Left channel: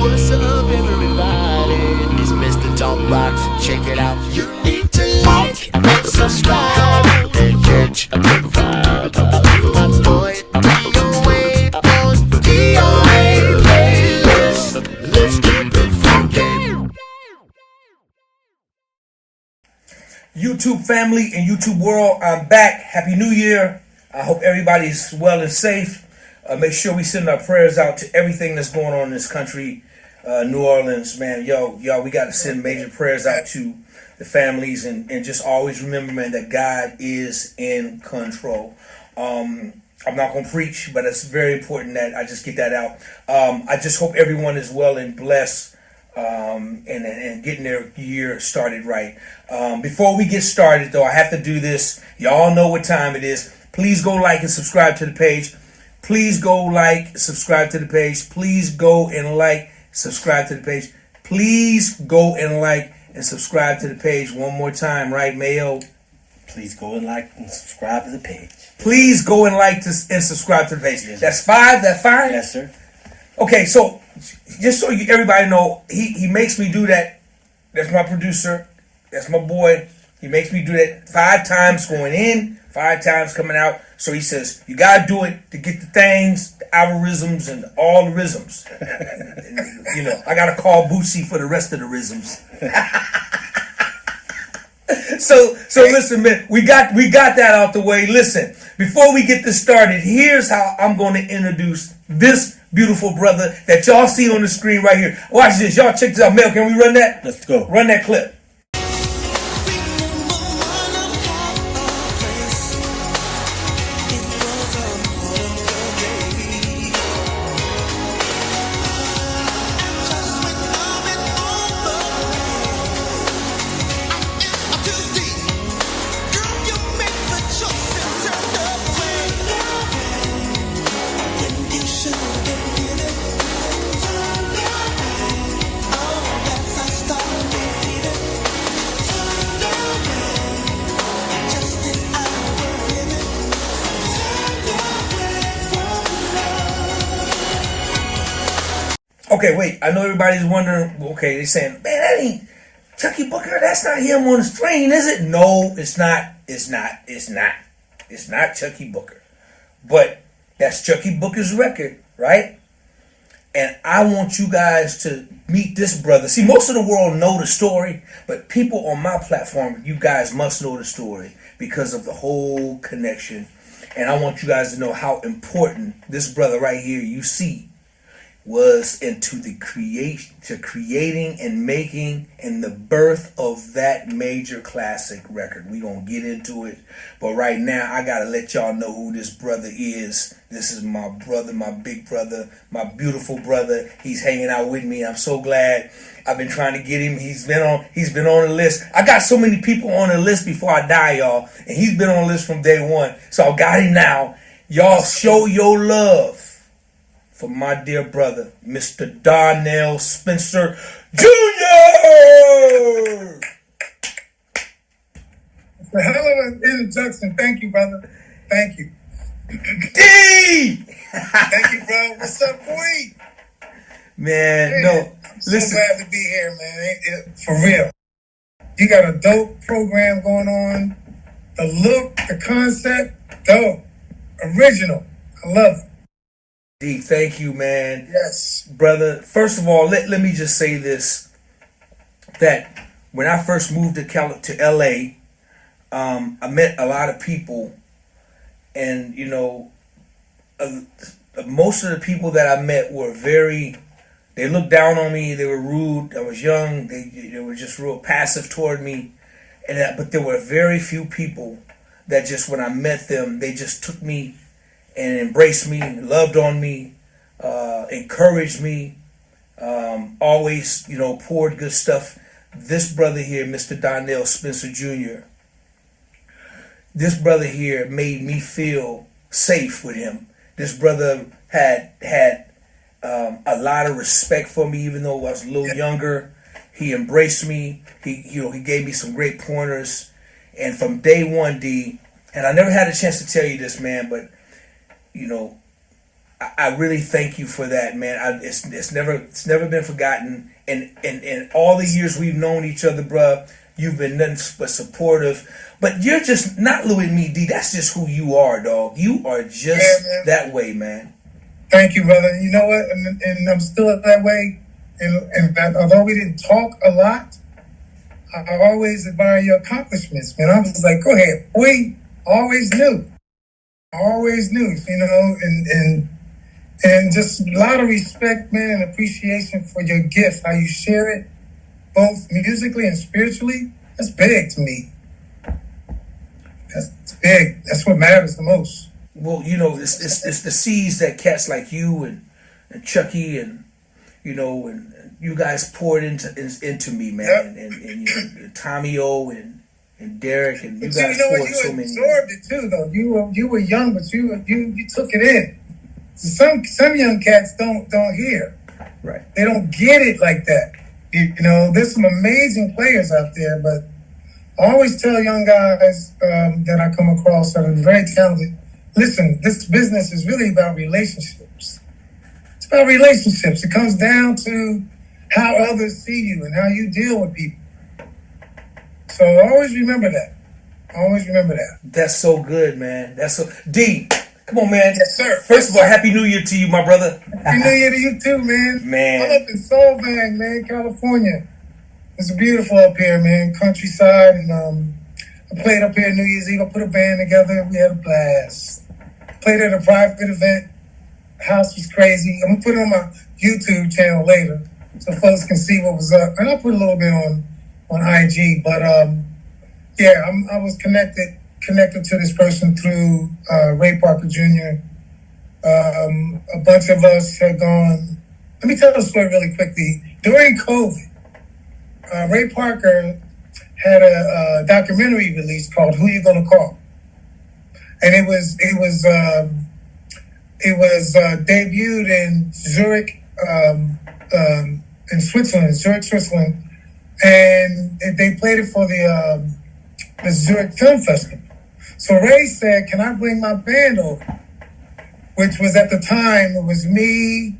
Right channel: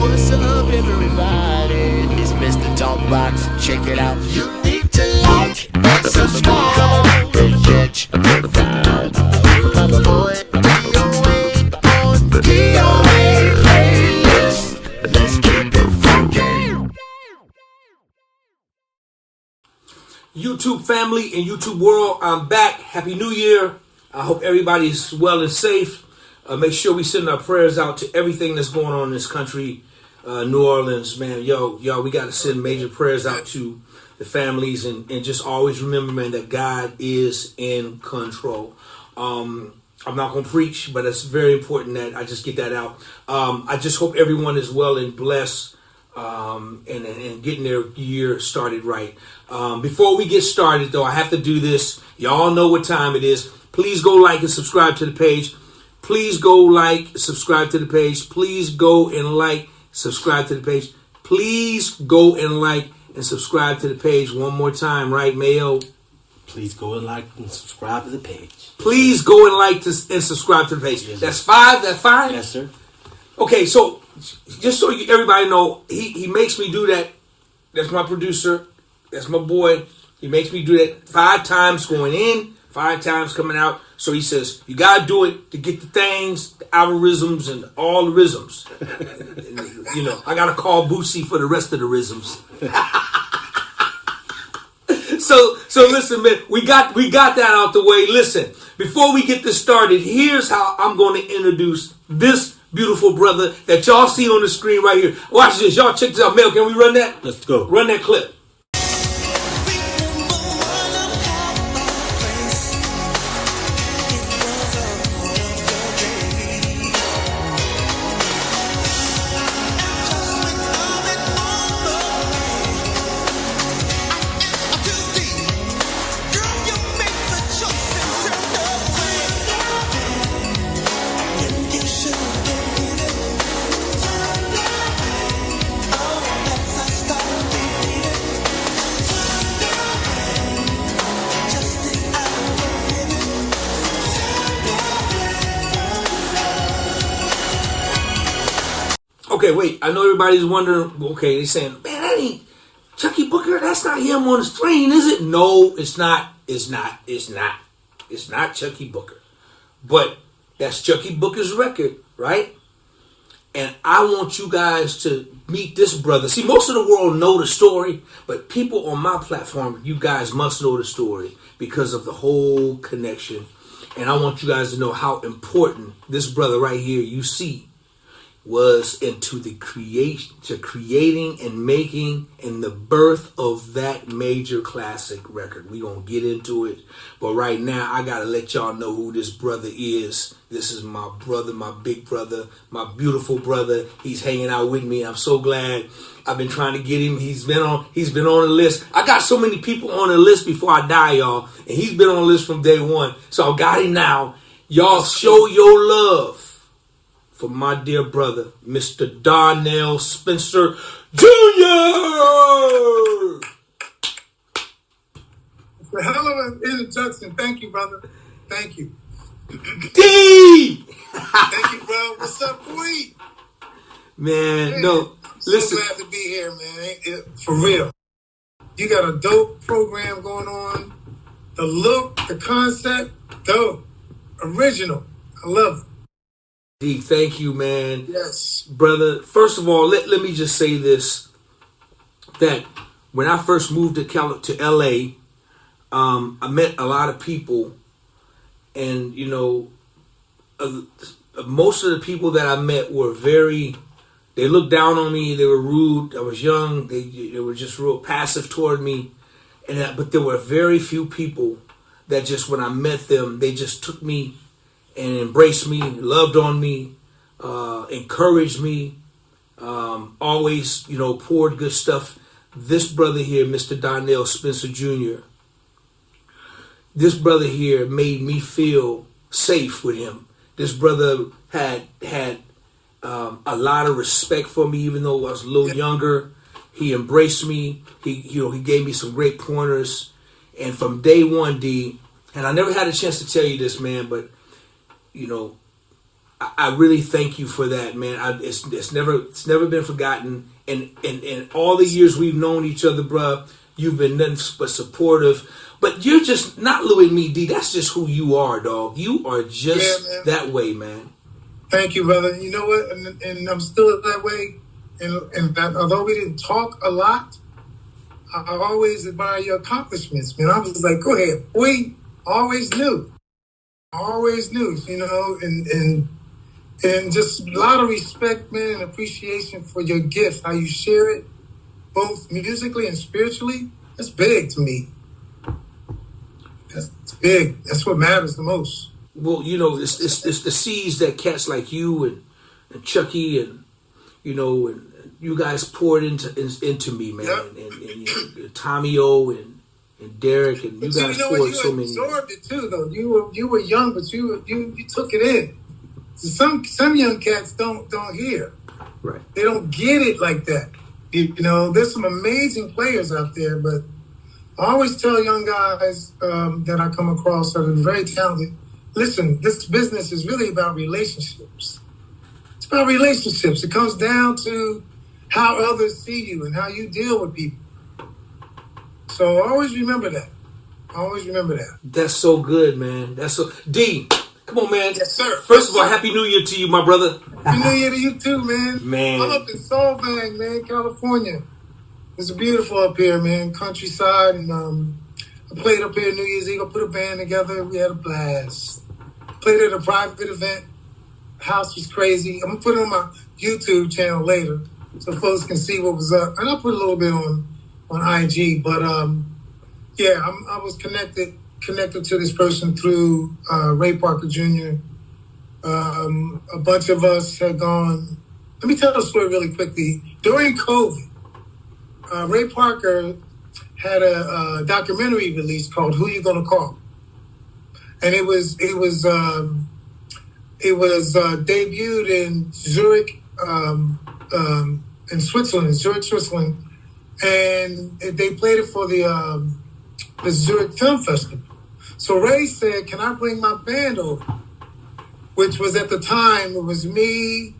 What's up, everybody? It's Mr. Talkbox. Check it out. You need to like and subscribe. Come on and catch a motherfucker. Boy, DOA playlist. Let's keep it funky. YouTube family and YouTube world, I'm back. Happy New Year. I hope everybody's well and safe. Make sure we send our prayers out to everything that's going on in this country. New Orleans, man, y'all, we got to send major prayers out to the families and just always remember, man, that God is in control. I'm not going to preach, but it's very important that I just get that out. I just hope everyone is well and blessed and getting their year started right. Before we get started, though, I have to do this. Y'all know what time it is. Please go like and subscribe to the page. Please go like, subscribe to the page. Please go and like, subscribe to the page. Please go and like and subscribe to the page one more time, right, Mayo? Please go and like and subscribe to the page. Please go and like and subscribe to the page. Yes, that's 5. That's fine? Yes, sir. Okay, so just so everybody know, he makes me do that. That's my producer. That's my boy. He makes me do that 5 times going in, 5 times coming out. So he says, you got to do it to get the things, the algorithms, and all the rhythms. You know, I got to call Boosie for the rest of the rhythms. So listen, man, we got that out the way. Listen, before we get this started, here's how I'm going to introduce this beautiful brother that y'all see on the screen right here. Watch this. Y'all check this out. Mel, can we run that? Let's go. Run that clip. Okay, wait. I know everybody's wondering. Okay, they're saying, "Man, that ain't Chuckii Booker. That's not him on the screen, is it?" No, it's not. It's not. It's not. It's not Chuckii Booker. But that's Chuckii Booker's record, right? And I want you guys to meet this brother. See, most of the world know the story, but people on my platform, you guys must know the story because of the whole connection. And I want you guys to know how important this brother right here you see was into the creating and making and the birth of that major classic record. We gonna get into it, but right now I gotta let y'all know who this brother is. This is my brother, my big brother, my beautiful brother. He's hanging out with me. I'm so glad. I've been trying to get him. He's been on the list. I got so many people on the list before I die, y'all, and he's been on the list from day one. So I got him now. Y'all show your love for my dear brother, Mr. Donnell Spencer Jr. The hell of an introduction. Thank you, brother. Thank you. D! Thank you, bro. What's up, boy? Man, no. I'm Listen. so glad to be here, man. For real. You got a dope program going on. The look, the concept, dope. Original. I love it. D, thank you, man. Yes. Brother, first of all, let me just say this, that when I first moved to LA, I met a lot of people, and, you know, most of the people that I met were they looked down on me, they were rude, I was young, they were just real passive toward me, but there were very few people that just, when I met them, they just took me and embraced me, loved on me, encouraged me, always, you know, poured good stuff. This brother here, Mr. Donnell Spencer Jr., this brother here made me feel safe with him. This brother had a lot of respect for me, even though I was a little younger. He embraced me. He gave me some great pointers. And from day one, D, and I never had a chance to tell you this, man, but, you know, I really thank you for that, man. It's never been forgotten. And all the years we've known each other, bruh, you've been nothing but supportive. But you're just not Louis Me, D. That's just who you are, dog. You are just that way, man. Thank you, brother. You know what? And I'm still that way. And although we didn't talk a lot, I always admire your accomplishments, man. I was like, go ahead, boy. Always knew, you know, and just a lot of respect, man, and appreciation for your gift, how you share it, both musically and spiritually. That's big to me. That's big. That's what matters the most. Well, you know, it's the seeds that cats like you and Chuckii and, you know, and you guys poured into me, man. Yep. And you know, Tommy O and Derek, and you guys poured so many. You absorbed it too, though. You were young, but you took it in. So some young cats don't hear. Right. They don't get it like that. You know, there's some amazing players out there, but I always tell young guys that I come across that are very talented, listen, this business is really about relationships. It's about relationships. It comes down to how others see you and how you deal with people. So always remember that. That's so good, man. That's so D. Come on, man. Yes, sir. First of all, Happy New Year to you, my brother. Happy New Year to you too, man. Man. I'm up in Solvang, man, California. It's beautiful up here, man. Countryside, and I played up here New Year's Eve. I put a band together. We had a blast. Played at a private event. House was crazy. I'm gonna put it on my YouTube channel later, so folks can see what was up. And I'll put a little bit on IG, but yeah, I was connected to this person through Ray Parker Jr. A bunch of us had gone. Let me tell the story really quickly. During COVID, Ray Parker had a documentary released called "Who You Gonna Call," and it was debuted in Zurich, in Switzerland, Switzerland. And they played it for the Zurich Film Festival. So Ray said, can I bring my band over? Which was at the time, it was me,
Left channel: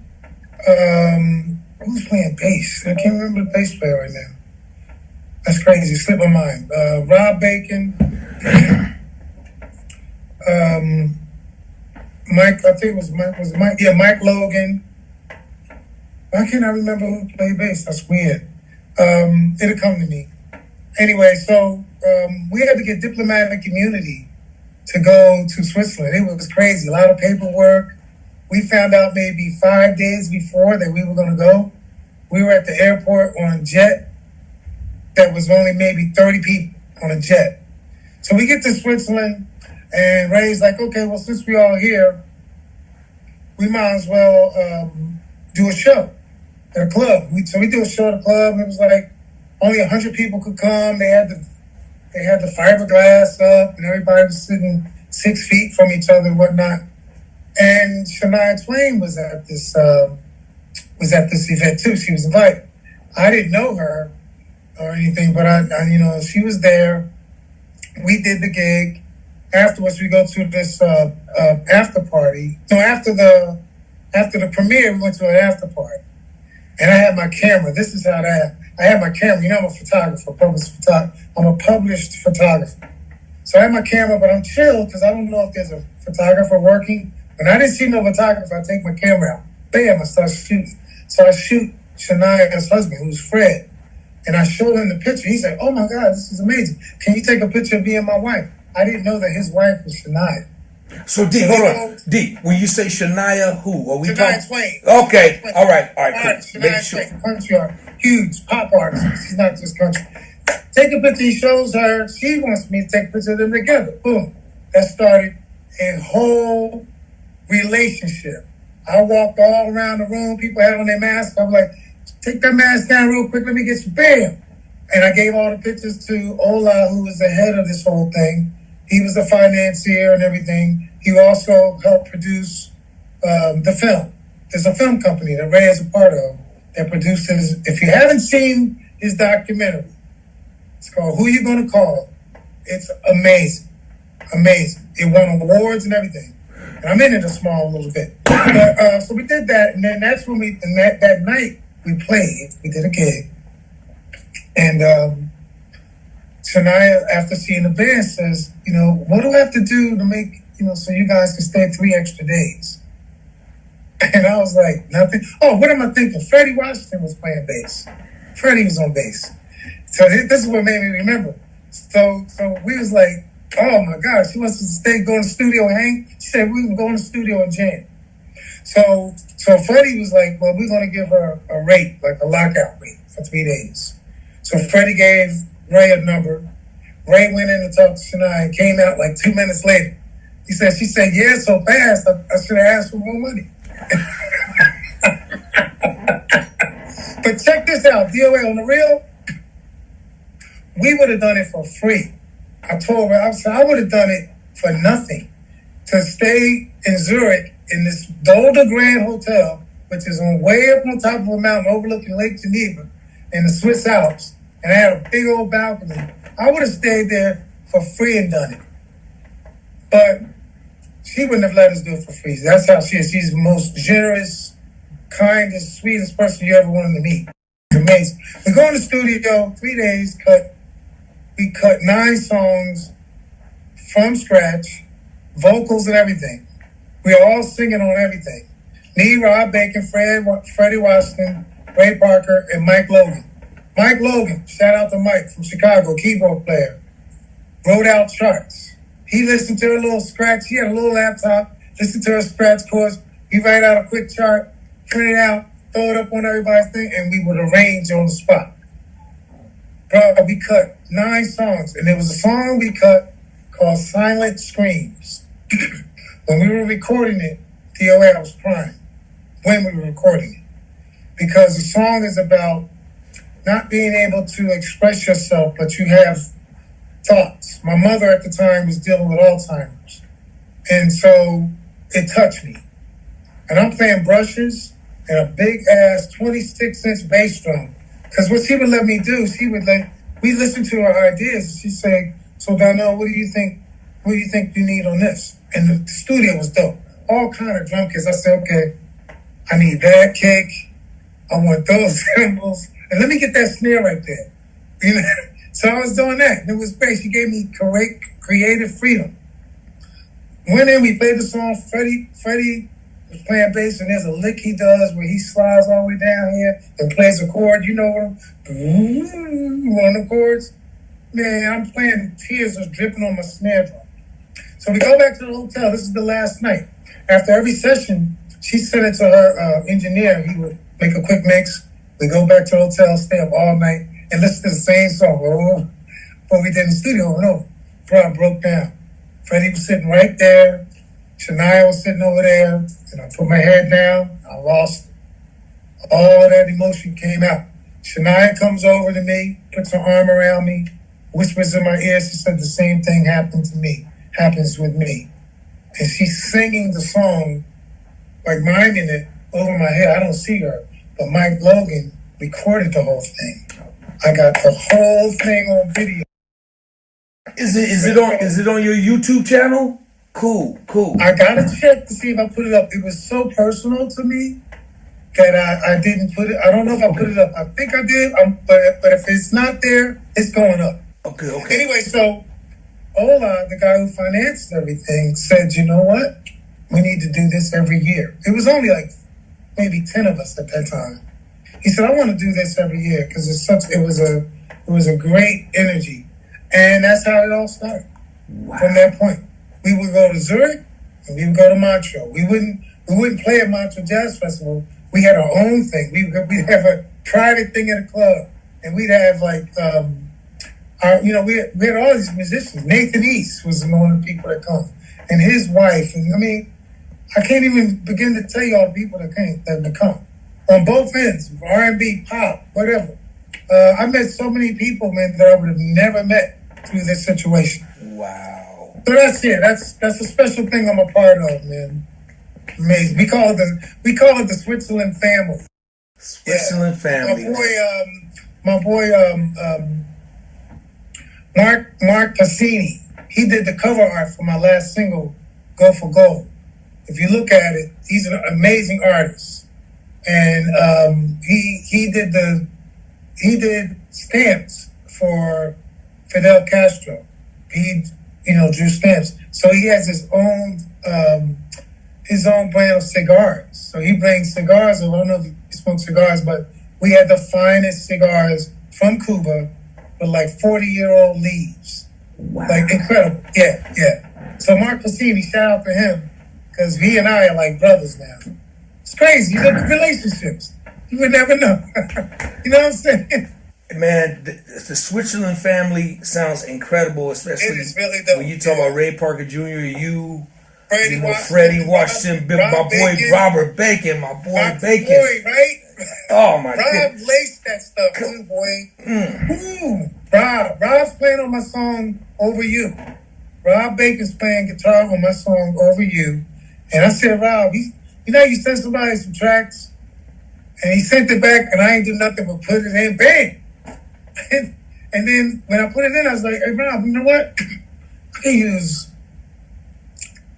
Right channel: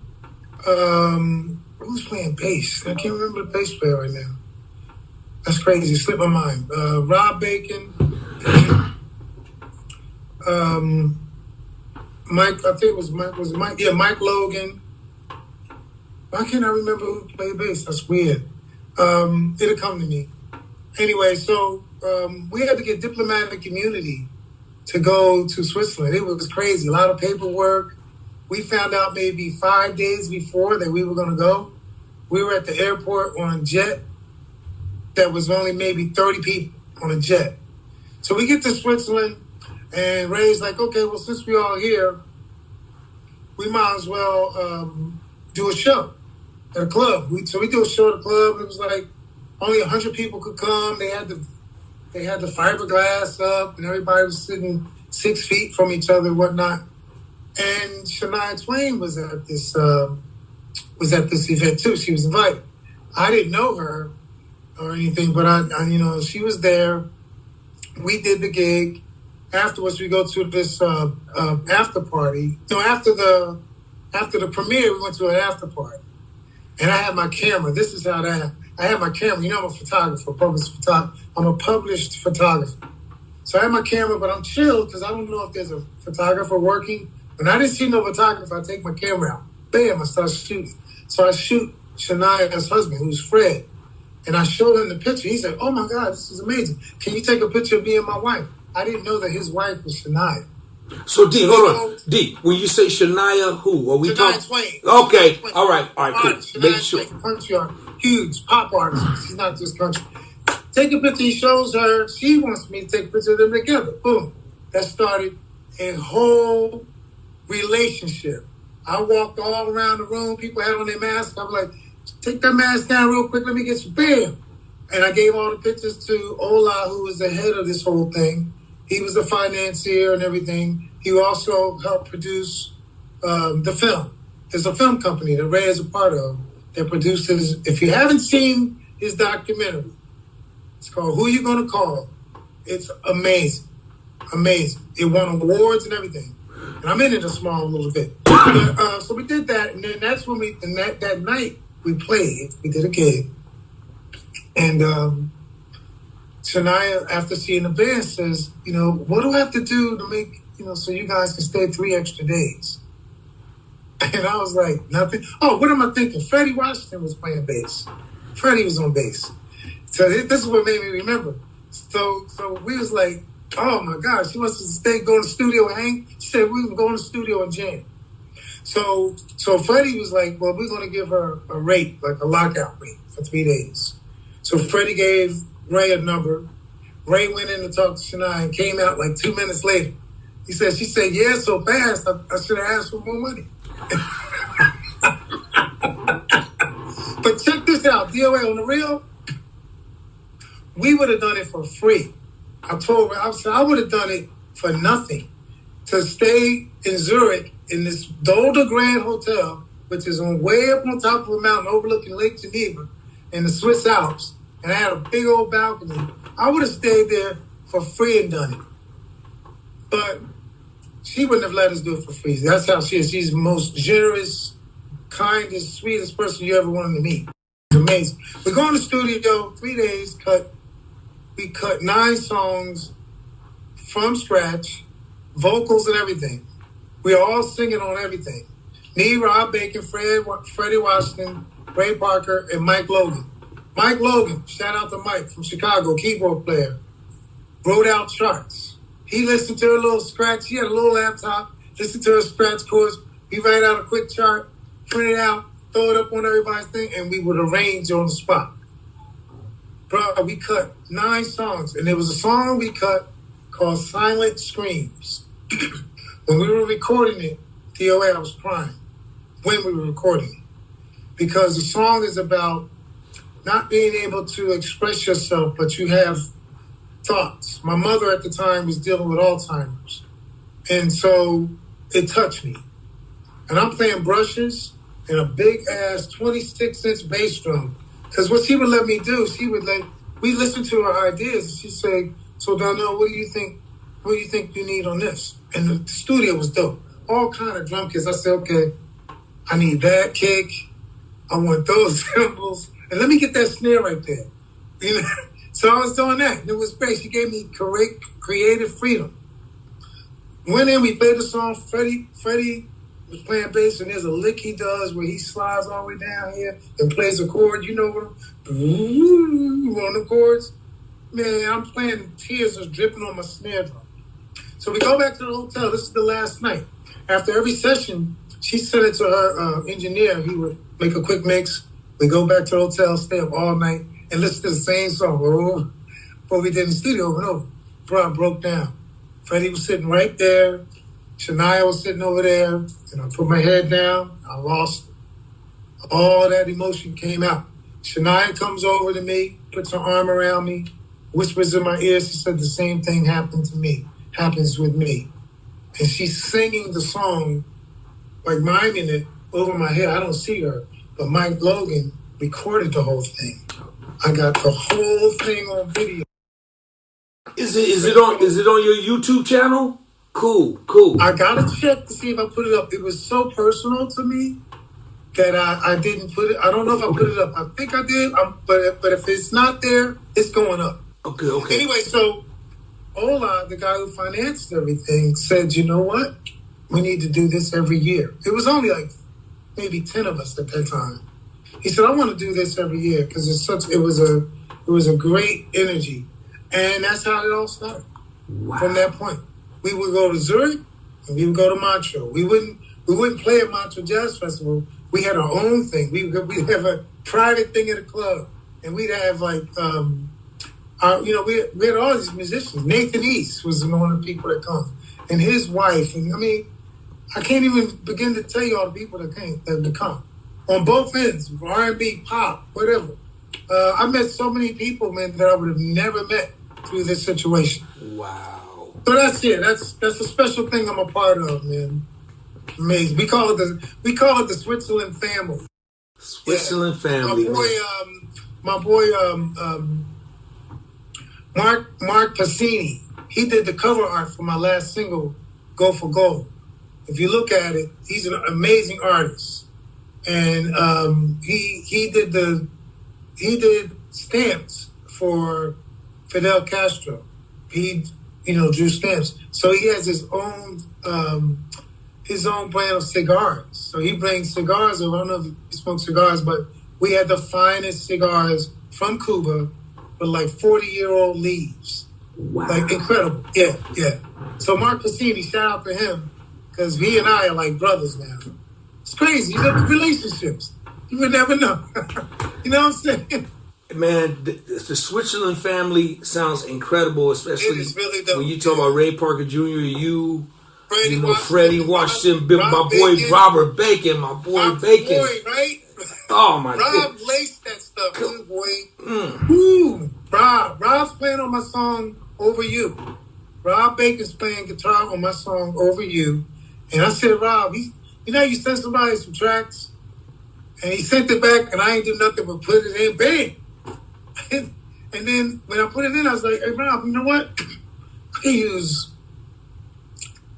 who's playing bass? I can't remember the bass player right now. That's crazy, it slipped my mind. Rob Bacon, Mike, I think it was Mike, yeah, Mike Logan. Why can't I remember who played bass? That's weird. It'll come to me. Anyway, so we had to get diplomatic immunity to go to Switzerland. It was crazy, a lot of paperwork. We found out maybe 5 days before that we were going to go. We were at the airport on a jet that was only maybe 30 people on a jet. So we get to Switzerland, and Ray's like, okay, well, since we're all here, we might as well do a show at a club. So we do a show at a club, and it was like only 100 people could come. They had the fiberglass up, and everybody was sitting 6 feet from each other and whatnot. And Shania Twain was at this event too. She was invited. I didn't know her or anything, but I you know, she was there. We did the gig. Afterwards, we go to this after party. No, after the premiere, we went to an after party. And I had my camera. This is how that. I had my camera. You know, I'm a photographer, I'm a published photographer. So I had my camera, but I'm chill because I don't know if there's a photographer working. When I didn't see no photographer, I take my camera out. Bam, I start shooting. So I shoot Shania's husband, who's Fred. And I showed him the picture. He's like, oh my God, this is amazing. Can you take a picture of me and my wife? I didn't know that his wife was Shania. So D, hold on. D, when you say Shania, who? Are we talking? Shania Twain. Okay, Twain. all right, cool. Shania Make sure. Twain, country artist, huge pop artist. She's not just country. Take a picture, he shows her. She wants me to take a picture of them together. Boom. That started a whole relationship. I walked all around the room. People had on their masks. I was like, take that mask down real quick. Let me get you. Bam. And I gave all the pictures to Ola, who was the head of this whole thing. He was the financier and everything. He also helped produce the film. There's a film company that Ray is a part of that produces. If you haven't seen his documentary, it's called Who You Gonna Call? It's amazing. Amazing. It won awards and everything. And I'm in it a small little bit. But, so we did that, and then that's when that night we played. We did a gig. And Shania, after seeing the band, says, what do I have to do to make, so you guys can stay 3 extra days? And I was like, nothing. Oh, what am I thinking? Freddie Washington was playing bass. Freddie was on bass. So this is what made me remember. So we was like, oh my gosh, she wants to stay, go in the studio and hang. She said we can go in the studio and jam. So Freddie was like, well, we're going to give her a rate, like a lockout rate for 3 days. So Freddie gave Ray a number. Ray went in to talk to Shania and came out like 2 minutes later. She said, yeah, so fast, I should have asked for more money. But check this out, DOA, on the real, we would have done it for free. I told her, I would have done it for nothing to stay in Zurich in this Dolder Grand Hotel, which is way up on top of a mountain overlooking Lake Geneva in the Swiss Alps, and I had a big old balcony. I would have stayed there for free and done it. But she wouldn't have let us do it for free. That's how she is. She's the most generous, kindest, sweetest person you ever wanted to meet. It's amazing. We go in the studio, 3 days, we cut 9 songs from scratch, vocals and everything. We are all singing on everything. Me, Rob Bacon, Freddie Washington, Ray Parker, and Mike Logan. Mike Logan, shout out to Mike from Chicago, keyboard player, wrote out charts. He listened to a little scratch. He had a little laptop, listened to her scratch chords. He write out a quick chart, print it out, throw it up on everybody's thing, and we would arrange on the spot. Bro, we cut 9 songs, and there was a song we cut called Silent Screams. When we were recording it, DOA, I was crying when we were recording it. Because the song is about not being able to express yourself, but you have thoughts. My mother at the time was dealing with Alzheimer's. And so it touched me. And I'm playing brushes and a big ass 26-inch bass drum. Because what she would let me do, we listened to her ideas, and she'd say, so Donnell, what do you think you need on this? And the studio was dope. All kind of drum kits. I said, okay, I need that kick. I want those cymbals. And let me get that snare right there. So I was doing that. And it was great. She gave me creative freedom. Went in, we played the song. Freddie was playing bass, and there's a lick he does where he slides all the way down here and plays a chord. You know what? On the chords. Man, I'm playing, tears are dripping on my snare drum. So we go back to the hotel. This is the last night. After every session, she sent it to her engineer. He would make a quick mix. We go back to the hotel, stay up all night, and listen to the same song. What we did in the studio over and over. Bro, I broke down. Freddie was sitting right there. Shania was sitting over there. And I put my head down. I lost it. All that emotion came out. Shania comes over to me, puts her arm around me, whispers in my ear. She said the same thing happens with me. And she's singing the song, like miming it over my head. I don't see her. But Mike Logan recorded the whole thing. I got the whole thing on video. Is it on your YouTube channel? Cool. I gotta check to see if I put it up. It was so personal to me that I didn't put it. I don't know if I put it up. I think I did. But if it's not there, it's going up. Okay. Anyway, so Ola, the guy who financed everything, said, you know what? We need to do this every year. It was only like maybe 10 of us at that time. He said, I want to do this every year because it was a great energy. And that's how it all started. Wow. From that point. We would go to Zurich and we would go to Montreux. We wouldn't play at Montreux Jazz Festival. We had our own thing. We'd have a private thing at a club. And we'd have like we had all these musicians. Nathan East was one of the people that come. And his wife. And I mean, I can't even begin to tell you all the people that come. On both ends, R&B, pop, whatever. I met so many people, man, that I would have never met through this situation. Wow. So that's it. That's a special thing I'm a part of, man. Amazing. We call it the Switzerland family. Switzerland family. My boy, Mark Pacini. He did the cover art for my last single, Go for Gold. if you look at it, he's an amazing artist, and he did stamps for Fidel Castro. He drew stamps, so he has his own brand of cigars. So he brings cigars. I don't know if he smokes cigars, but we had the finest cigars from Cuba with like 40-year-old leaves. Wow. Like incredible. Yeah. So Mark Cassini, shout out to him, because he and I are like brothers now. It's crazy. You look at relationships. You would never know. You know what I'm saying? Man, the Switzerland family sounds incredible, especially It is really dope. when you talk about Ray Parker Jr., you Freddie know, Freddie Washington, my boy Bacon. Robert Bacon, my boy Bacon. Boy, right? Oh my Rob god. laced that stuff too, boy. Ooh, Rob's playing on my song Over You. Rob Bacon's playing guitar on my song Over You. And I said, Rob, you sent somebody some tracks, and he sent it back, and I ain't do nothing but put it in, bang. And then when I put it in, I was like, hey, Rob, you know what? I can use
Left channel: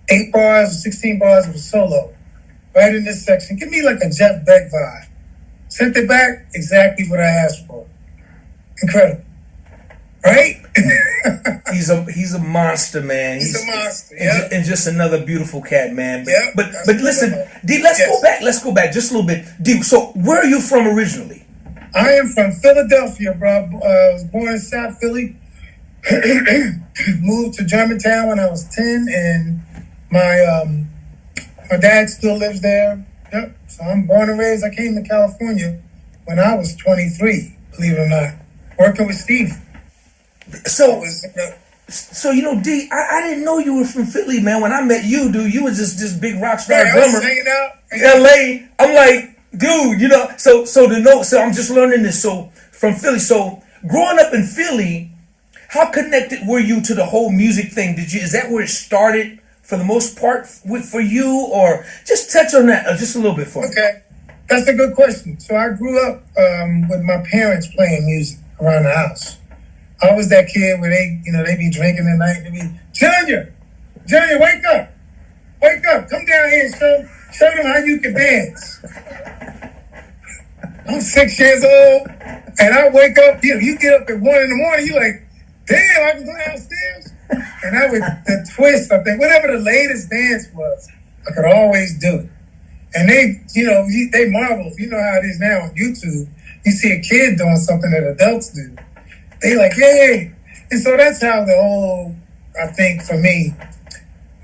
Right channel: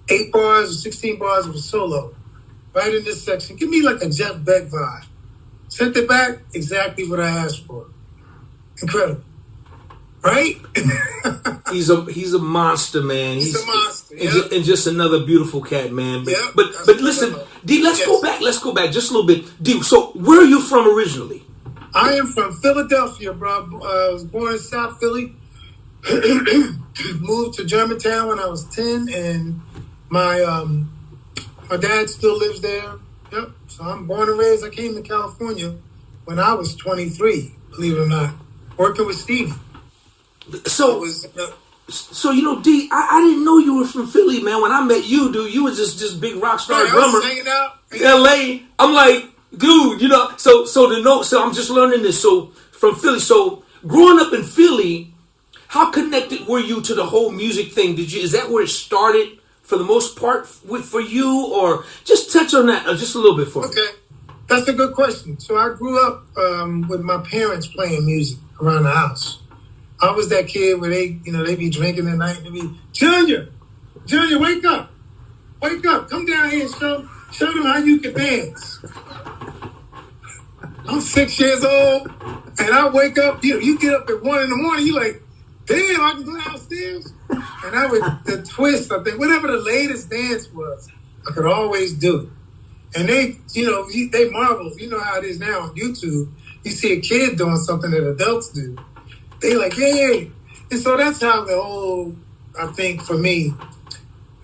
8 bars or 16 bars of a solo right in this section. Give me like a Jeff Beck vibe. Sent it back, exactly what I asked for. Incredible. Right? He's a monster, man. He's a monster, yeah. And just another beautiful cat, man. But, Yep, but that's listen, what D, let's Yes. go back just a little bit. D, so where are you from originally? I am from Philadelphia, bro. I was born in South Philly. Moved to Germantown when I was 10, and my dad still lives there. Yep. So I'm born and raised. I came to California when I was 23, believe it or not, working with Stevie. So D, I didn't know you were from Philly, man. When I met you, dude, you was just this big rock star I drummer. was hanging out. LA. I'm like, dude, so I'm just learning this. So from Philly, so growing up in Philly, how connected were you to the whole music thing? Is that where it started for the most part for you, or just touch on that just a little bit for me? Okay, that's a good question. So I grew up with my parents playing music around the house. I was that kid where they be drinking at night. They be, Junior, wake up, come down here and show them how you can dance. I'm 6 years old, and I wake up. You get up at 1 a.m. You like, damn, I can go downstairs. And that was the twist. I think whatever the latest dance was, I could always do it. And they marvel. You know how it is now on YouTube. You see a kid doing something that adults do. They like, yay. And so that's how the whole, I think for me,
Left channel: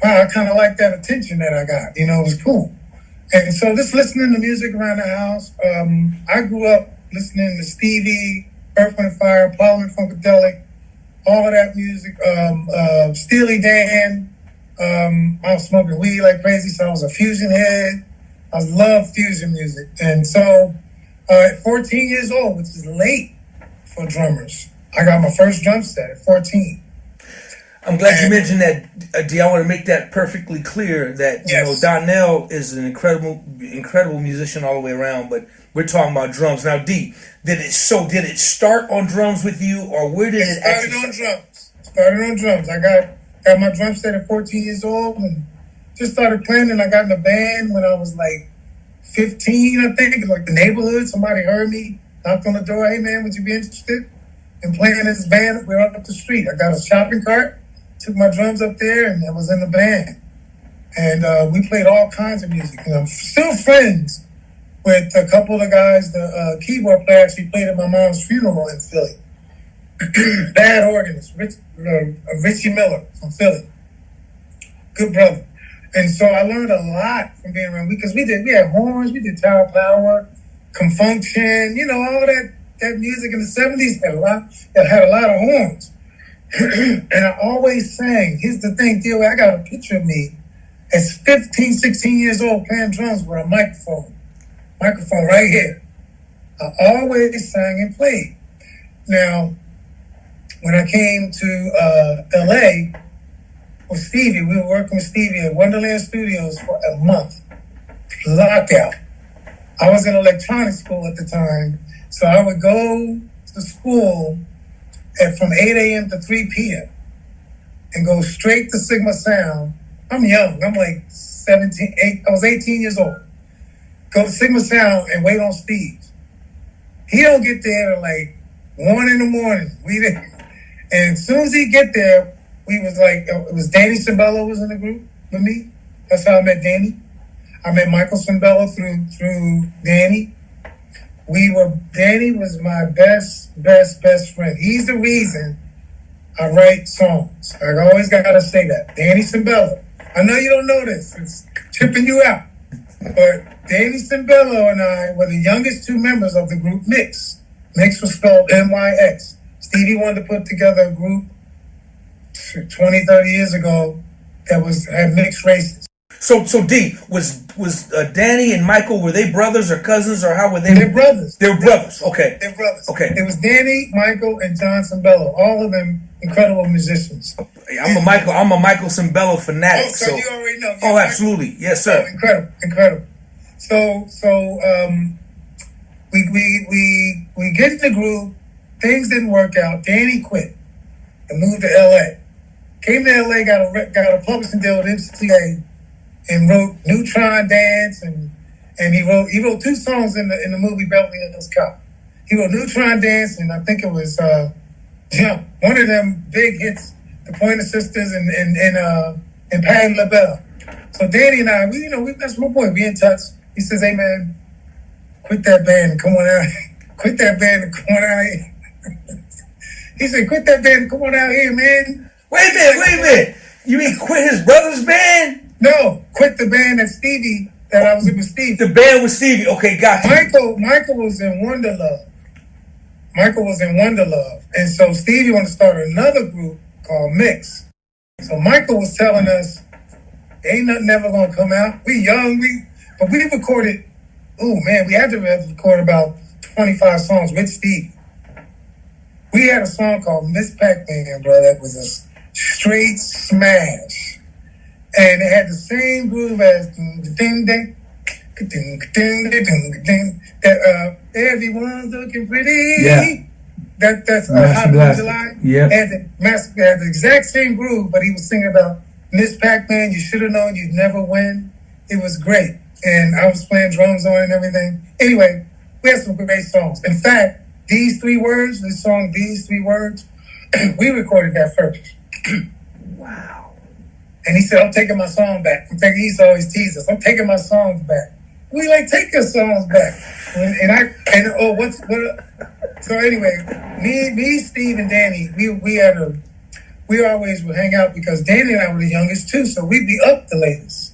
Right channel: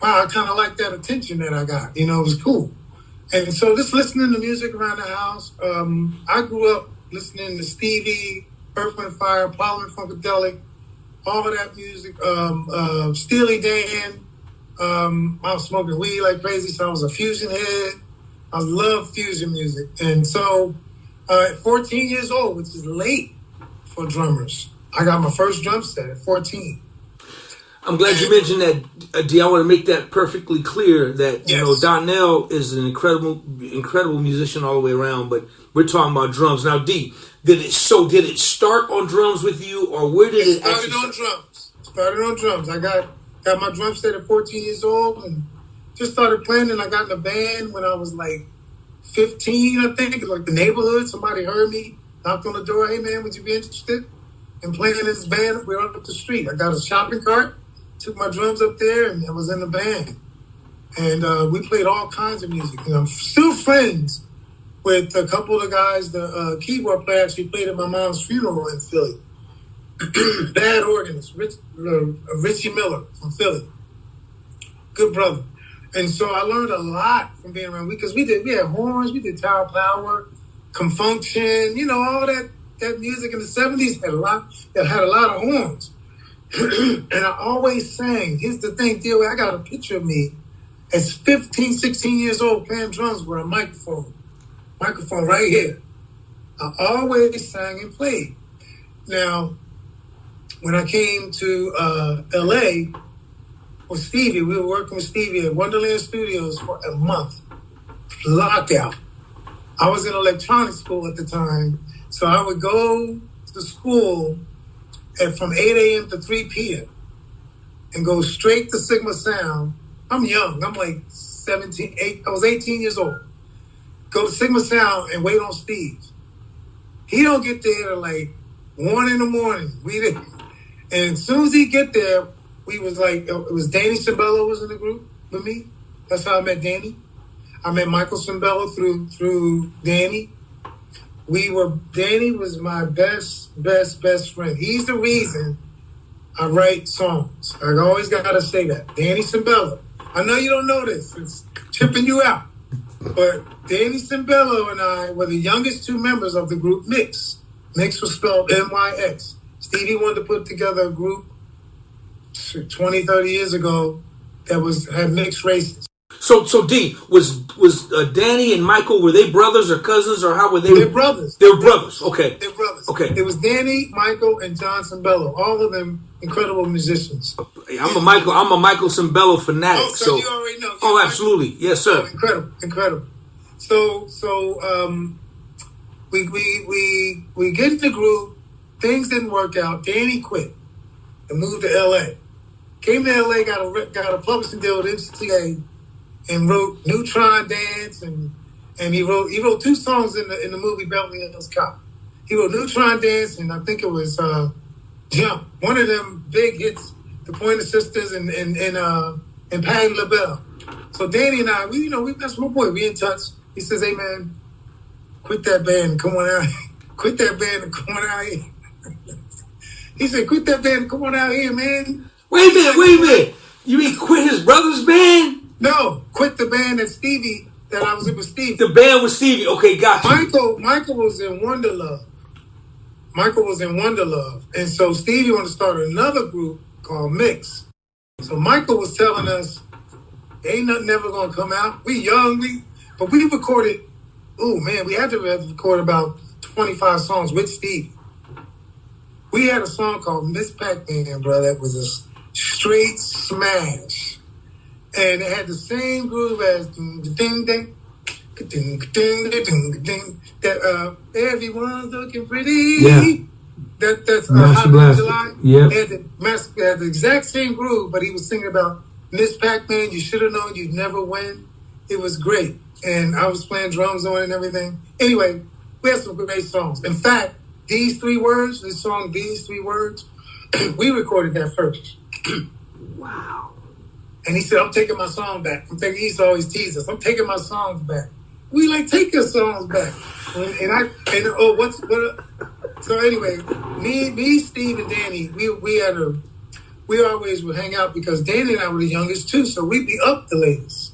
wow, I kind of like that attention that I got. It was cool. And so just listening to music around the house, I grew up listening to Stevie, Earth, Wind & Fire, Parliament Funkadelic, all of that music, Steely Dan. I was smoking weed like crazy, so I was a fusion head. I loved fusion music. And so at 14 years old, which is late for drummers, I got my first drum set at 14. I'm glad you mentioned that, D. I want to make that perfectly clear that Yes. Donnell is an incredible musician all the way around, but we're talking about drums now. D, did it start on drums with you, or where did it actually start? Started on drums. I got my drum set at 14 years old and just started playing. And I got in a band when I was like 15, I think, like the neighborhood. Somebody heard me, knocked on the door. Hey man, would you be interested in playing in this band? We're up the street. I got a shopping cart. Took my drums up there and I was in the band. And we played all kinds of music. And I'm still friends with a couple of the guys. The keyboard player actually played at my mom's funeral in Philly. Bad organist, Richie Miller from Philly. Good brother. And so I learned a lot from being around. Because we had horns, we did Tower Power, Confunction, all that music in the 70s had a lot of horns. And I always sang. Here's the thing, DOA, I got a picture of me as 15, 16 years old playing drums with a microphone right here. I always sang and played. Now, when I came to LA with Stevie, we were working with Stevie at Wonderland Studios for a month. Lockout. I was in electronics school at the time, so I would go to school from 8 a.m. to 3 p.m. and go straight to Sigma Sound. I'm young. I'm like I was 18 years old. Go to Sigma Sound and wait on Steve. He don't get there till like 1 in the morning. We didn't. And as soon as he get there, we was like, it was Danny Cimbello was in the group with me. That's how I met Danny. I met Michael Cimbello through Danny. Danny was my best friend. He's the reason I write songs. I always gotta say that. Danny Cimbello. I know you don't know this. It's tripping you out. But Danny Cimbello and I were the youngest two members of the group Mix. Mix was spelled MYX. Stevie Wonder put together a group 20, 30 years ago that had mixed races. So D, was Danny and Michael, were they brothers or cousins, or how were they? They're brothers. They were brothers. Okay. They're brothers. Okay. It was Danny, Michael, and John Cimbello. All of them incredible musicians. I'm a Michael Cimbello fanatic. Oh, so you already know. Oh, absolutely. Yes, sir. Oh, incredible. So we get in the group. Things didn't work out. Danny quit and moved to L.A. Came to L.A. got a publishing deal with MCA and wrote Neutron Dance and he wrote 2 songs in the movie Beverly Hills Cop. He wrote Neutron Dance and I think it was Jump. One of them big hits, the Pointer Sisters and Patti LaBelle. So Danny and I, that's my boy. We in touch. He says, "Hey man, quit that band and come on out. Quit that band and come on out here." He said, "Quit that band and come on out here, man." Wait a minute. You mean quit his brother's band? No, quit the band that I was in with Stevie. The band with Stevie. Okay, gotcha. Michael was in Wonder Love. And so Stevie wanted to start another group called Mix. So Michael was telling us, ain't nothing ever gonna come out. We young, but we recorded, we had to record about 25 songs with Stevie. We had a song called Miss Pac-Man, bro, that was a straight smash. And it had the same groove as ding ding that everyone's looking pretty. Yeah. That's Master Hot in July. Yep. Had the exact same groove, but he was singing about Miss Pac-Man, you should have known you'd never win. It was great. And I was playing drums on it and everything. Anyway, we had some great songs. In fact, These Three Words, we recorded that first. Wow. And he said, "I'm taking my song back." He used to always tease us. "I'm taking my songs back." We take your songs back. So anyway, me, Steve, and Danny, we always would hang out because Danny and I were the youngest too, so we'd be up the latest.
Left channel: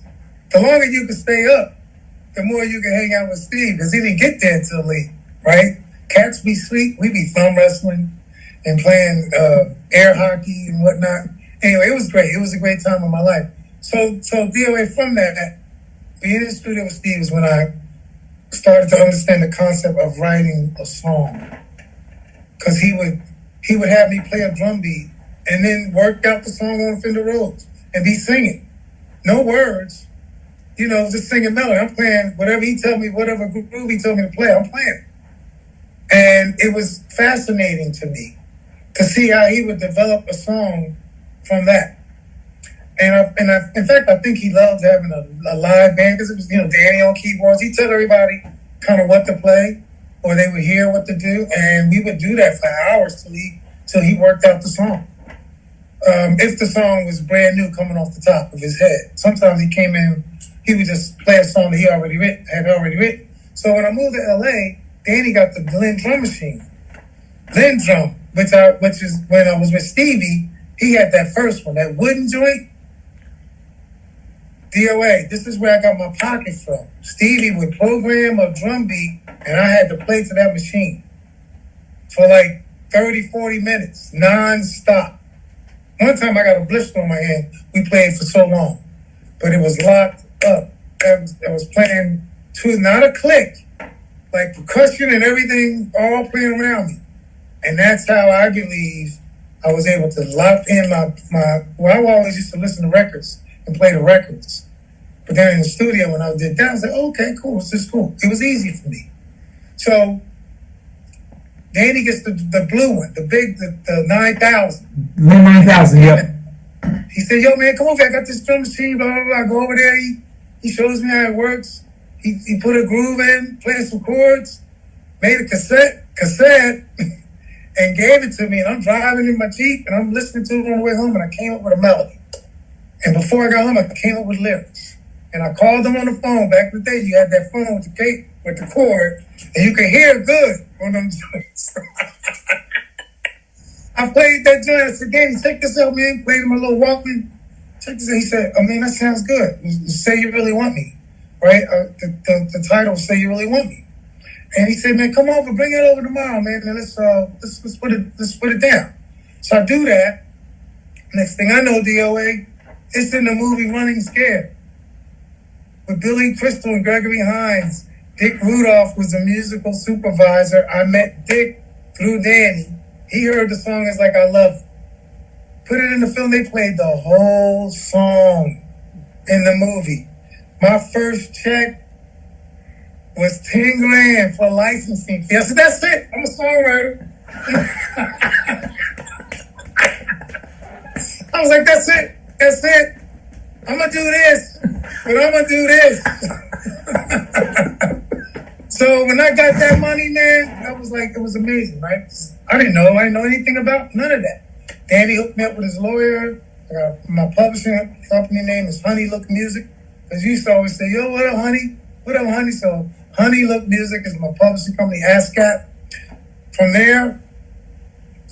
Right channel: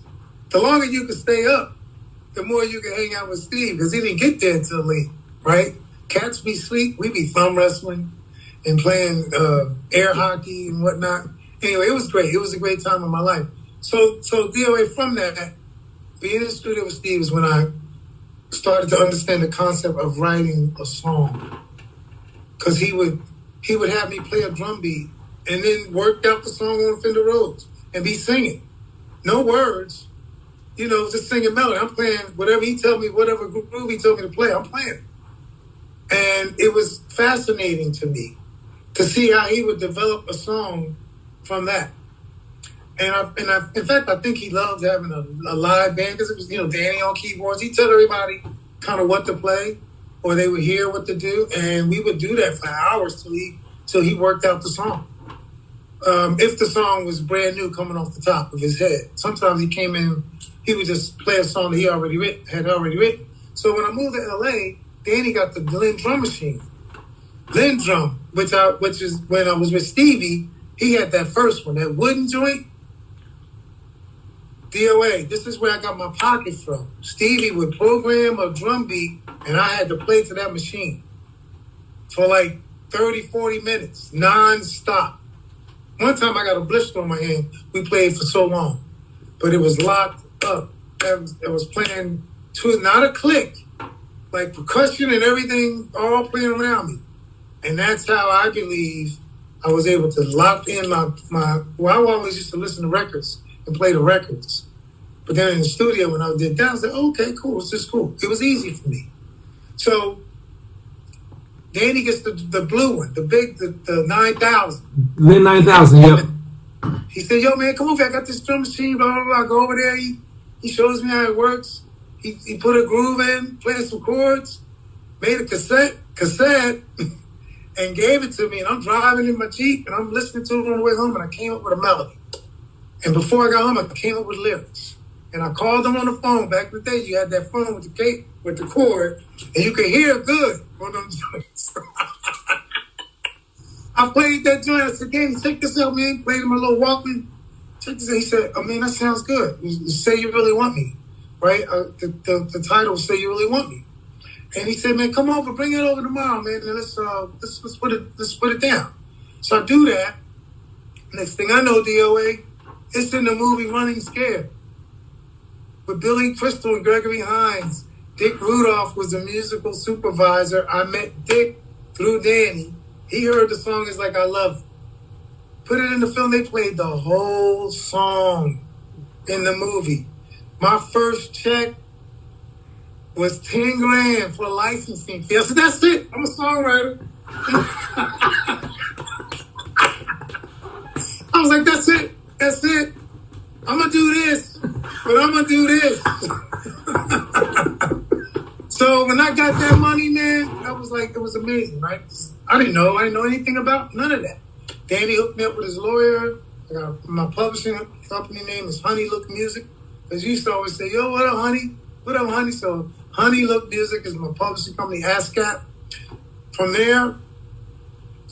The longer you could stay up, the more you could hang out with Steve because he didn't get there until late, right? Cats be sleep, we be thumb wrestling and playing air hockey and whatnot. Anyway, it was great. It was a great time of my life. So DOA, from that, being in the studio with Steve is when I started to understand the concept of writing a song. Because he would have me play a drum beat and then work out the song on Fender Rhodes and be singing. No words, just singing melody. I'm playing whatever he told me, whatever groove he told me to play, I'm playing. And it was fascinating to me to see how he would develop a song from that. In fact, I think he loved having a live band because it was, Danny on keyboards. He'd tell everybody kind of what to play or they would hear what to do. And we would do that for hours till he worked out the song. If the song was brand new coming off the top of his head. Sometimes he came in, he would just play a song that he had already written. So when I moved to LA, Danny got the Glenn drum machine. Glenn drum, which is when I was with Stevie, he had that first one, that wooden joint. DOA, this is where I got my pocket from. Stevie would program a drum beat and I had to play to that machine for like 30, 40 minutes, non-stop. One time I got a blister on my hand. We played for so long, but it was locked up. I was playing to not a click, like percussion and everything all playing around me. And that's how I believe I was able to lock in I always used to listen to records and play the records. But then in the studio, when I did that, I was like, okay, cool, it's just cool. It was easy for me. So Danny gets the blue one, the 9000. Lin 9000, yep. He said, "Yo, man, come over here. I got this drum machine, blah, blah, blah. Go over there. He shows me how it works. He put a groove in, played some chords, made a cassette, and gave it to me. And I'm driving in my Jeep, and I'm listening to it on the way home, and I came up with a melody. And before I got home, I came up with lyrics. And I called them on the phone. Back in the day, you had that phone with the cord, and you could hear good on them joints. I played that joint. I said, Danny, check this out, man. Played him a little Walkman. Check this out. He said, oh, man, that sounds good. Say You Really Want Me, right? The title, Say You Really Want Me. And he said, man, come over, bring it over tomorrow, man, and let's put it down. So I do that. Next thing I know, DOA, it's in the movie Running Scared with Billy Crystal and Gregory Hines. Dick Rudolph was the musical supervisor. I met Dick through Danny. He heard the song, It's Like I Love You. Put it in the film. They played the whole song in the movie. My first check was 10 grand for licensing fee. I said, that's it. I'm a songwriter. I was like, that's it. That's it. I'm going to do this. But I'm going to do this. So when I got that money, man, I was like, it was amazing, right? I didn't know anything about none of that. Danny hooked me up with his lawyer. I got my publishing company name is Honey Look Music. Because you used to always say, yo, what up, honey? What up, honey? So Honey Look Music is my publishing company, ASCAP. From there,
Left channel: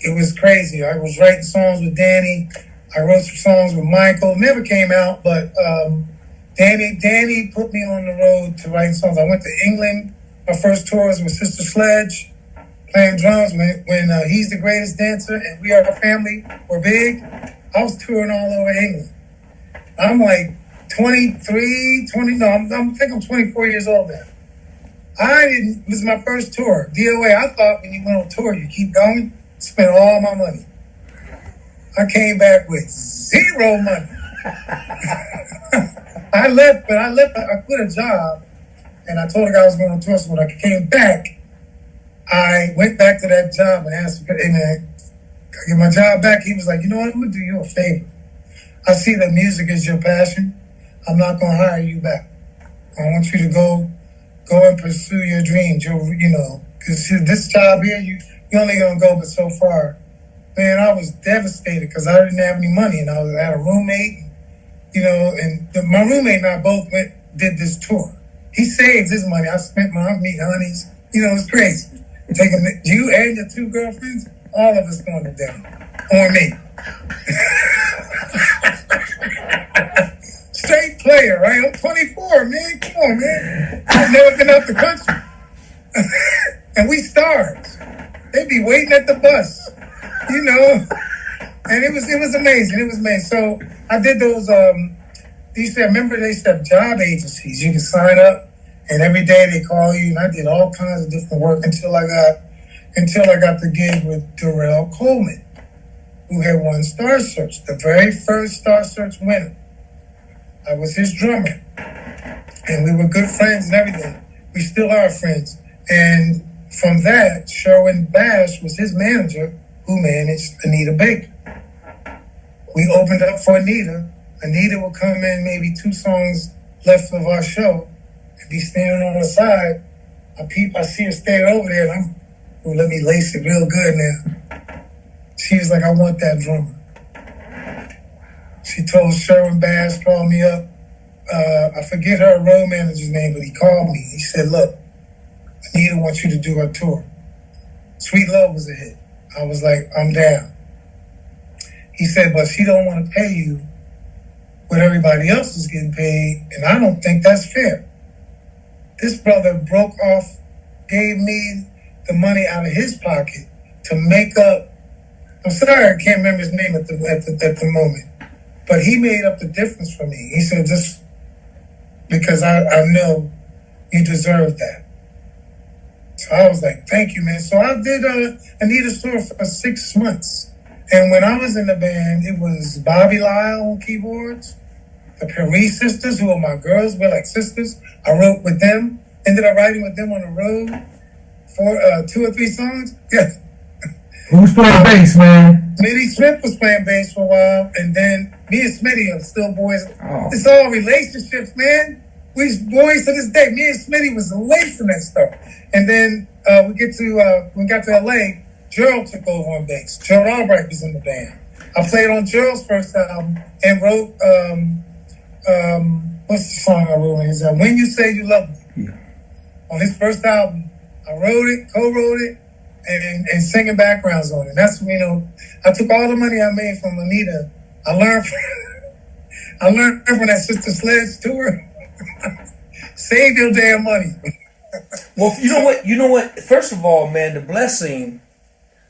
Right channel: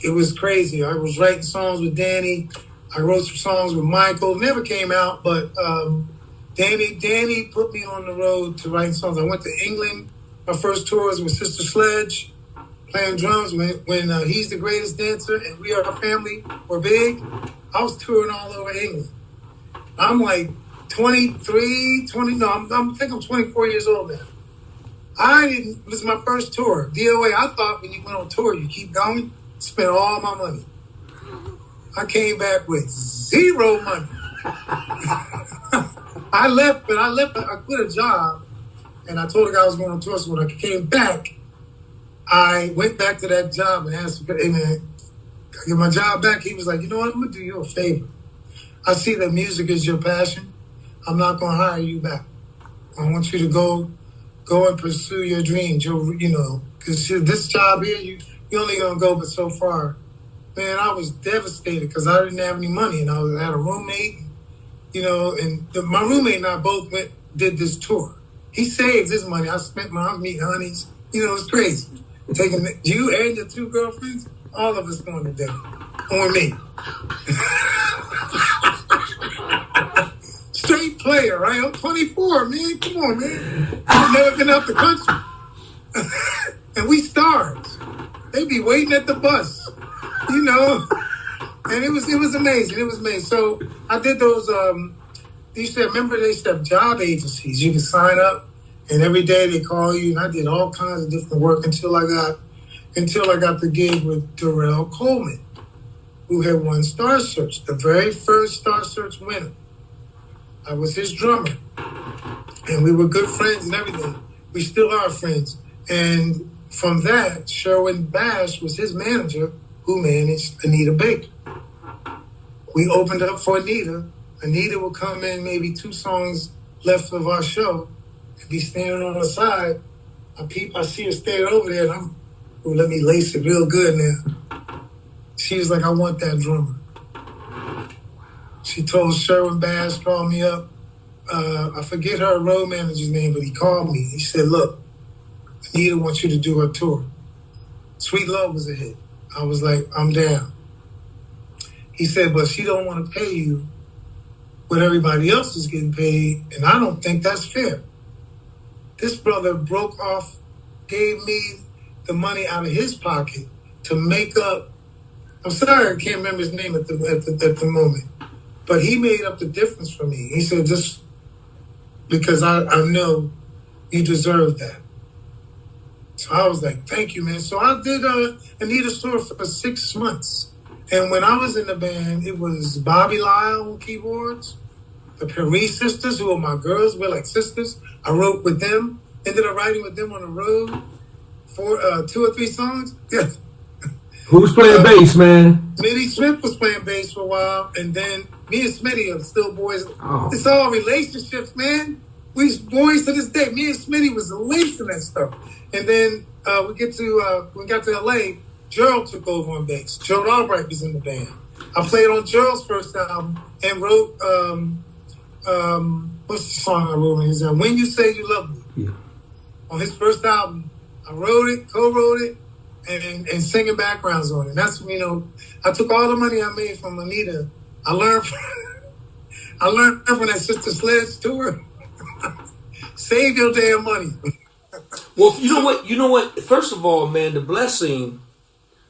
it was crazy. I was writing songs with Danny. I wrote some songs with Michael. Never came out, but Danny put me on the road to write songs. I went to England. My first tour was with Sister Sledge, playing drums when He's the Greatest Dancer and We Are a Family were big. I was touring all over England. I'm like 23, 20, no, I think I'm 24 years old now. It was my first tour. DOA, I thought when you went on tour, you keep going, spend all my money. I came back with zero money. I quit a job, and I told the guy I was going on tour, so when I came back, I went back to that job and asked him, hey man, can I get my job back? He was like, you know what, I'm going to do you a favor. I see that music is your passion. I'm not going to hire you back. I want you to go and pursue your dreams, because this job here, you only going to go but so far. Man, I was devastated because I didn't have any money, and I had a roommate, and my roommate and I both did this tour. He saved his money. I was meeting honeys. It's crazy. Taking you and your two girlfriends, all of us going to dinner. On me. Straight player, right? I'm 24, man. Come on, man. I've never been out the country. And we stars. They be waiting at the bus, And it was amazing. It was amazing. So I did those, they used to have job agencies. You can sign up. And every day they call you, and I did all kinds of different work until I got the gig with Darrell Coleman, who had won Star Search, the very first Star Search winner. I was his drummer, and we were good friends and everything. We still are friends. And from that, Sherwin Bash was his manager, who managed Anita Baker. We opened up for Anita. Anita would come in maybe 2 songs left of our show, be standing on the side. I see her standing over there, and let me lace it real good now. She was like, I want that drummer. She told Sherwin Bass, called me up. I forget her road manager's name, but he called me. He said, look, Anita wants you to do her tour. Sweet Love was a hit. I was like, I'm down. He said, but she don't want to pay you what everybody else is getting paid, and I don't think that's fair. This brother broke off, gave me the money out of his pocket to make up. I'm sorry, I can't remember his name at the moment, but he made up the difference for me. He said, just because I know you deserve that. So I was like, thank you, man. So I did Anita's tour for 6 months. And when I was in the band, it was Bobby Lyle on keyboards, the Paris sisters, who are my girls, we're like sisters. I wrote with them, ended up writing with them on the road for 2 or 3 songs. Yeah. Who's playing bass, man? Smitty Smith was playing bass for a while, and then me and Smitty are still boys. Oh. It's all relationships, man. We boys to this day. Me and Smitty was lacing that stuff. And then we got to LA, Gerald took over on bass. Gerald Albright was in the band. I played on Gerald's first album and wrote what's the song I wrote on his album? When You Say You Love Me. Yeah. On his first album, I wrote it, co-wrote it, and singing backgrounds on it. That's I took all the money I made from Anita. I learned from that Sister Sledge tour. Save your damn money. Well, you know what? First of all, man, the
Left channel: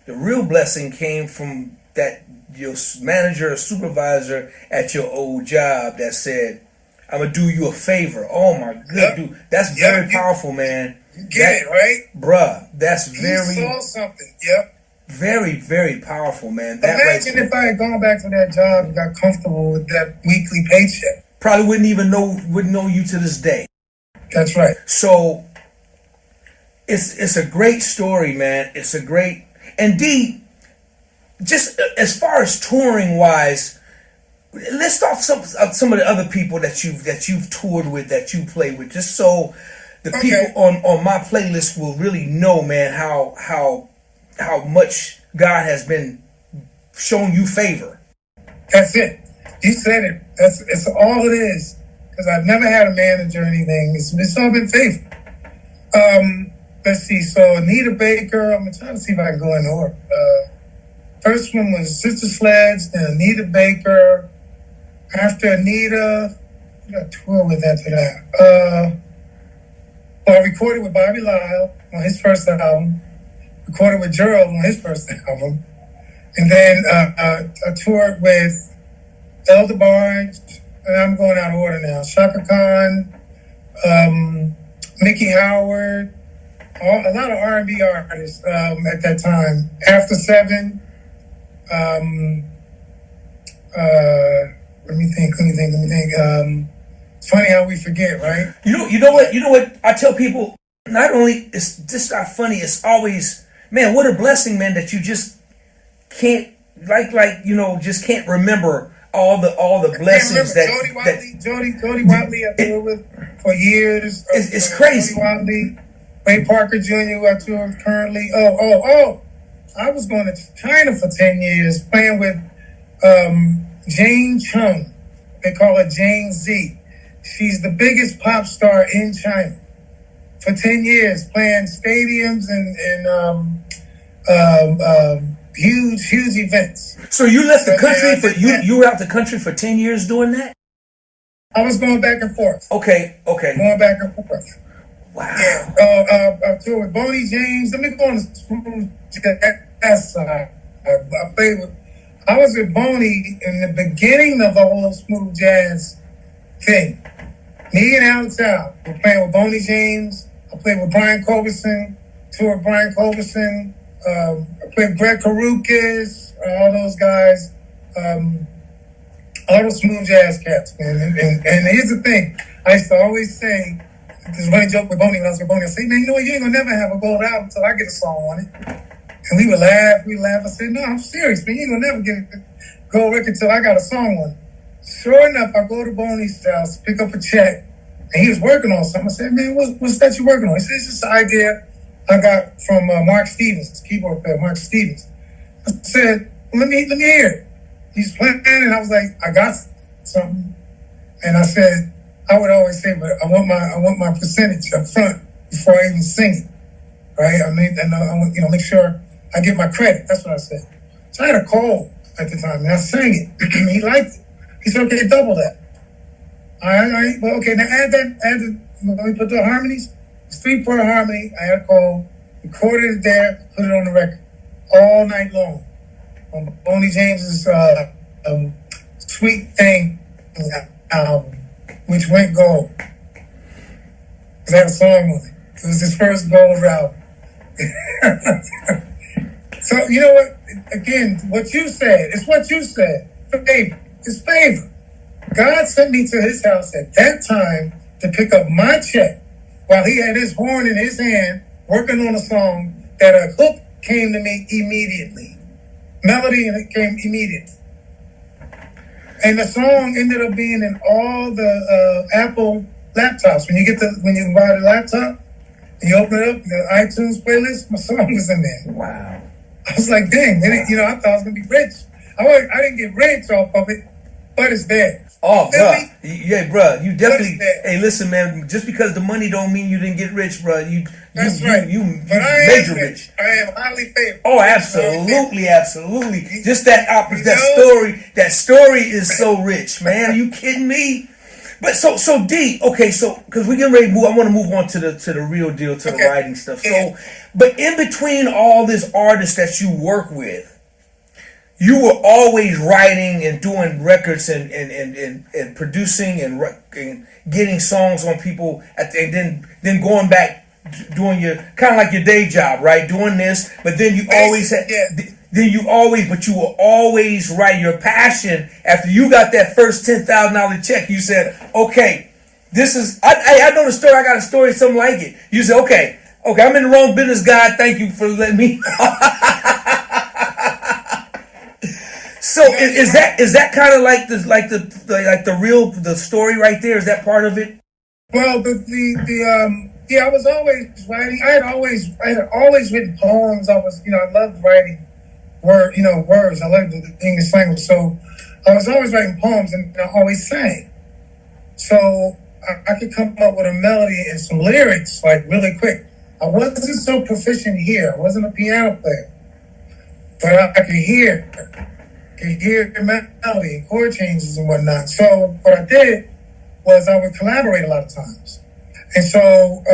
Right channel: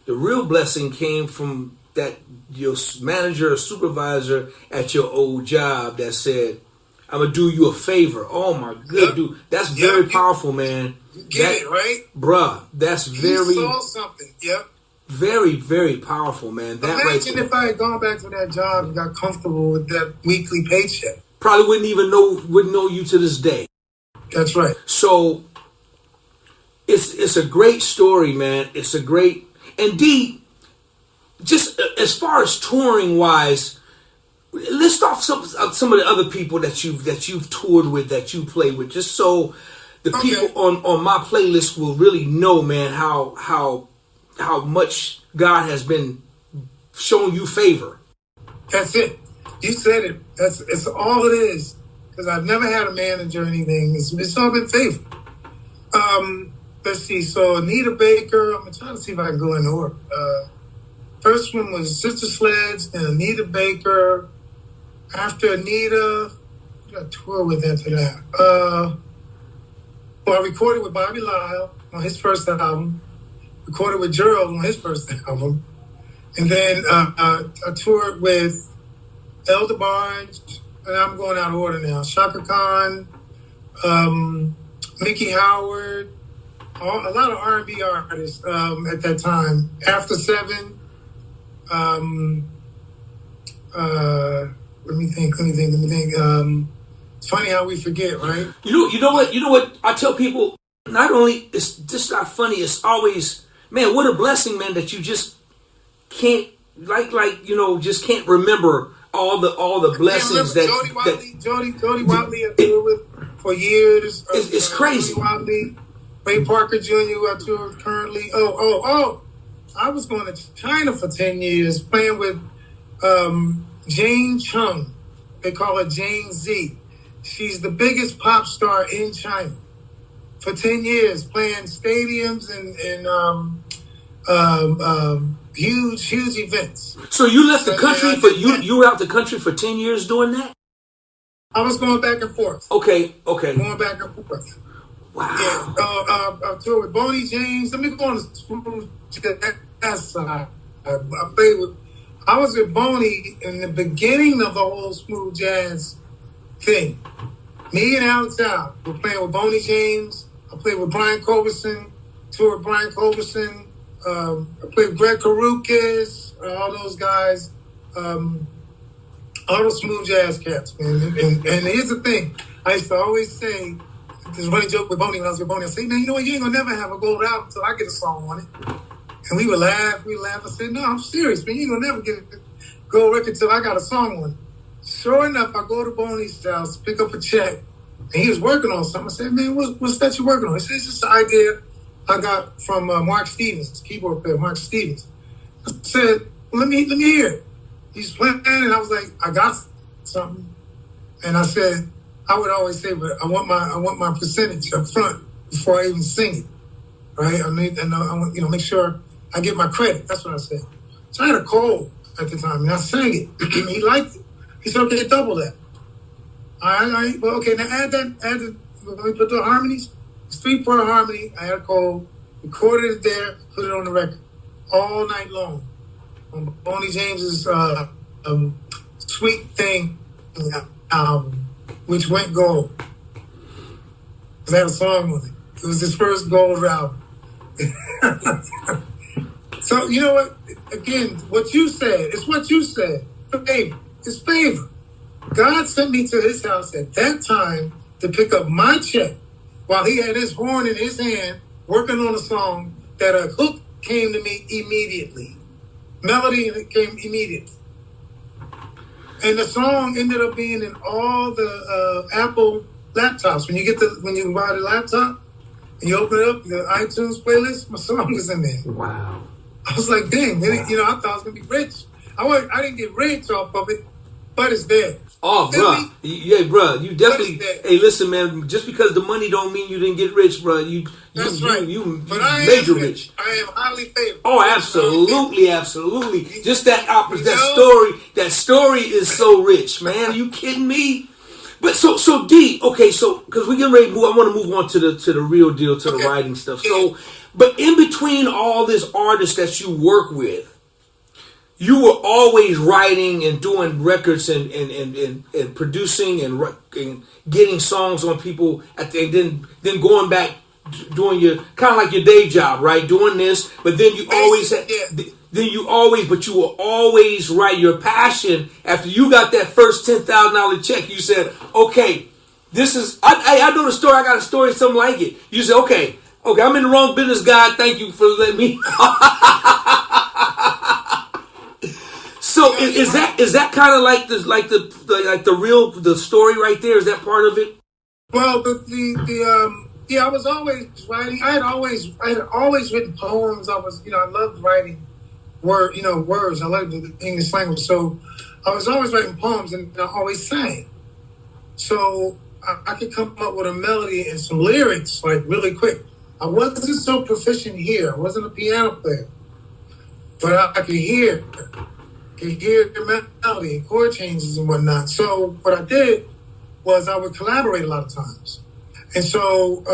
real blessing came from that your manager or supervisor at your old job that said, "I'm gonna do you a favor." Oh my good dude, that's very powerful, man. You get it right, bruh. That's very. He saw something. Yep. Very, very powerful, man. Imagine if I had gone back to that job and got comfortable with that weekly paycheck. Probably wouldn't know you to this day. That's right. So it's a great story, man. It's a great indeed. Just as far as touring wise, list off some of the other people that you've toured with, that you play with, just so the people on my playlist will really know, man, how much God has been showing you favor. That's it. You said it. It's all it is. Because I've never had a manager or anything. It's all been favor. Let's see. So Anita Baker. I'm trying to see if I can go in order. First one was Sister Sledge, then Anita Baker. After Anita, I got a tour with after that. Well, I recorded with Bobby Lyle on his first album. Recorded with Gerald on his first album. And then I toured with Elder Barge, and I'm going out of order now. Chaka Khan, Mickey Howard, a lot of R&B artists at that time. After 7, let me think. It's funny how we forget, right? You know what? I tell people, not only it's just not funny, it's always, man, what a blessing, man, that you just can't just can't remember all the blessings that Jody Watley I toured with for years. It's crazy. Jody Watley, Ray Parker Jr. who I tour with currently. I was going to China for 10 years playing with Jane Chung. They call her Jane Z. She's the biggest pop star in China. For 10 years, playing stadiums and huge events. So you left the country you were out the country for 10 years doing that? I was going back and forth. Okay. Going back and forth. Wow. Yeah. I toured with Boney James. Let me go on the smooth jazz side. I was with Boney in the beginning of the whole smooth jazz thing. Me and Alex Al were playing with Boney James. I played with Brian Culberson, toured with Brian Culberson. I played with Greg Carrucas, all those guys, all those smooth jazz cats, man. And here's the thing. I used to always say, this running joke with Boney when I was with Boney, I say, man, you know what, you ain't gonna never have a gold album until I get a song on it. And we would laugh. I said, no, I'm serious, man. You ain't gonna never get a gold record until I got a song on it. Sure enough, I go to Boney's house, pick up a check, and he was working on something. I said, man, what's that you working on? He said, it's just an idea I got from Mark Stevens, keyboard player Mark Stevens. I said, well, let me hear it. He's playing, and I was like, I got something. And I said, I would always say, but I want my percentage up front before I even sing it, right? I want make sure I get my credit. That's what I said. So I had a cold at the time, and I sang it. He liked it. He said, okay, double that. All right. Well, okay, now add the, let me put the harmonies. It's 3-part harmony. I had a cold, recorded it there, put it on the record all night long. On Boney James's Sweet Thing album, which went gold. Because I had a song on it. It was his first gold album. So, you know what? Again, what you said, it's what you said. Favor. It's favor. God sent me to his house at that time to pick up my check while he had his horn in his hand working on a song that a hook came to me immediately. Melody, and it came immediately. And the song ended up being in all the Apple laptops. When you buy the laptop and you open it up, the iTunes playlist, my song is in there. Wow. I was like, dang, I thought I was gonna be rich. I didn't get rich off of it, but it's there. Oh, Feel bro. me? Yeah, bro. You definitely. But it's there. Hey, listen, man. Just because the money don't mean you didn't get rich, bro. That's right. You But I major am rich. I am highly favored. Oh, absolutely, absolutely. Just that You that know? story. That story is so rich, man. Are you kidding me? But so D. Okay, so because we getting ready to move, I want to move on to the real deal, to the Okay. writing stuff. Yeah. So, but in between all this artists that you work with, you were always writing and doing records and producing and getting songs on people and then going back doing your kind of like your day job, right? Doing this, but then you always had. Yeah. But you will always write your passion. After you got that first $10,000 check, you said, "Okay, this is." I know the story. I got a story, something like it. You said, "Okay, I'm in the wrong business, God. Thank you for letting me." So is that kind of like the real story right there? Is that part of it? Well, I was always writing. I had always written poems. I loved writing words. I loved the English language. So I was always writing poems and I always sang. So I could come up with a melody and some lyrics like really quick. I wasn't so proficient here. I wasn't a piano player, but I could hear the melody and chord changes and whatnot. So what I did was I would collaborate a lot of times. And so,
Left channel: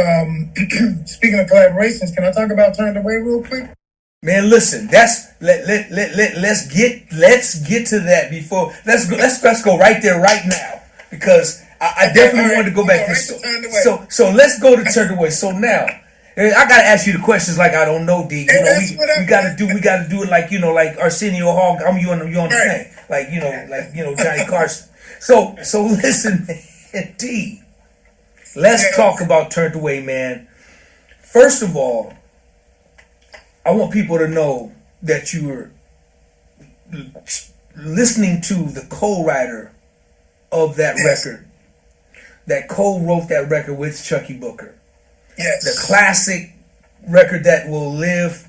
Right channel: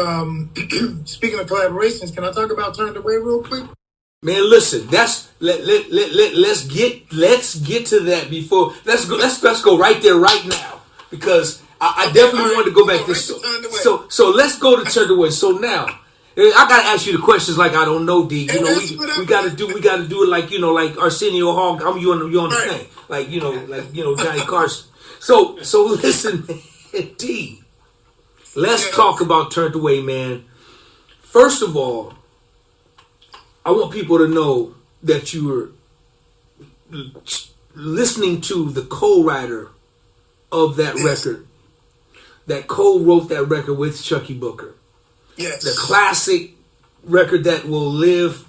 speaking of collaborations, can I talk about Turned Away real quick? Man, listen. Let's get to that before. Let's go right there right now because I definitely wanted to go back to this. So let's go to Turned Away. So now I gotta ask you the questions like I don't know, D. We gotta do it like like Arsenio Hall. You on the thing like Johnny Carson. So listen, man, D. Let's talk about Turned Away, man. First of all, I want people to know that you were listening to the co-writer of that record, that co-wrote that record with Chuckii Booker. Yes. The classic record that will live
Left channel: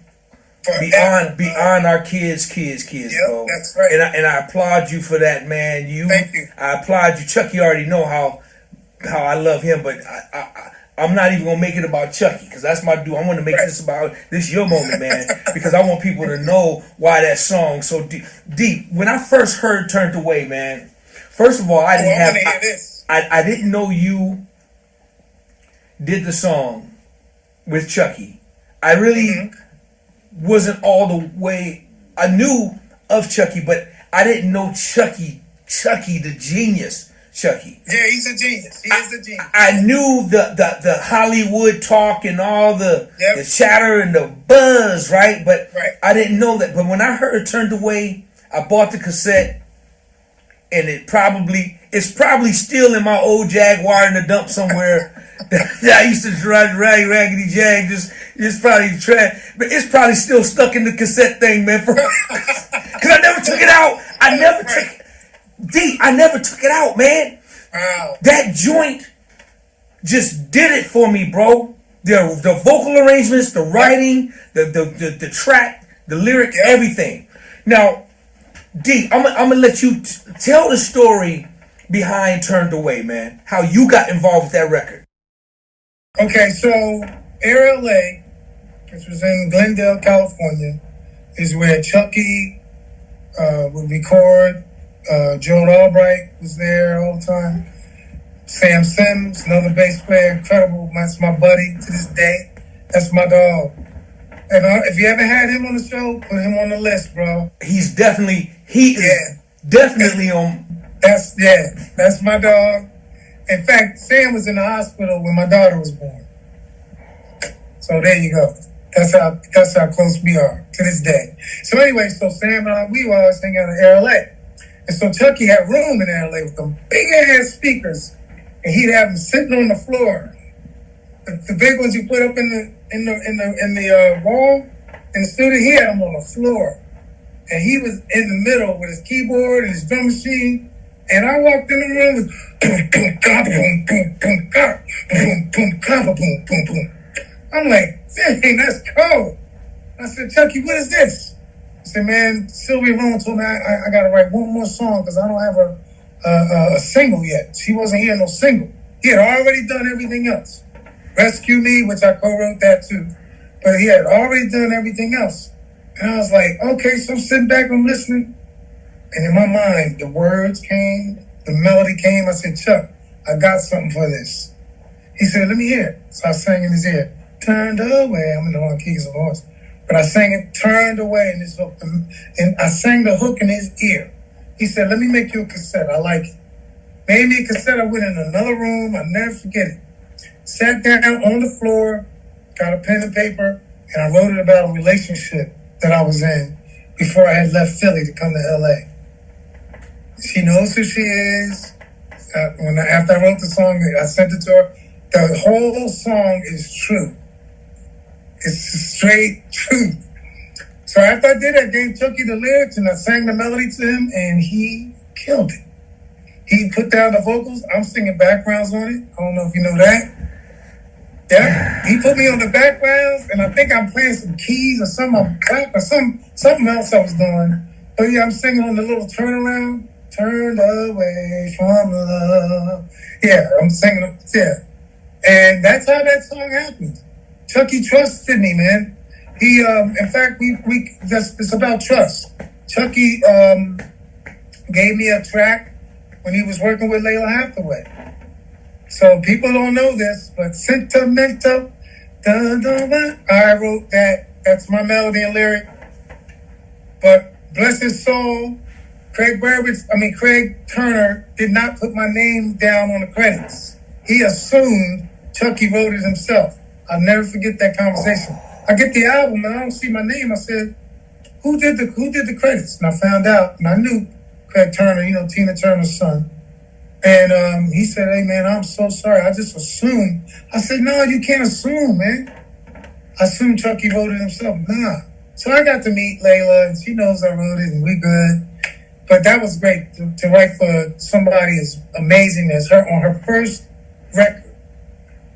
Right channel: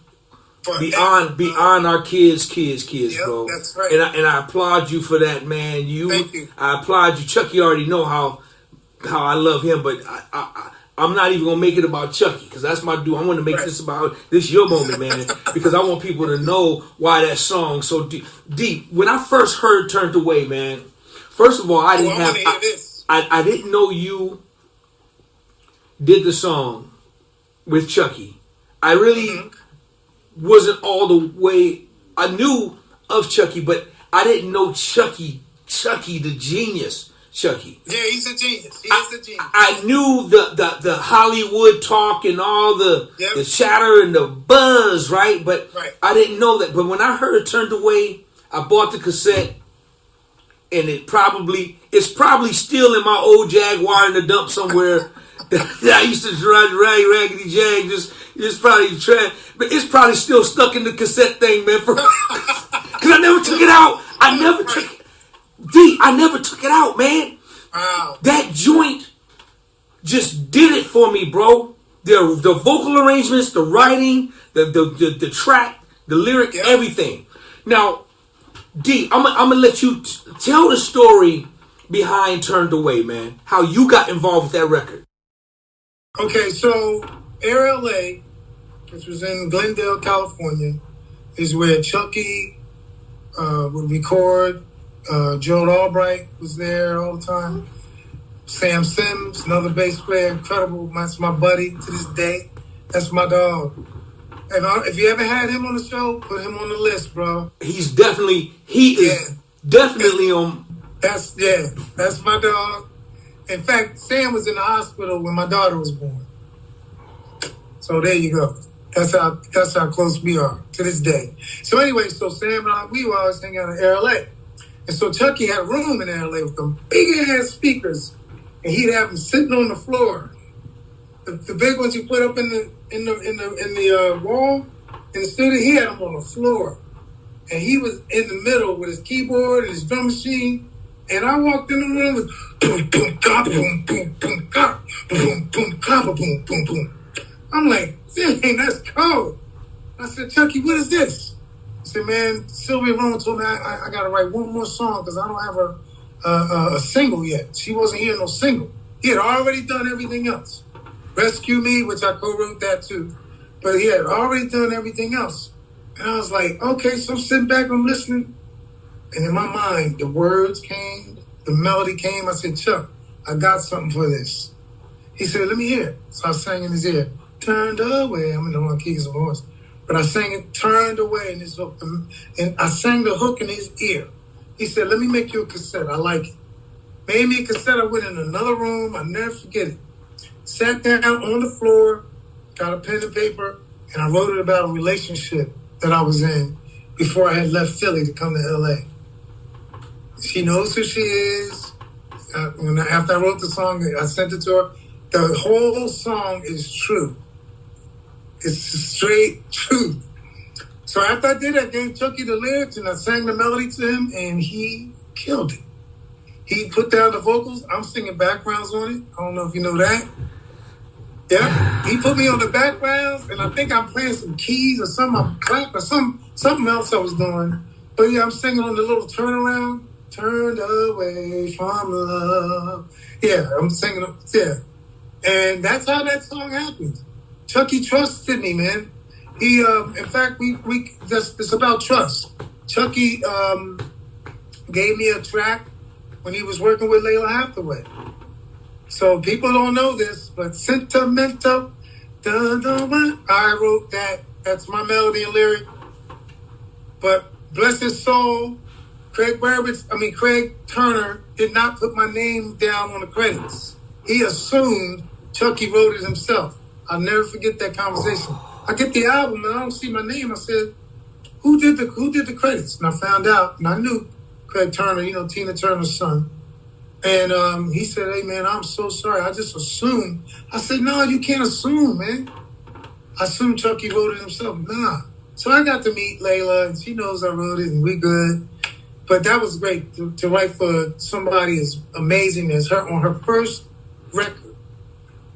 beyond our kids, bro. That's right. And I applaud you for that, man. Thank you. I applaud you. Chuckii already know how I love him, but I'm not even gonna make it about Chuckii because that's my dude. I want to make this your moment, man, because I want people to know why that song so deep. When I first heard "Turned Away," man, first of all, I didn't know you did the song with Chuckii. I really wasn't all the way. I knew of Chuckii, but I didn't know Chuckii the genius. Chuckii. Yeah, he's a genius. He is a genius. I knew the Hollywood talk and all the chatter and the buzz, right? But I didn't know that. But when I heard Turned Away, I bought the cassette, and it's probably still in my old Jaguar in the dump somewhere. that I used to drive Raggedy Jag, just probably trash, but it's probably still stuck in the cassette thing, man. Because I never took it out. I never took it out, man. Wow. That joint just did it for me, bro. The vocal arrangements, the writing, the track, the lyric, everything. Now, D, I'm gonna let you tell the story behind Turned Away, man. How you got involved with that record. Okay, so Air LA, which was in Glendale, California, is where Chuckii would record. Joe Albright was there all the time. Sam Sims, another bass player, incredible. That's my buddy to this day. That's my dog. And if you ever had him on the show, put him on the list, bro. He is definitely on. That's my dog. In fact, Sam was in the hospital when my daughter was born. So there you go. That's how close we are to this day. So anyway, Sam and I, we were always hanging out in Air LA. And so Chuckii had room in LA with them big ass speakers, and he'd have them sitting on the floor. The big ones you put up in the wall in the studio, he had them on the floor, and he was in the middle with his keyboard and his drum machine, And I walked in the room with boom, boom, ga, boom, boom, boom, ga, boom, boom, ga, boom, boom, boom. I'm like, dang, that's cold. I said, Chuckii, what is this? I said, man, Sylvia Rome told me I got to write one more song because I don't have a single yet. She wasn't hearing no single. He had already done everything else. Rescue Me, which I co-wrote that too. But he had already done everything else. And I was like, okay, so I'm sitting back, I'm listening. And in my mind, the words came, the melody came. I said, Chuck, I got something for this. He said, let me hear it. So I sang in his ear, turned away. I'm in the wrong keys, of course. But I sang it, turned away in his hook. And I sang the hook in his ear. He said, let me make you a cassette. I like it. Made me a cassette. I went in another room. I'll never forget it. Sat down on the floor, got a pen and paper, and I wrote it about a relationship that I was in before I had left Philly to come to L.A. She knows who she is. After I wrote the song, I sent it to her. The whole song is true. It's straight truth. So after I did that, I gave Chuckii the lyrics and I sang the melody to him, and he killed it. He put down the vocals. I'm singing backgrounds on it. I don't know if you know that. Yeah, he put me on the backgrounds, and I think I'm playing some keys or something, clap or something else I was doing. But yeah, I'm singing on the little turnaround. Turned away from love. Yeah, I'm singing. Yeah, and that's how that song happened. Chuckii trusted me, man. He, in fact, it's about trust. Chuckii gave me a track when he was working with Layla Hathaway. So people don't know this, but sentimental. I wrote that. That's my melody and lyric. But bless his soul, Craig Turner did not put my name down on the credits. He assumed Chuckii wrote it himself. I'll never forget that conversation. I get the album and I don't see my name. I said, who did the credits? And I found out, and I knew Craig Turner, Tina Turner's son. And he said, hey, man, I'm so sorry. I just assumed. I said, no, you can't assume, man. I assumed Chuckii wrote it himself. Nah. So I got to meet Layla, and she knows I wrote it, and we good. But that was great to write for somebody as amazing as her on her first record.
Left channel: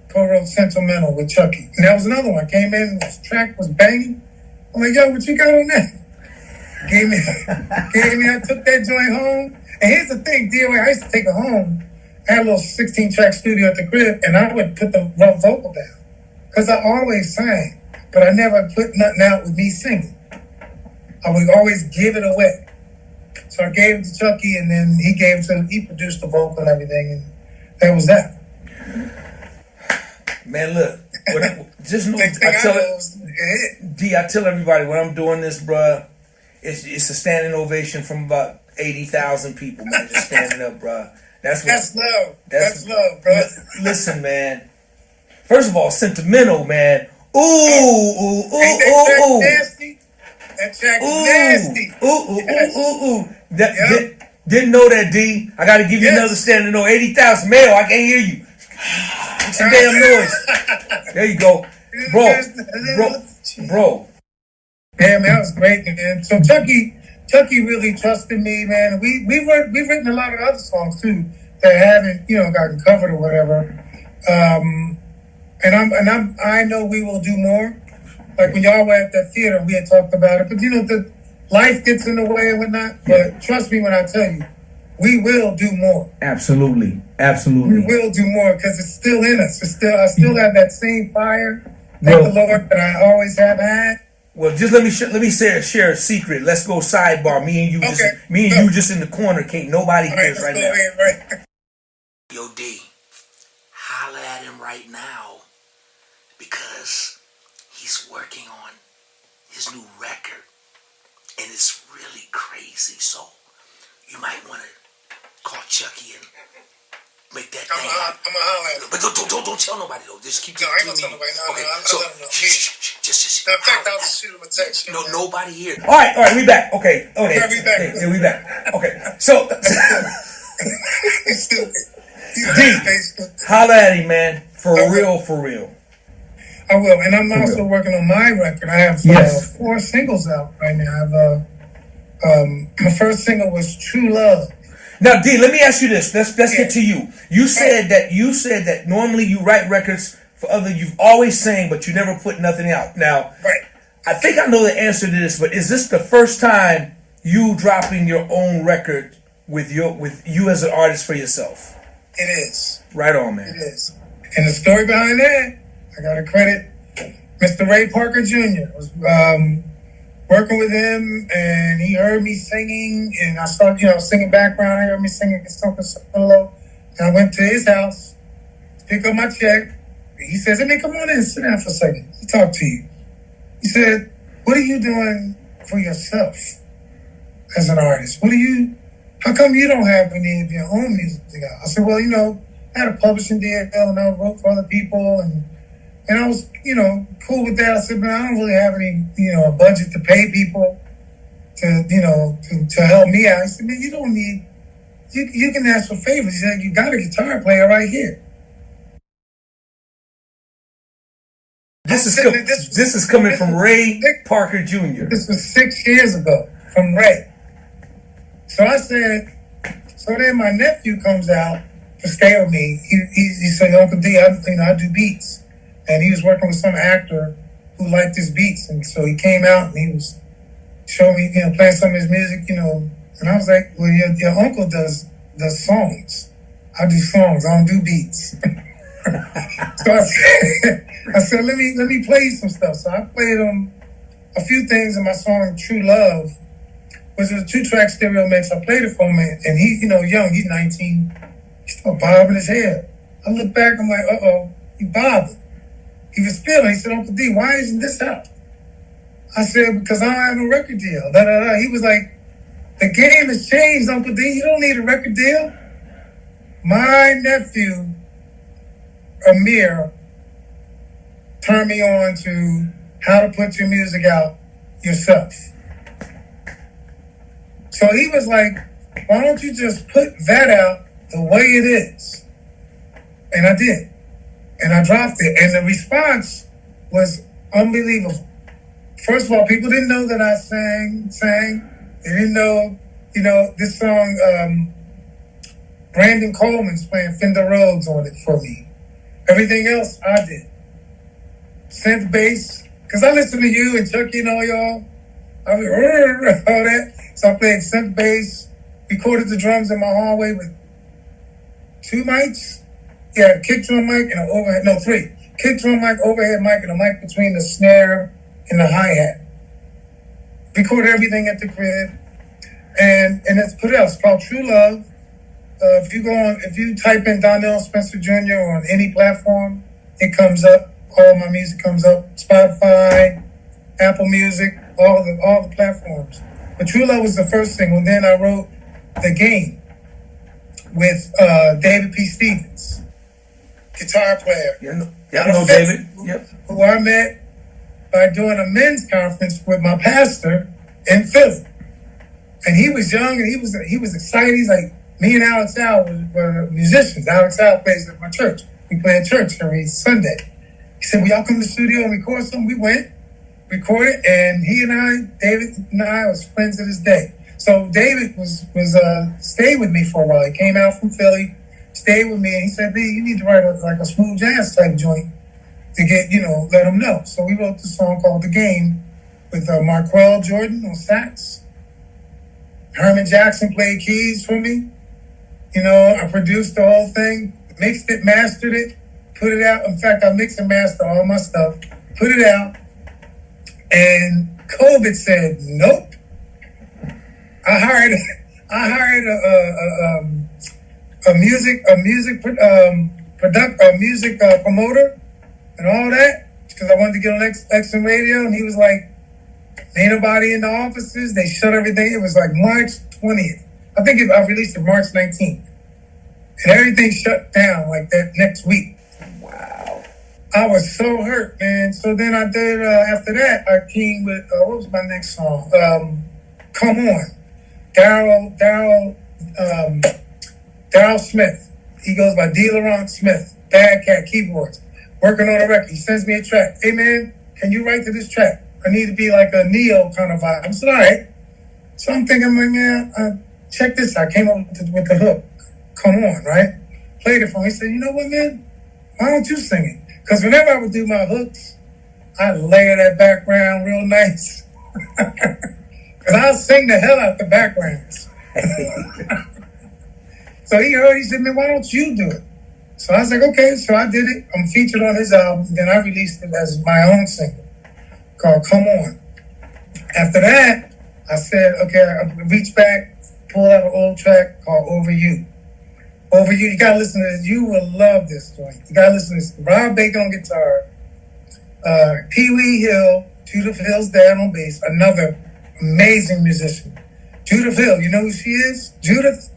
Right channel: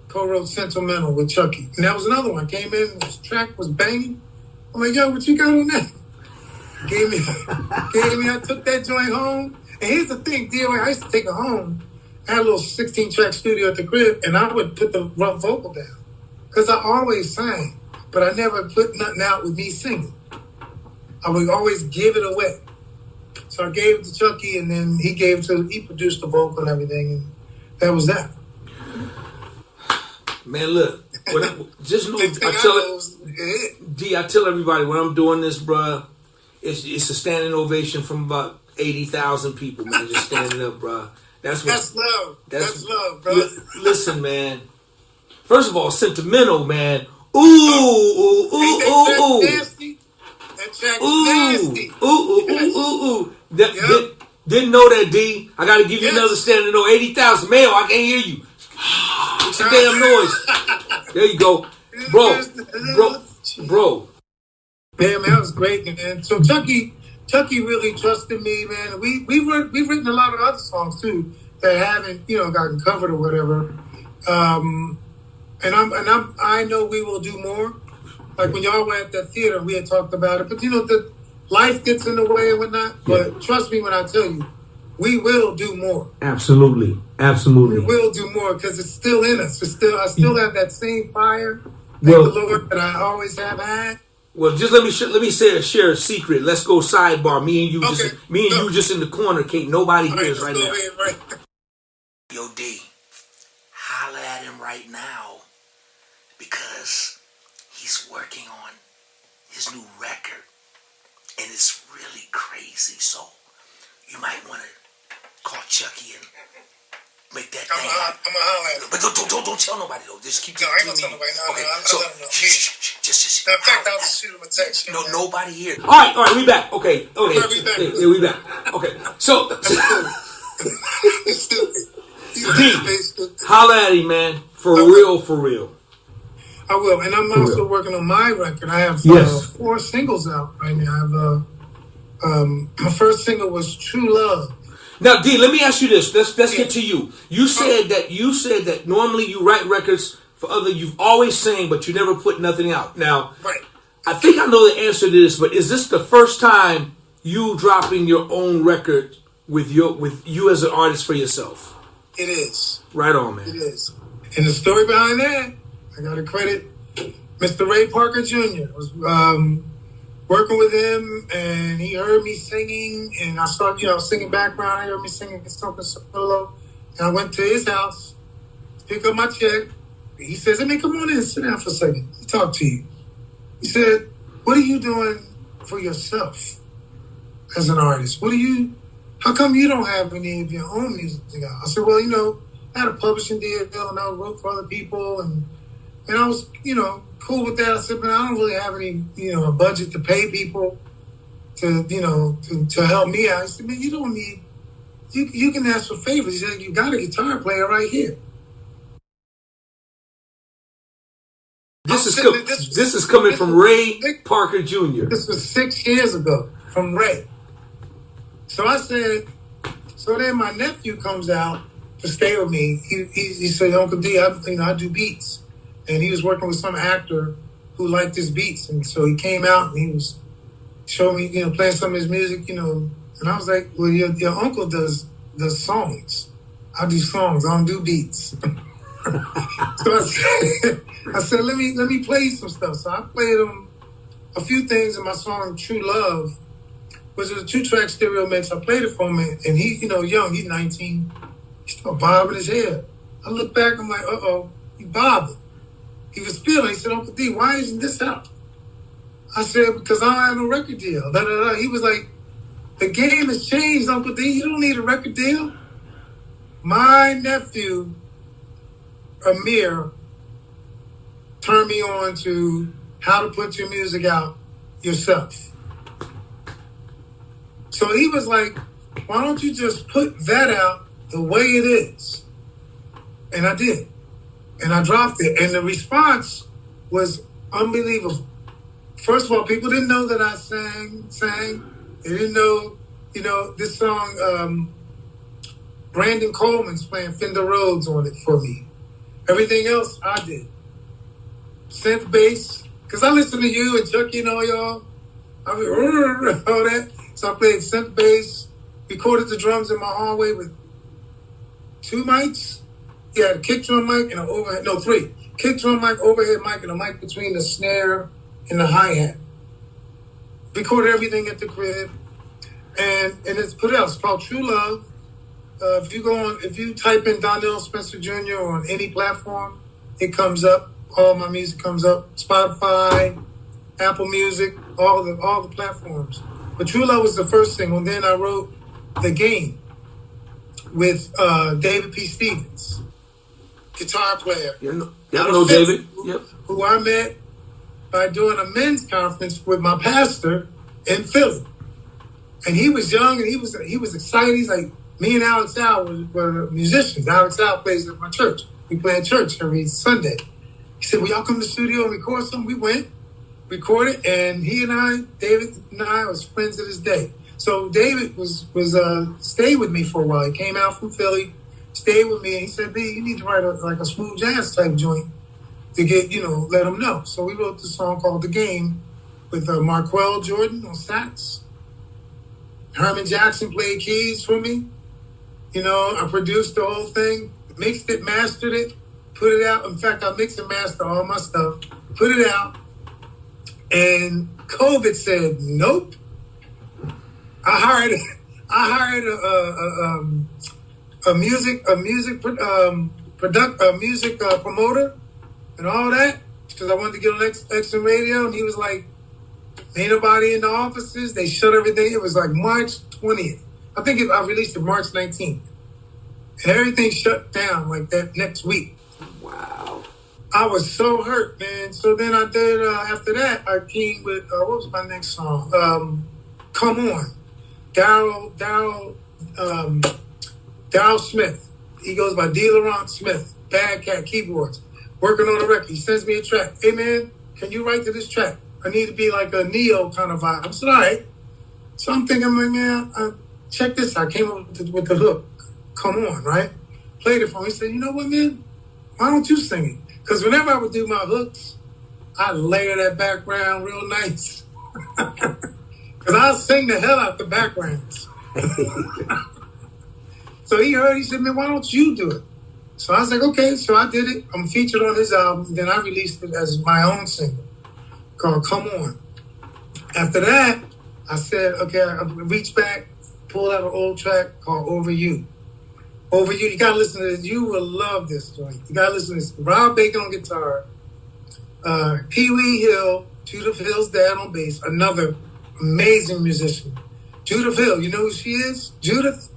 Co-wrote Sentimental with Chuckii. And that was another one. I came in, this track was banging. I'm like, yo, what you got on that? I took that joint home. And here's the thing, DOA, I used to take it home. I had a little 16-track studio at the crib, and I would put the rough vocal down. Because I always sang, but I never put nothing out with me singing. I would always give it away. So I gave it to Chuckii, and then he produced the vocal and everything, and that was that. Man, look, just know, I tell everybody when I'm doing this, bruh, it's a standing ovation from about 80,000 people, man, just standing up, bruh. That's love. That's love, bro. Listen, man. First of all, Sentimental, man. Ooh. Nasty. That track is nasty. Ooh. Didn't know that, D. I got to give you another standing O. 80,000. Male, I can't hear you. Make some damn noise. There you go. Bro. Yeah, man, that was great, man. So Chuckii really trusted me, man. We've written a lot of other songs too that haven't, gotten covered or whatever. I know we will do more. Like when y'all were at that theater, we had talked about it. But the life gets in the way and whatnot. Yeah. But trust me when I tell you, we will do more. Absolutely. We will do more because it's still in us. I still have that same fire. Thank the Lord that I always have had. Well, just let me share a secret. Let's go sidebar. Me and you just in the corner. Can't nobody hear us right now. Right. Yo, D, holla at him right now because he's working on his new record and it's really crazy. So you might want to call Chuckii and make that thing. I'm gonna holla at him. But don't tell nobody though. Just keep it I ain't gonna tell nobody. Okay, so just. In fact, I'll just shoot him a text. No, nobody here. All right, we back. Okay. We back. Yeah, we back. Okay, so It's stupid. D, holla at him, man. For real. I will, and I'm also working on my record. I have 4 singles out right now. I have my first single was True Love. Now, D, let me ask you this. Let's Yeah. get to you. You said that normally you write records for other. You've always sang, but you never put nothing out. Now, Right. I think I know the answer to this, but is this the first time you dropping your own record with you as an artist for yourself? It is. Right on, It man. is. And the story behind that, I got to credit Mr. Ray Parker Jr. I was working with him, and he heard me singing, and I started, singing background. He heard me singing something solo, and I went to his house to pick up my check. He says, "Hey, man, come on in, sit down for a second. Let me talk to you." He said, "What are you doing for yourself as an artist? How come you don't have any of your own music out?" I said, "Well, I had a publishing deal, and I wrote for other people, and I was, cool with that." I said, "But I don't really have any, a budget to pay people to help me out." He said, "Man, you don't need, you can ask for favors." He said, "You got a guitar player right here." This is coming from Ray Parker Jr. This was 6 years ago from Ray. So I said, so then my nephew comes out to stay with me. He said, "Uncle D, I do beats." And he was working with some actor who liked his beats. And so he came out and he was showing me, playing some of his music, and I was like, "Well, your uncle does songs. I do songs. I don't do beats." So I said, let me play you some stuff. So I played him a few things in my song True Love, which is a 2-track stereo mix. I played it for him, and he, young, he's 19. He's still bobbing his head. I look back, I'm like, uh-oh, he bobbing. He was feeling. He said, "Uncle D, why isn't this out?" I said, "Because I don't have a record deal." He was like, "The game has changed, Uncle D. You don't need a record deal." My nephew, Amir, turned me on to how to put your music out yourself. So he was like, "Why don't you just put that out the way it is?" And I did. And I dropped it. And the response was unbelievable. First of all, people didn't know that I sang. They didn't know, this song, Brandon Coleman's playing Fender Rhodes on it for me. Everything else I did. Synth bass, because I listen to you and Chuckii and all y'all. I mean, all that. So I played synth bass, recorded the drums in my hallway with 2 mics. Yeah, a kick drum mic and an overhead, 3. Kick drum mic, overhead mic, and a mic between the snare and the hi-hat. Recorded everything at the crib. And it's put out. It's called True Love. If you type in Donnell Spencer Jr. on any platform, it comes up. All my music comes up. Spotify, Apple Music, all the platforms. But True Love was the first single. And then I wrote The Game with David P. Stevens, guitar player. I know David. Yep. Who I met by doing a men's conference with my pastor in Philly. And he was young and he was excited. He's like, me and Alex Al were musicians. Alex Al plays at my church. We play at church every Sunday. He said, "Will y'all come to the studio and record something?" We went, recorded, and David and I was friends to this day. So David was stayed with me for a while. He came out from Philly, stayed with me, and he said, "D, you need to write a smooth jazz type joint to get, let them know." So we wrote this song called The Game with Marquell Jordan on sax. Herman Jackson played keys for me. I produced the whole thing, mixed it, mastered it, put it out. In fact, I mix and master all my stuff, put it out, and COVID said, "Nope." I hired a music promoter and all that because I wanted to get on XM radio, and he was like, "Ain't nobody in the offices. They shut everything." It was like March 20th. I think I released it March 19th. And everything shut down like that next week. Wow. I was so hurt, man. So then I did, after that, I came with, what was my next song? Come On. Daryl Smith. He goes by D. Laurent Smith. Bad Cat Keyboards. Working on a record. He sends me a track. "Hey, man, can you write to this track? I need to be like a Neo kind of vibe." I said, "All right." So I'm thinking, like, man, check this out. I came up with the hook. Come on, right? Played it for me. He said, you know what, man? Why don't you sing it? Because whenever I would do my hooks, I layer that background real nice. Because I'll sing the hell out the backgrounds. So he heard, he said, man, why don't you do it? So I was like, okay. So I did it. I'm featured on his album. Then I released it as my own single called Come On. After that, I said, okay, I reached back, pulled out an old track called Over You. Over You, you gotta listen to this. You will love this joint. You gotta listen to this. Rob Baker on guitar, Pee Wee Hill, Judith Hill's dad on bass, another amazing musician. Judith Hill, you know who she is? Judith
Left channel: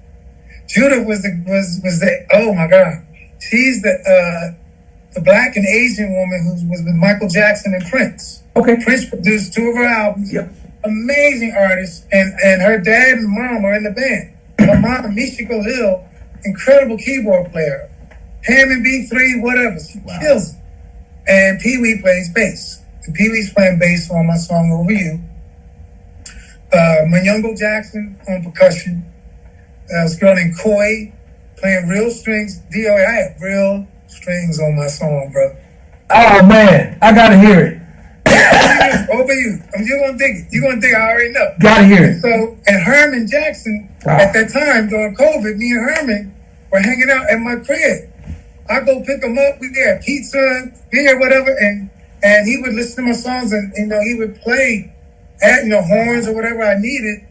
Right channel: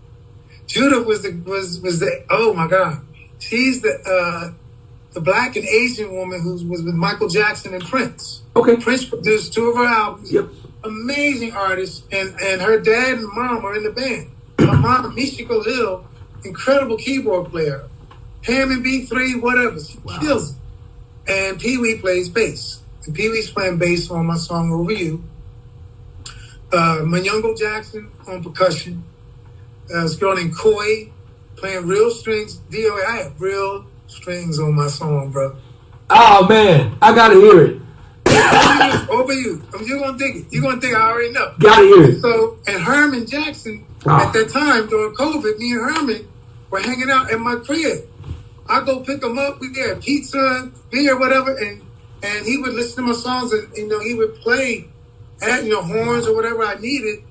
was the oh my God. She's the black and Asian woman who was with Michael Jackson and Prince. Okay. Prince produced 2 of her albums. Yep. Amazing artist, and her dad and mom are in the band. Her mom, Michiko Hill, incredible keyboard player. Hammond B3, whatever. She kills it. And Pee Wee plays bass. And Pee Wee's playing bass on my song Over You. Manyongo Jackson on percussion. This girl named Koi playing real strings. DOA, I have real strings on my song, bro. Oh man, I gotta hear it. Over You. You're gonna dig it. You're gonna dig it. I already know. Gotta hear it. So, and Herman Jackson, at that time during COVID, me and Herman were hanging out at my crib. I go pick him up. We had pizza, beer, whatever, and he would listen to my songs, and he would play horns or whatever I needed.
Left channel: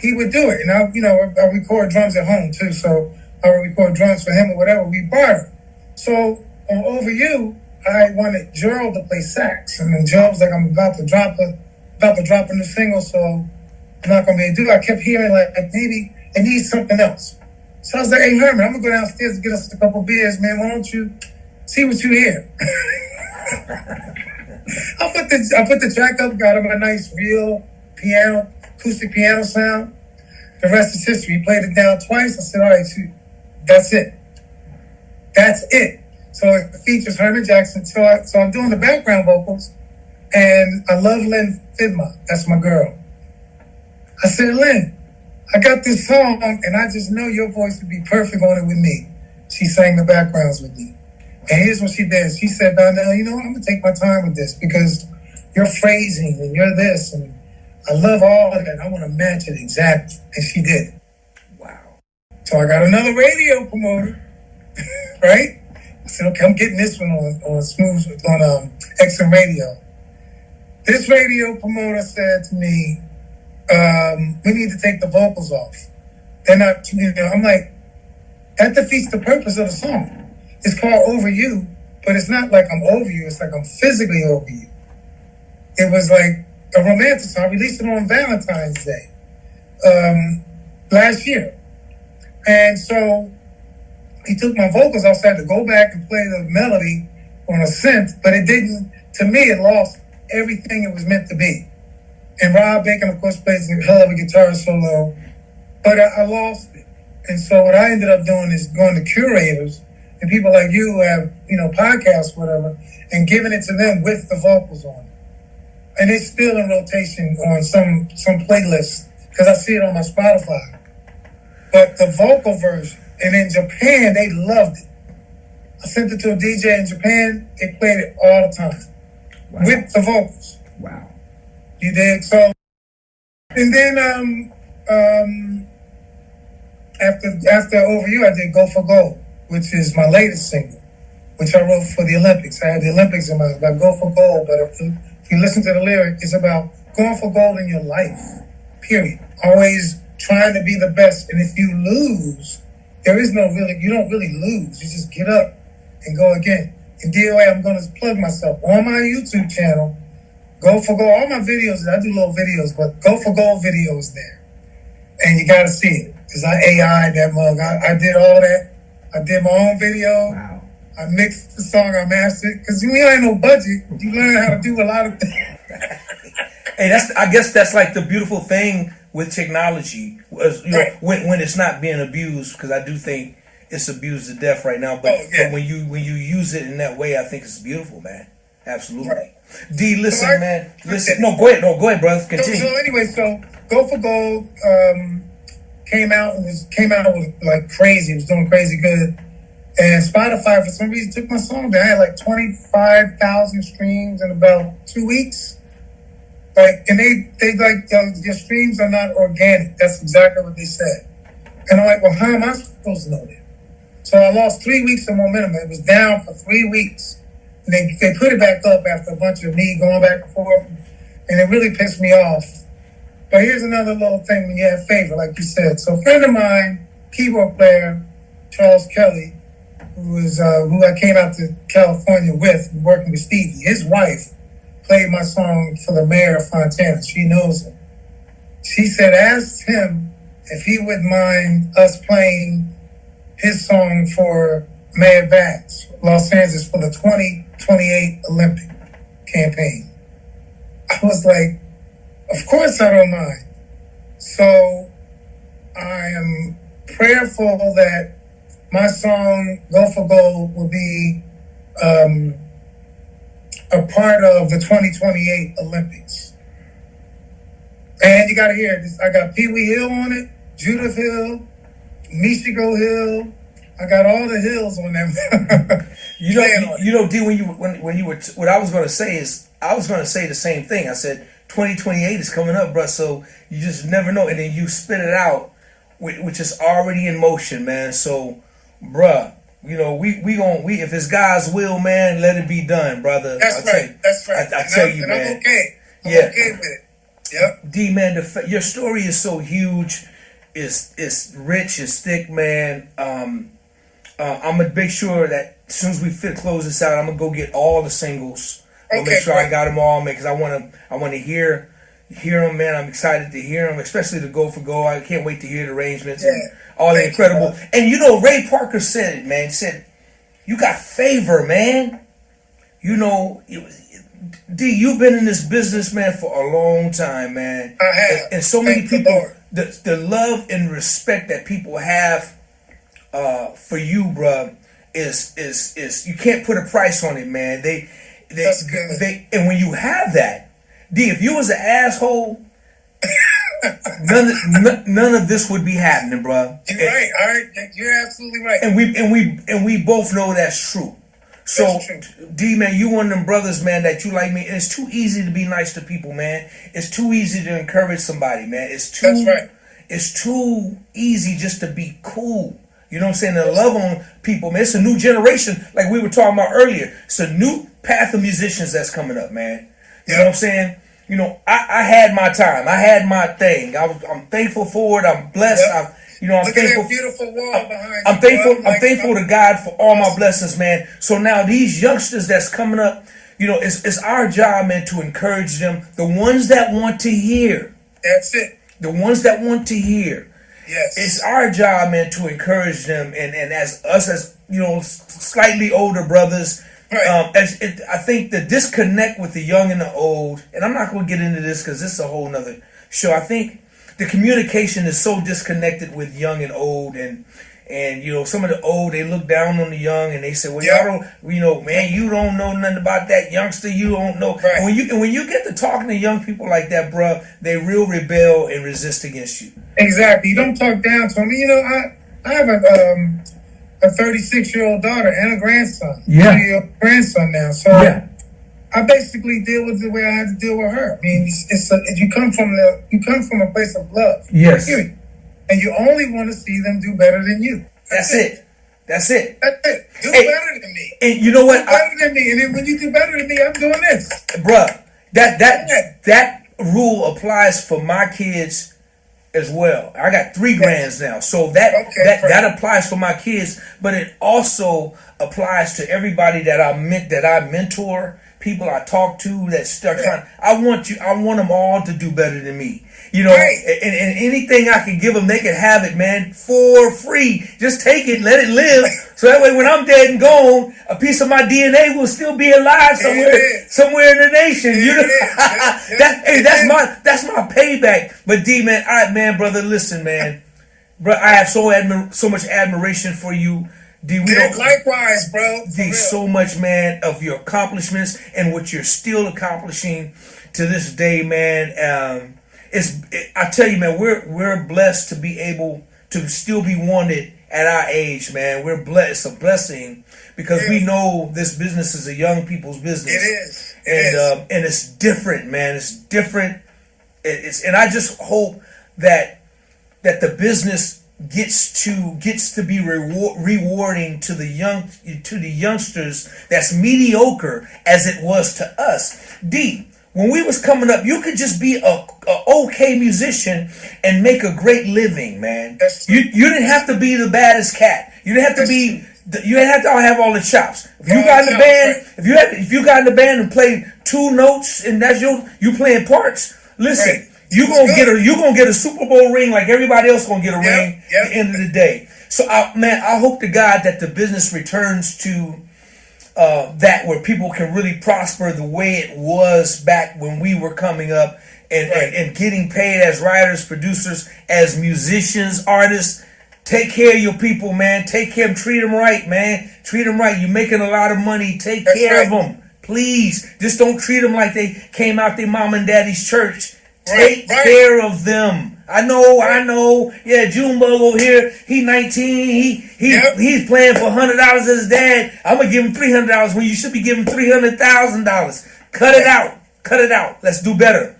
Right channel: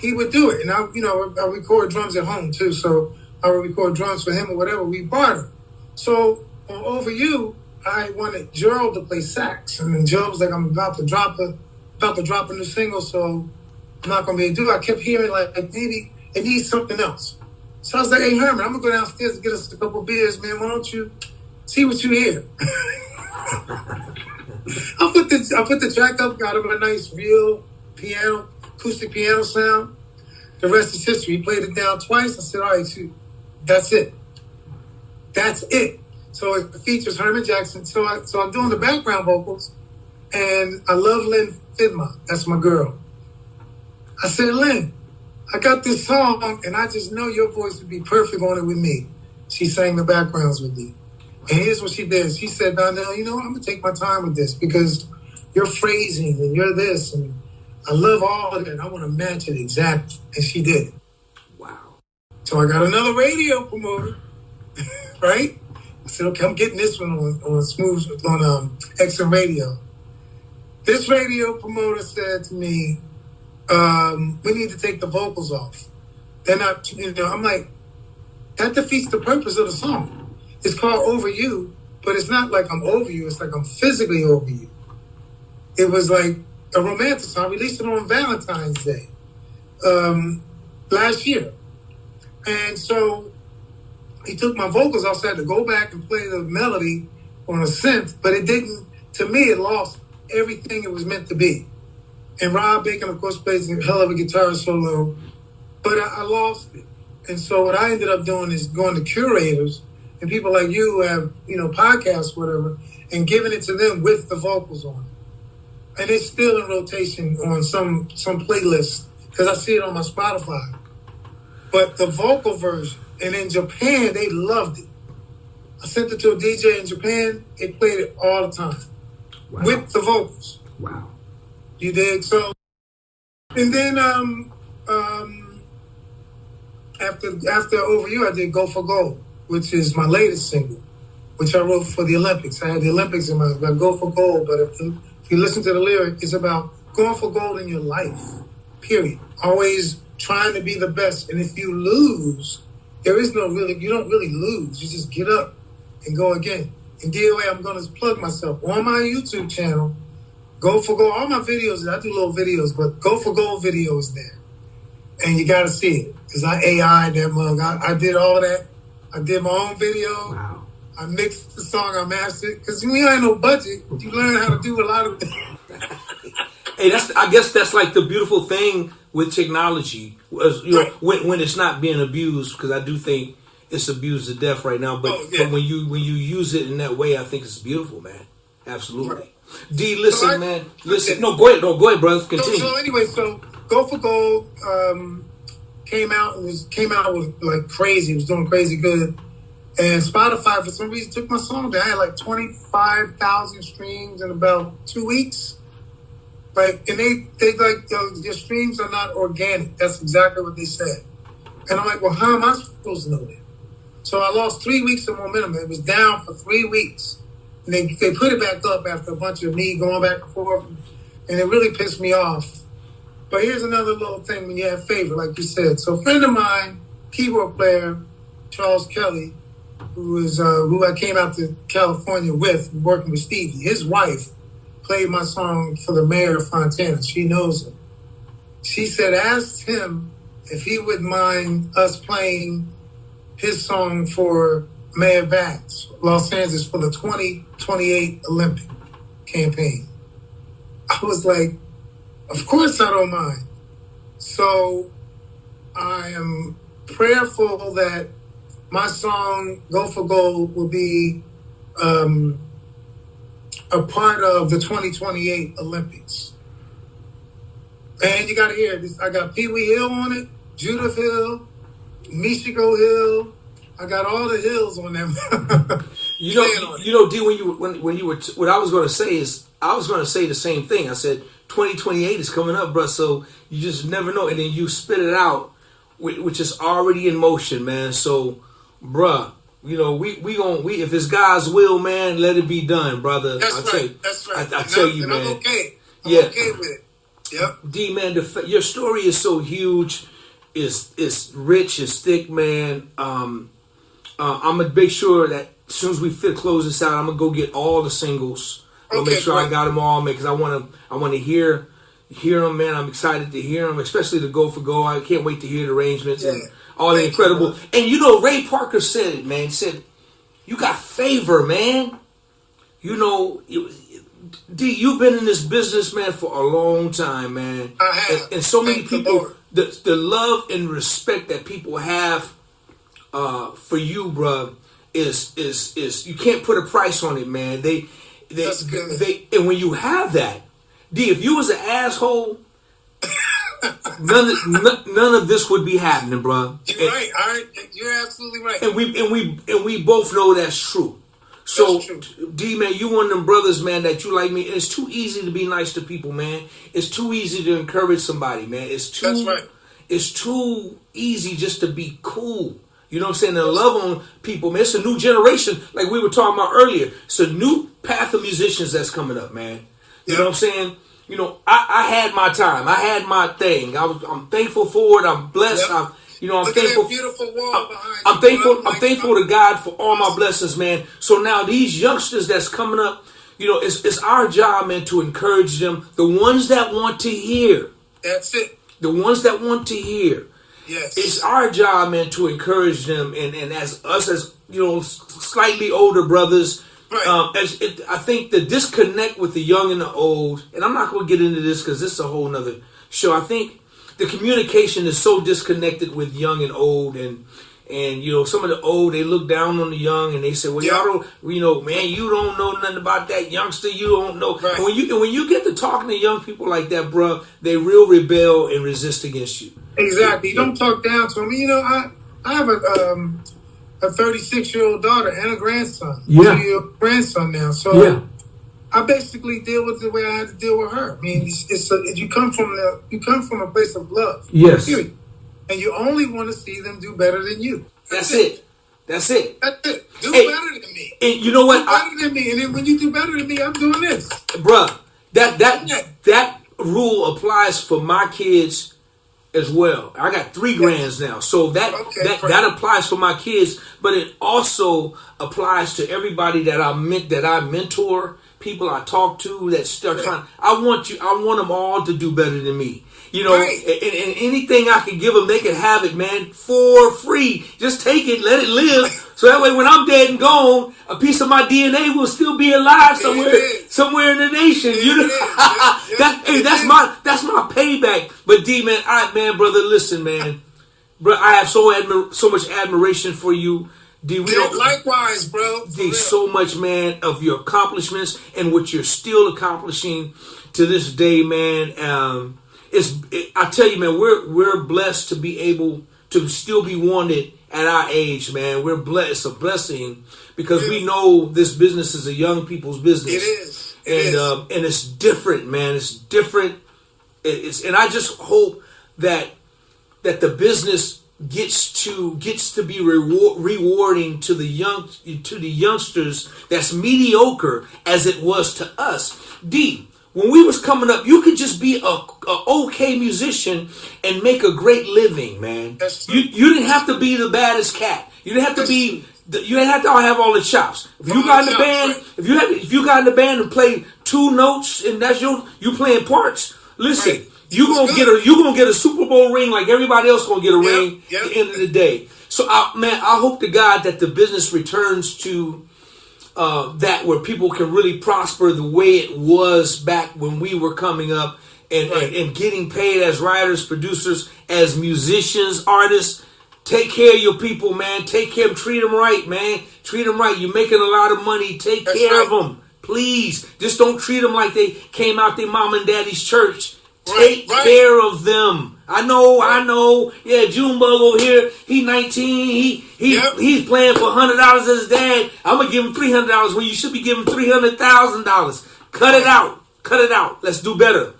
He would do it, and I record drums at home too. So I would record drums for him or whatever. We barter. So on Over You, I wanted Gerald to play sax, and then Gerald was like, "I'm about to drop a new single, so I'm not gonna be able to do it." I kept hearing like maybe it needs something else. So I was like, "Hey Herman, I'm gonna go downstairs and get us a couple beers, man. Why don't you see what you hear?" I put the track up, got him a nice real piano, acoustic piano sound. The rest is history. He played it down twice. I said, "All right, that's it. That's it." So it features Herman Jackson. So I'm doing the background vocals, and I love Lynn Fidma. That's my girl. I said, "Lynn, I got this song, and I just know your voice would be perfect on it with me." She sang the backgrounds with me. And here's what she did. She said, "Donnell, I'm going to take my time with this because your phrasing and you're this, and I love all of that. And I want to match it exactly." And she did. Wow. So I got another radio promoter, right? I said, "Okay, I'm getting this one on Smooth, on XM Radio." This radio promoter said to me, "We need to take the vocals off." Then I'm like, that defeats the purpose of the song. It's called Over You, but it's not like I'm over you. It's like I'm physically over you. It was like a romantic song. I released it on Valentine's Day last year. And so he took my vocals outside to go back and play the melody on a synth, but it didn't, to me, it lost everything it was meant to be. And Rob Baker, of course, plays a hell of a guitar solo, but I lost it. And so what I ended up doing is going to curators and people like you who have, podcasts, whatever, and giving it to them with the vocals on it. And it's still in rotation on some playlists because I see it on my Spotify. But the vocal version, and in Japan, they loved it. I sent it to a DJ in Japan. They played it all the time. Wow. With the vocals. Wow. You dig? So, and then after Over You, I did Go for Gold, which is my latest single, which I wrote for the Olympics. I had the Olympics in mind, about Go for Gold, but if you listen to the lyric, it's about going for gold in your life, period. Always trying to be the best. And if you lose, you don't really lose. You just get up and go again. In DOA, I'm going to plug myself on my YouTube channel. Go for Gold. All my videos, I do little videos, but Go for Gold video is there. And you got to see it. Because I AI'd that mug. I did all that. I did my own video. Wow. I mixed the song. I mastered it. Because you ain't no budget. You learn how to do a lot of things. Hey, I guess that's like the beautiful thing with technology. Right. When it's not being abused, because I do think it's abused to death right now. But, but when you use it in that way, I think it's beautiful, man. Absolutely. Right. D, listen, man. Listen. No, go ahead. No, go ahead, brother. Continue. So anyway, Go for Gold came out with like crazy. It was doing crazy good. And Spotify, for some reason, took my song down. I had like 25,000 streams in about 2 weeks. Like, and they like, your streams are not organic. That's exactly what they said. And I'm like, well, how am I supposed to know that? So I lost 3 weeks of momentum. It was down for 3 weeks. And they put it back up after a bunch of me going back and forth. And it really pissed me off. But here's another little thing when you have favor, like you said. So a friend of mine, keyboard player, Charles Kelly, who I came out to California with, working with Stevie, his wife played my song for the mayor of Fontana. She knows him. She said, ask him if he would mind us playing his song for Mayor Vance, Los Angeles, for the 2028 Olympic campaign. I was like, of course I don't mind. So I am prayerful that my song, Go for Gold, will be a part of the 2028 Olympics. And you got to hear this. I got Pee Wee Hill on it, Judith Hill, Michigo Hill. I got all the hills on them. D, when you were what I was going to say is, I was going to say the same thing. I said 2028 is coming up, bro. So you just never know, and then you spit it out, which is already in motion, man. So, bruh, we if it's God's will, man, let it be done, brother. That's right. I tell you, man. I'm okay. I'm okay with it. Yep. D, man, your story is so huge. It's rich. It's thick, man. I'm gonna make sure that as soon as we close this out, I'm gonna go get all the singles. I'll make sure I got them all, man, because I want to hear them, man. I'm excited to hear them, especially the Go for Go. I can't wait to hear the arrangements and all the incredible. And Ray Parker said it, man. He said, "You got favor, man. D, you've been in this business, man, for a long time, man. I have. And so many people, the love and respect that people have for you, bruh, is you can't put a price on it, man. That's good. And when you have that, D, if you was an asshole, none of this would be happening, bruh. You're right. All right, you're absolutely right. And we both know that's true. So, that's true. D, man, you one of them brothers, man, that you like me. And it's too easy to be nice to people, man. It's too easy to encourage somebody, man. That's right. It's too easy just to be cool. You know what I'm saying? To love on people, man. It's a new generation, like we were talking about earlier. It's a new path of musicians that's coming up, man. You know what I'm saying? I had my time. I had my thing. I'm thankful for it. I'm blessed. Yep. I'm Look thankful. at that beautiful wall behind I'm you, thankful. bro. I'm thankful to God for all my blessings, man. So now these youngsters that's coming up, it's our job, man, to encourage them. The ones that want to hear. That's it. The ones that want to hear. Yes. It's our job, man, to encourage them, and as us as slightly older brothers. Right. I think the disconnect with the young and the old, and I'm not going to get into this because this is a whole nother show. I think the communication is so disconnected with young and old, and some of the old, they look down on the young and they say, well, y'all don't, man, you don't know nothing about that youngster, you don't know. Right. And when you get to talking to young people like that, bruh, they real rebel and resist against you. Exactly. You don't talk down to them. I have a 36-year-old daughter and a grandson. Yeah. 2-year-old grandson now. So I basically deal with it the way I had to deal with her. I mean, you come from a place of love. Yes. Period. And you only want to see them do better than you. That's it. That's it. Do better than me. And you know what? Do better than me. And then when you do better than me, I'm doing this. Bruh, that rule applies for my kids as well. I got 3 grands now, so that applies for my kids, but it also applies to everybody that I mentor, people I talk to that start trying. I want them all to do better than me. Right. And anything I can give them, they can have it, man, for free. Just take it, let it live. So that way, when I'm dead and gone, a piece of my DNA will still be alive somewhere in the nation. That's my payback. But D, man, brother, listen, man, bro, I have so much admiration for you. D, likewise, bro. D, so much, man, of your accomplishments and what you're still accomplishing to this day, man. I tell you, man, we're blessed to be able to still be wanted at our age, man. We're blessed. It's a blessing because we know this business is a young people's business. It is. And it's different, man. It's different. And I just hope that the business gets to be rewarding to the youngsters that's mediocre as it was to us. D, when we was coming up, you could just be a okay musician and make a great living, man. You didn't have to be the baddest cat. You didn't have to be. You didn't have to have all the chops. If you got in the band, right. if you got in the band and played 2 notes and that's you playing parts. Listen, right. you gonna get a Super Bowl ring like everybody else gonna get a ring at the end of the day. So I hope to God that the business returns to that where people can really prosper the way it was back when we were coming up and getting paid as writers, producers, as musicians, artists. Take care of your people, man. Take care of them. Treat them right, man. Treat them right. You're making a lot of money. Take care of them. Please. Just don't treat them like they came out their mom and daddy's church. Take care of them. I know. Yeah, Junebug over here, he 19. He's playing for $100 as his dad. I'm going to give him $300 when you should be giving $300,000. Cut it out. Let's do better.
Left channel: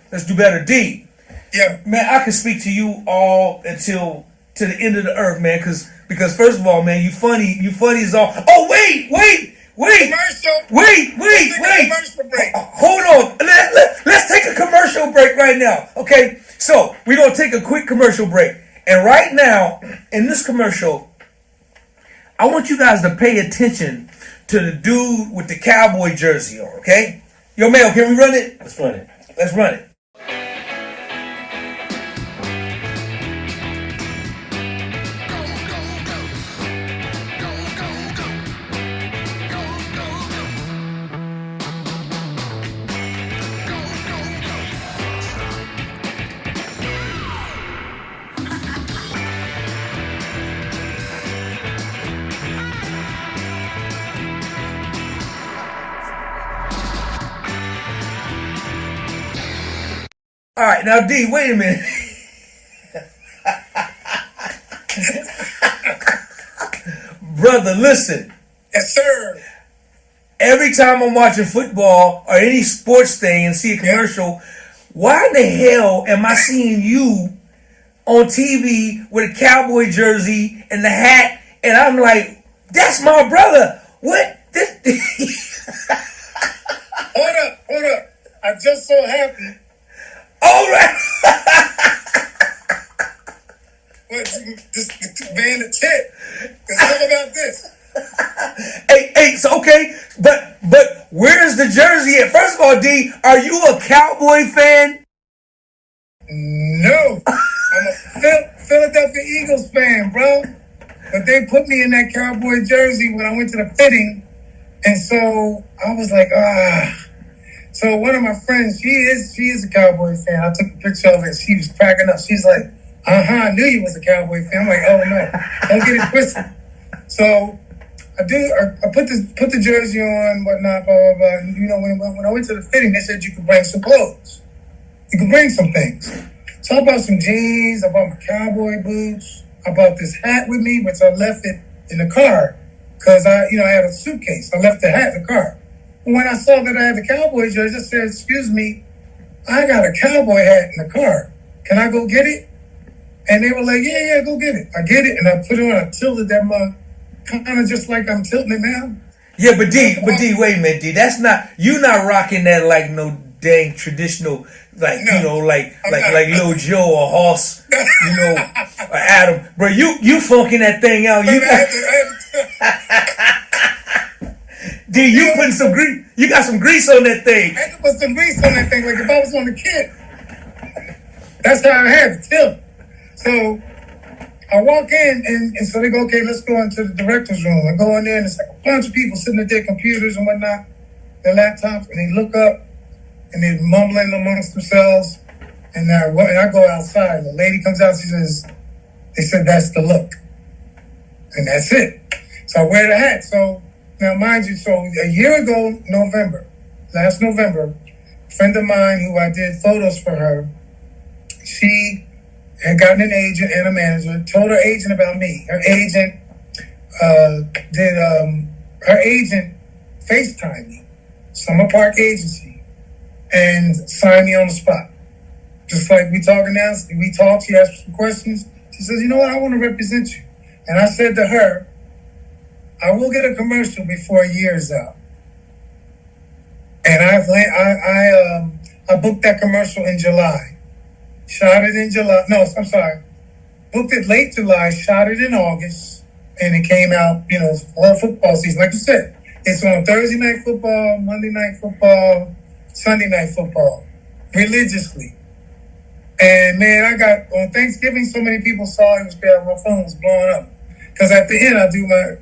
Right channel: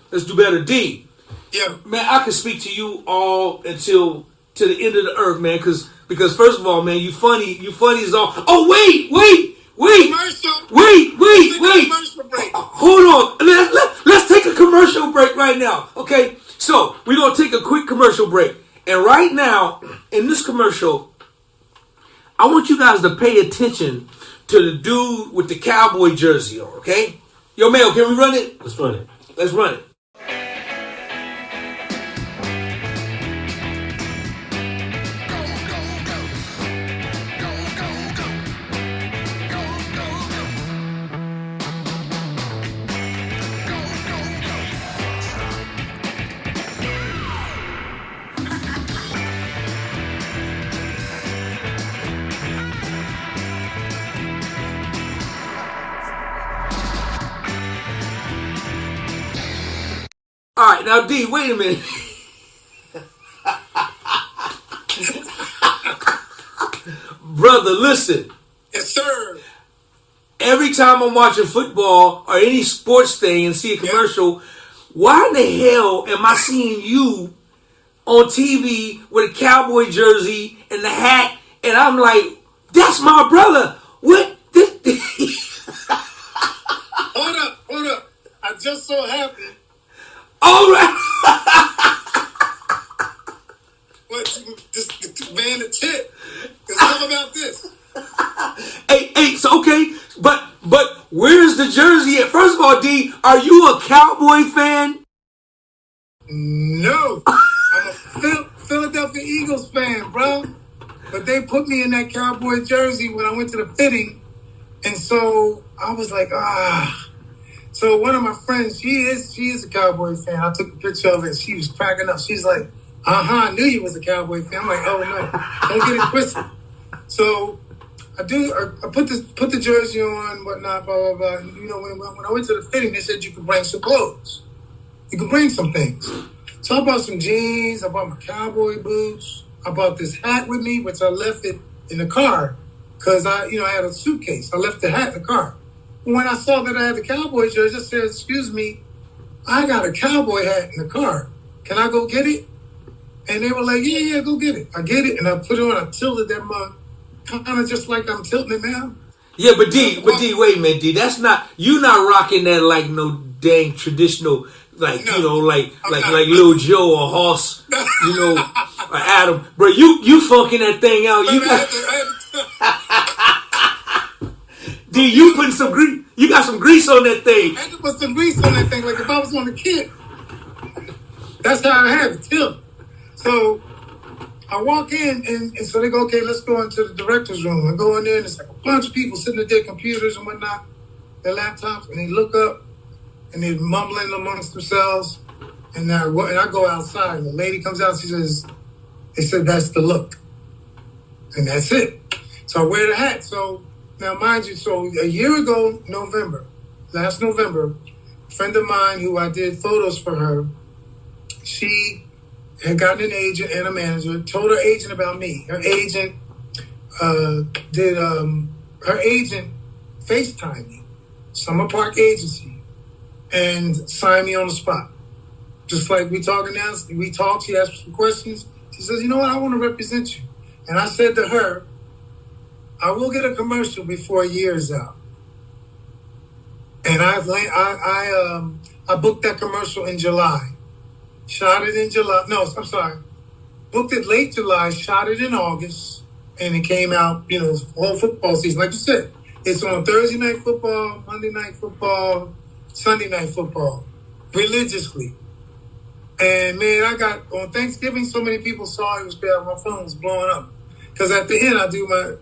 D. Yeah. Man, I can speak to you all until to the end of the earth, man, because first of all, man, you funny as all. Oh, wait. Commercial. Wait. Commercial break. Hold on. Let's take a commercial break right now. Okay? So, we're going to take a quick commercial break. And right now, in this commercial, I want you guys to pay attention to the dude with the cowboy jersey on, okay? Yo, Mel, can we run it? Let's run it. All right, now D, wait a minute. Brother, listen. Yes, sir. Every time I'm watching football or any sports thing and see a commercial, why in the hell am I seeing you on TV with a cowboy jersey and the hat? And I'm like, that's my brother. What? Hold up. I just so happened. All right. This man the tip. It's all about this. Hey, so okay, but where's the jersey at? First of all, D, are you a Cowboy fan? No. I'm a Philadelphia Eagles fan, bro. But they put me in that Cowboy jersey when I went to the fitting. And so I was like, So one of my friends, she is a Cowboy fan. I took a picture of it. She was cracking up. She's like, I knew you was a Cowboy fan. I'm like, oh no, don't get it twisted. So I put the jersey on, whatnot, blah, blah, blah. And, when I went to the fitting, they said you could bring some clothes. You could bring some things. So I bought some jeans. I bought my cowboy boots. I bought this hat with me, which I left it in the car because I had a suitcase. I left the hat in the car. When I saw that I had the cowboy jersey, I said, excuse me, I got a cowboy hat in the car. Can I go get it? And they were like, yeah, go get it. I get it, and I put it on. I tilted that mug, kind of just like I'm tilting it now. Yeah, but D, wait a minute, D. That's not, you not rocking that like no dang traditional, like, like Lil Joe or Hoss, or Adam. Bro, you funking that thing out. You got... D, you putting some grease. You got some grease on that thing. I had to put some grease on that thing, like if I was on the kid. That's how I have it, too. So I walk in, and so they go, okay, let's go into the director's room. I go in there, and it's like a bunch of people sitting at their computers and whatnot, their laptops, and they look up, and they're mumbling amongst themselves. And I go outside, and the lady comes out, she says, they said, that's the look. And that's it. So I wear the hat. So now, mind you, so a year ago, last November, a friend of mine who I did photos for her, she had gotten an agent and a manager, told her agent about me. Her agent FaceTimed me, Summer Park Agency, and signed me on the spot. Just like we talking now, we talked, she asked some questions. She says, you know what, I want to represent you. And I said to her, I will get a commercial before a year is out. And I booked that commercial in July. Shot it in July. No, I'm sorry. Booked it late July, shot it in August, and it came out, all football season. Like you said, it's on Thursday night football, Monday night football, Sunday night football, religiously. And man, I got, on Thanksgiving, so many people saw it was bad. My phone was blowing up. Because at the end, I do my,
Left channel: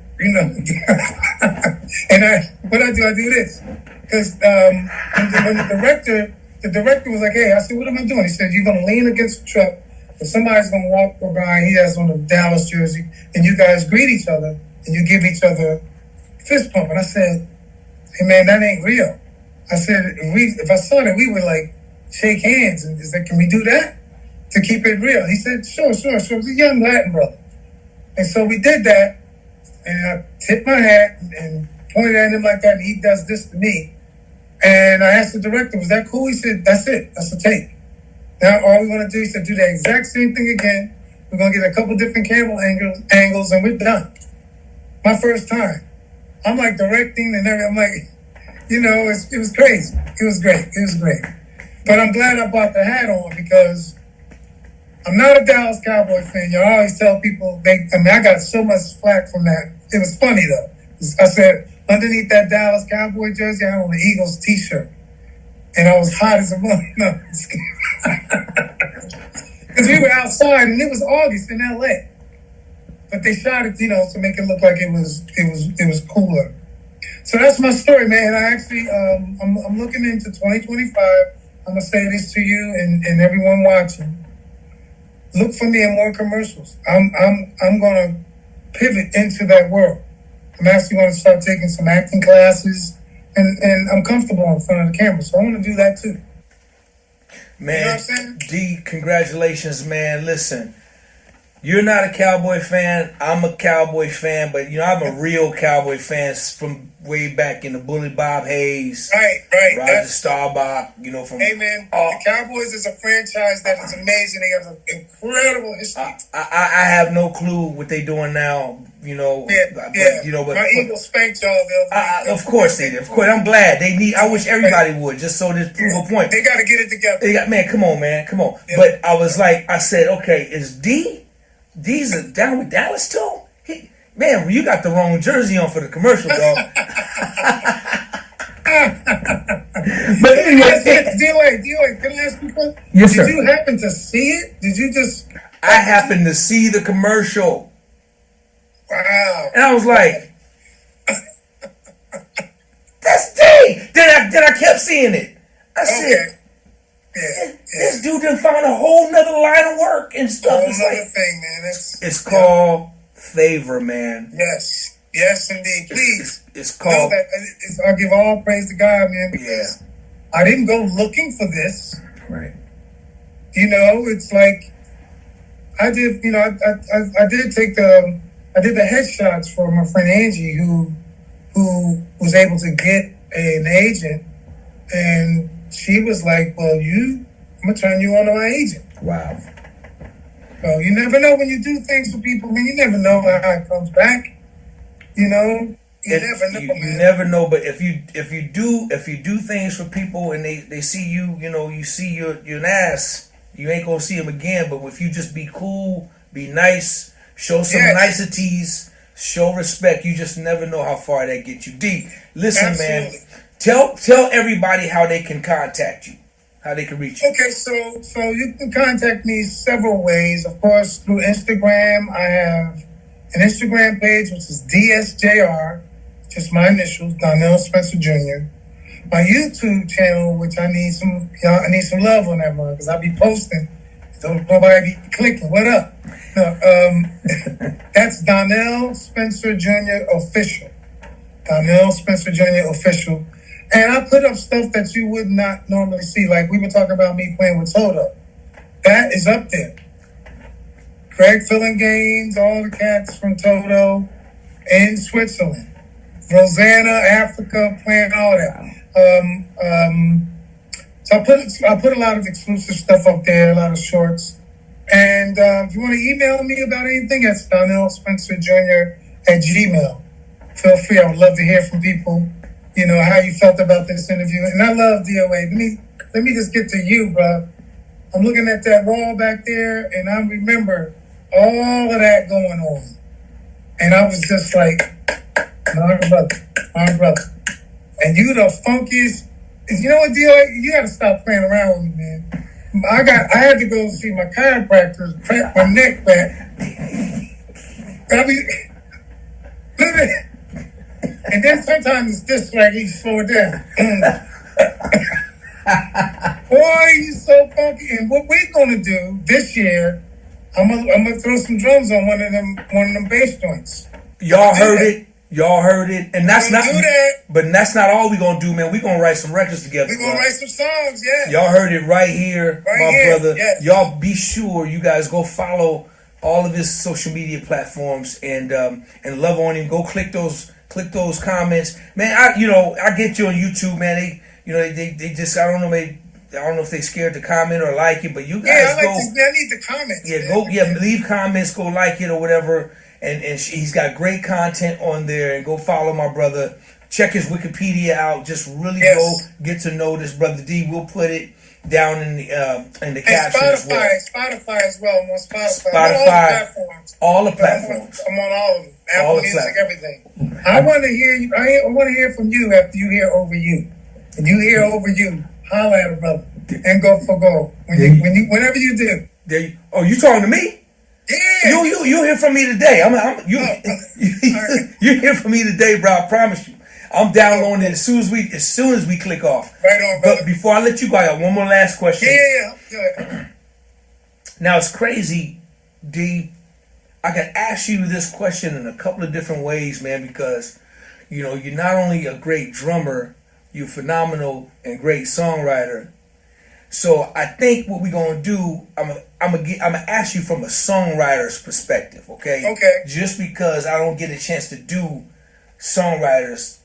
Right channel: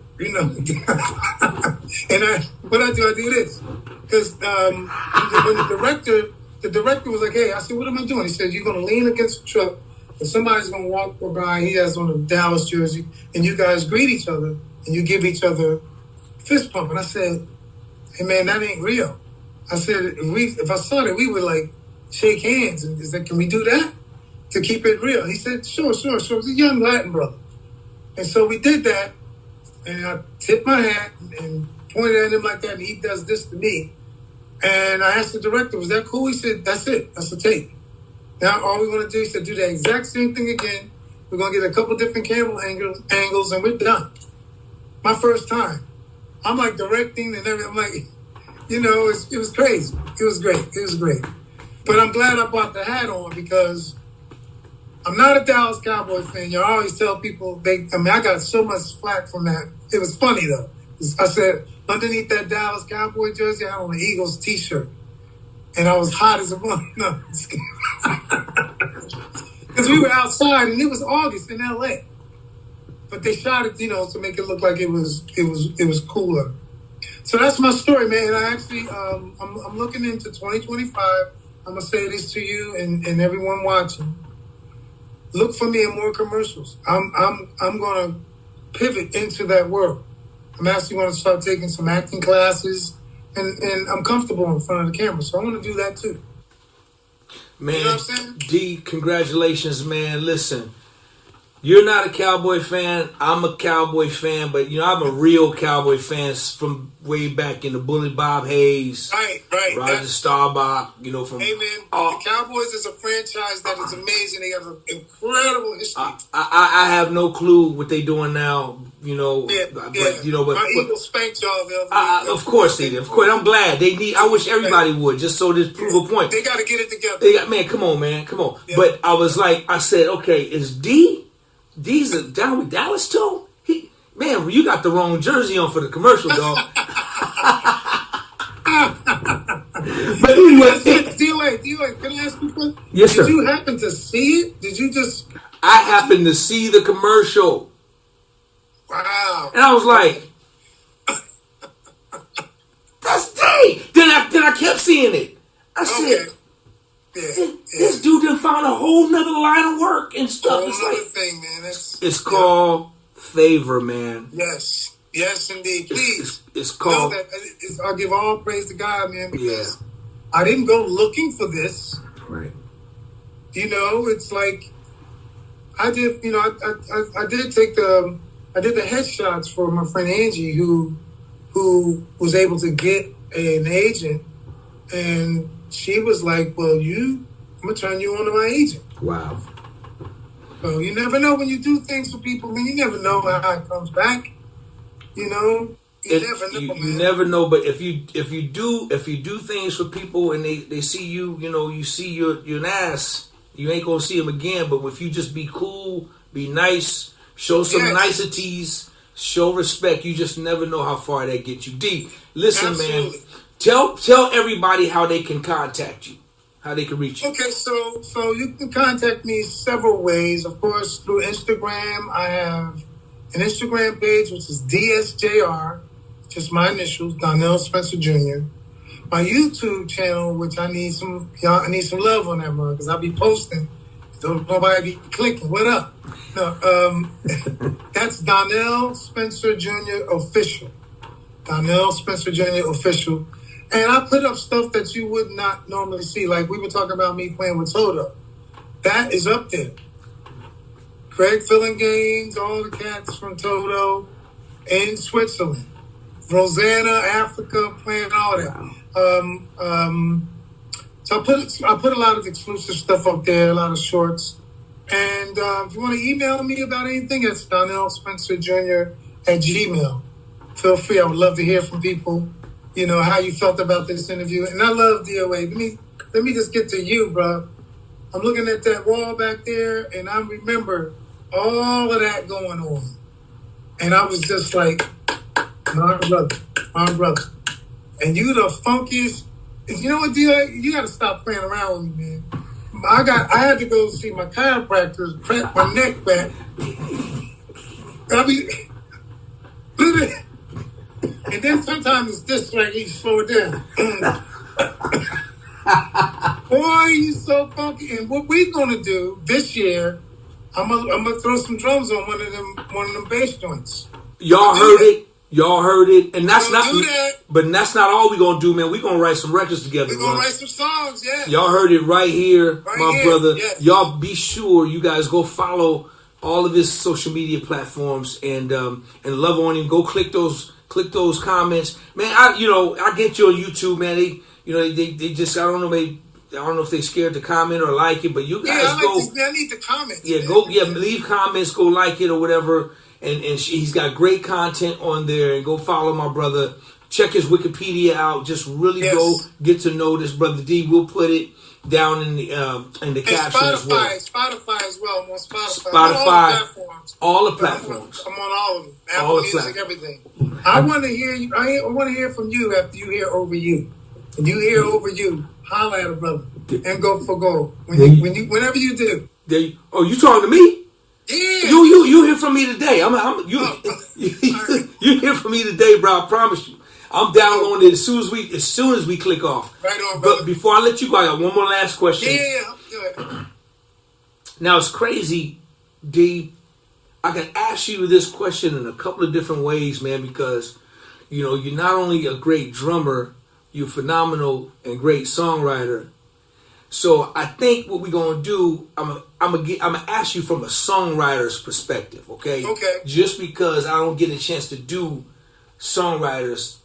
and I do this. Because when the director was like, hey, I said, what am I doing? He said, you're going to lean against the truck, and somebody's going to walk by, he has on a Dallas jersey, and you guys greet each other, and you give each other a fist pump. And I said, hey, man, that ain't real. I said, if I saw that, we would like shake hands. And is that, can we do that to keep it real? He said, sure. It was a young Latin brother. And so we did that, and I tipped my hat and pointed at him like that, and he does this to me. And I asked the director, was that cool? He said, that's it. That's the take. Now all we want to do, he said, do the exact same thing again. We're going to get a couple different camera angles, and we're done. My first time. I'm like directing and everything. I'm like, it was crazy. It was great. But I'm glad I brought the hat on because I'm not a Dallas Cowboy fan. I always tell people, I got so much flack from that. It was funny, though. I said, underneath that Dallas Cowboy jersey, I had on the Eagles t-shirt. And I was hot as a mother. No, because we were outside, and it was August in L.A. But they shot it, to make it look like it was cooler. So that's my story, man. I actually, I'm looking into 2025. I'm gonna say this to you and everyone watching. Look for me in more commercials. I'm gonna pivot into that world. I'm actually gonna start taking some acting classes, and I'm comfortable in front of the camera, so I want to do that too. Man, you know what I'm saying? D, congratulations, man. Listen, you're not a Cowboy fan. I'm a Cowboy fan, but I'm a real Cowboy fan from way back in the Bully Bob Hayes, right. Roger Staubach. From hey man, the Cowboys is a franchise that is amazing. They have an incredible history. I have no clue what they're doing now. But my Eagles spanked y'all the other week. Of course they did. Of course, I'm glad they need. I wish everybody would, just so this prove a point. They got to get it together. Man, come on. Yeah. But I said, okay, is D's down with Dallas too? Man, you got the wrong jersey on for the commercial, dog. But anyway, DOA, can I ask you a question? Yes, sir. Did you happen to see it? Did you just? I happened to see the commercial. Wow. And I was like, that's D. Then I kept seeing it. I said, this dude done found a whole nother line of work and stuff. Whole nother thing, man. It's called favor, man. Yes, indeed. Please. It's called. Know that I give all praise to God, man, because I didn't go looking for this. Right. It's like I did. I did the headshots for my friend Angie, who was able to get an agent, and she was like, "Well, I'm gonna turn you on to my agent." Wow. So you never know when you do things for people, man. You never know how it comes back. You never know, man. You never know, but if you do things for people and they see you, you see you're an ass, you ain't gonna see them again. But if you just be cool, be nice, show some niceties, show respect, you just never know how far that gets you. D, listen, Absolutely. man. Tell everybody how they can contact you, how they can reach you. Okay, so you can contact me several ways. Of course, through Instagram. I have an Instagram page, which is DSJR, just my initials, Donnell Spencer Jr. My YouTube channel, which I need some love on that one, because I'll be posting. Don't nobody be clicking. What up? No, that's Donnell Spencer Jr. Official. Donnell Spencer Jr. Official. And I put up stuff that you would not normally see. Like we were talking about me playing with Soda. That is up there. Greg Gaines, all the cats from Toto in Switzerland. Rosanna, Africa, playing all that. So I put a lot of exclusive stuff up there, a lot of shorts. And if you want to email me about anything, it's Donnell Spencer Jr. at Gmail. Feel free. I would love to hear from people, you know, how you felt about this interview. And I love DOA. Let me just get to you, bro. I'm looking at that wall back there, and I remember all of that going on. And I was just like, my brother. And you the funkiest. You know what, DOA? You got to stop playing around with me, man. I had to go see my chiropractor, crack my neck back. I mean, look at it. And then sometimes it's just like he slow it down. Boy, you so funky. And what we gonna do this year, I'm gonna throw some drums on one of them bass joints. Y'all heard it. Y'all heard it. And that's not do that. But that's not all we gonna do, man. We gonna write some records together. We gonna write some songs, yeah. Y'all heard it right here, my brother. Yes. Y'all be sure you guys go follow all of his social media platforms and love on him. Go click those comments, man. I get you on YouTube, man. They just I don't know if they scared to comment or like it, but you guys I need the comments. Yeah, man. leave comments, go like it or whatever. And he's got great content on there. And go follow my brother. Check his Wikipedia out. Just really go get to know this brother D. We'll put it down in the caption as well. Spotify as well. I'm on Spotify. All the platforms. I'm on all of them. Apple Music, everything. I want to hear you. I want to hear from you after you hear Over You. And you hear Over You, holla at a brother and go for gold. Whenever you do. You talking to me? Yeah. You hear from me today. You hear from me today, bro. I promise you. I'm downloading it as soon as we click off. Right on, brother. But before I let you go, I got one more last question. Yeah. Now it's crazy, D. I can ask you this question in a couple of different ways, man, because you're not only a great drummer, you're phenomenal and great songwriter. So I think what we're gonna do, I'm gonna ask you from a songwriter's perspective, okay? Okay. Just because I don't get a chance to do songwriters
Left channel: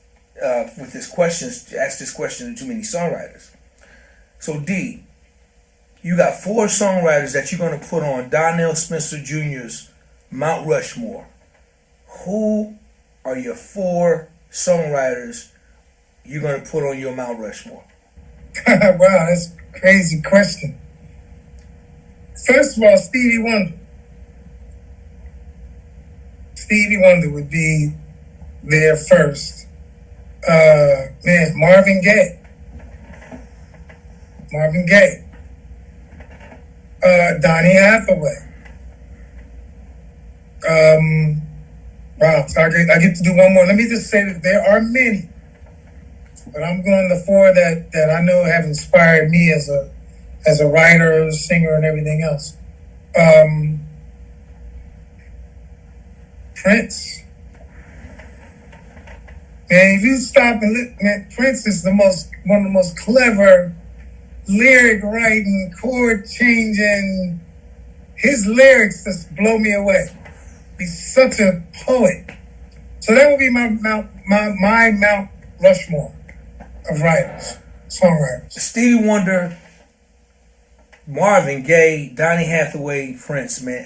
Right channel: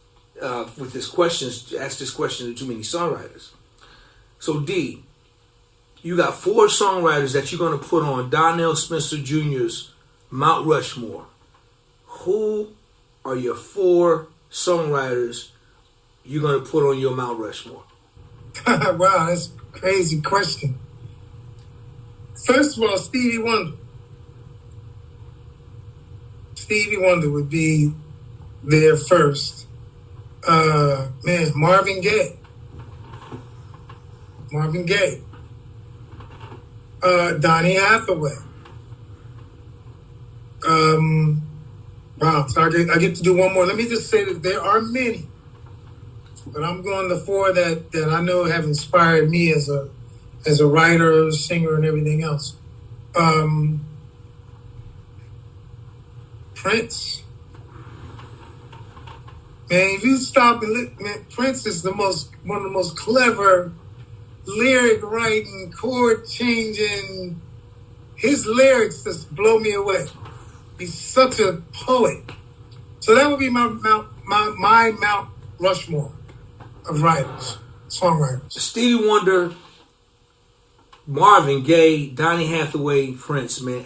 with this question, ask this question to too many songwriters. So D, you got 4 songwriters that you're gonna put on Donnell Spencer Jr.'s Mount Rushmore. Who are your 4 songwriters you're gonna put on your Mount Rushmore? Wow, that's a crazy question. First of all, Stevie Wonder. Stevie Wonder would be there first. Marvin Gaye. Donny Hathaway. Wow, so I get to do one more. Let me just say that there are many, but I'm going the 4 that I know have inspired me as a writer, singer, and everything else. Prince. Man, if you stop and look, man, Prince is one of the most clever lyric writing, chord changing. His lyrics just blow me away. He's such a poet. So that would be my Mount Rushmore of writers, songwriters. Stevie Wonder, Marvin Gaye, Donny Hathaway, Prince, man.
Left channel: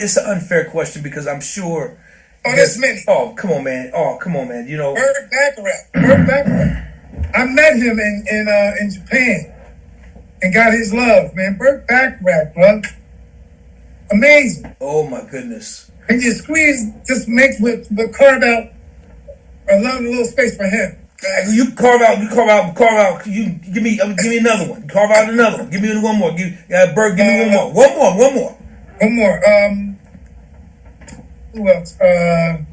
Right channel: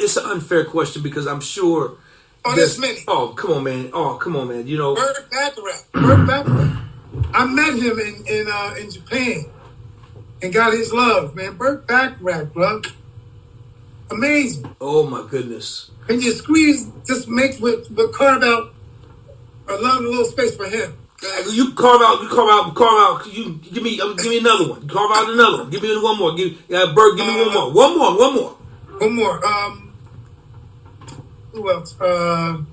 It's an unfair question because I'm sure. Oh, there's many. Oh, come on, man. Burt Bacharach. I met him in Japan and got his love, man. Burt Bacharach, bro. Amazing. Oh my goodness. And you carve out a little space for him. You carve out. You give me another one. Carve out another one. Give me one more. Bert, give me one more. One more. Who else? Burt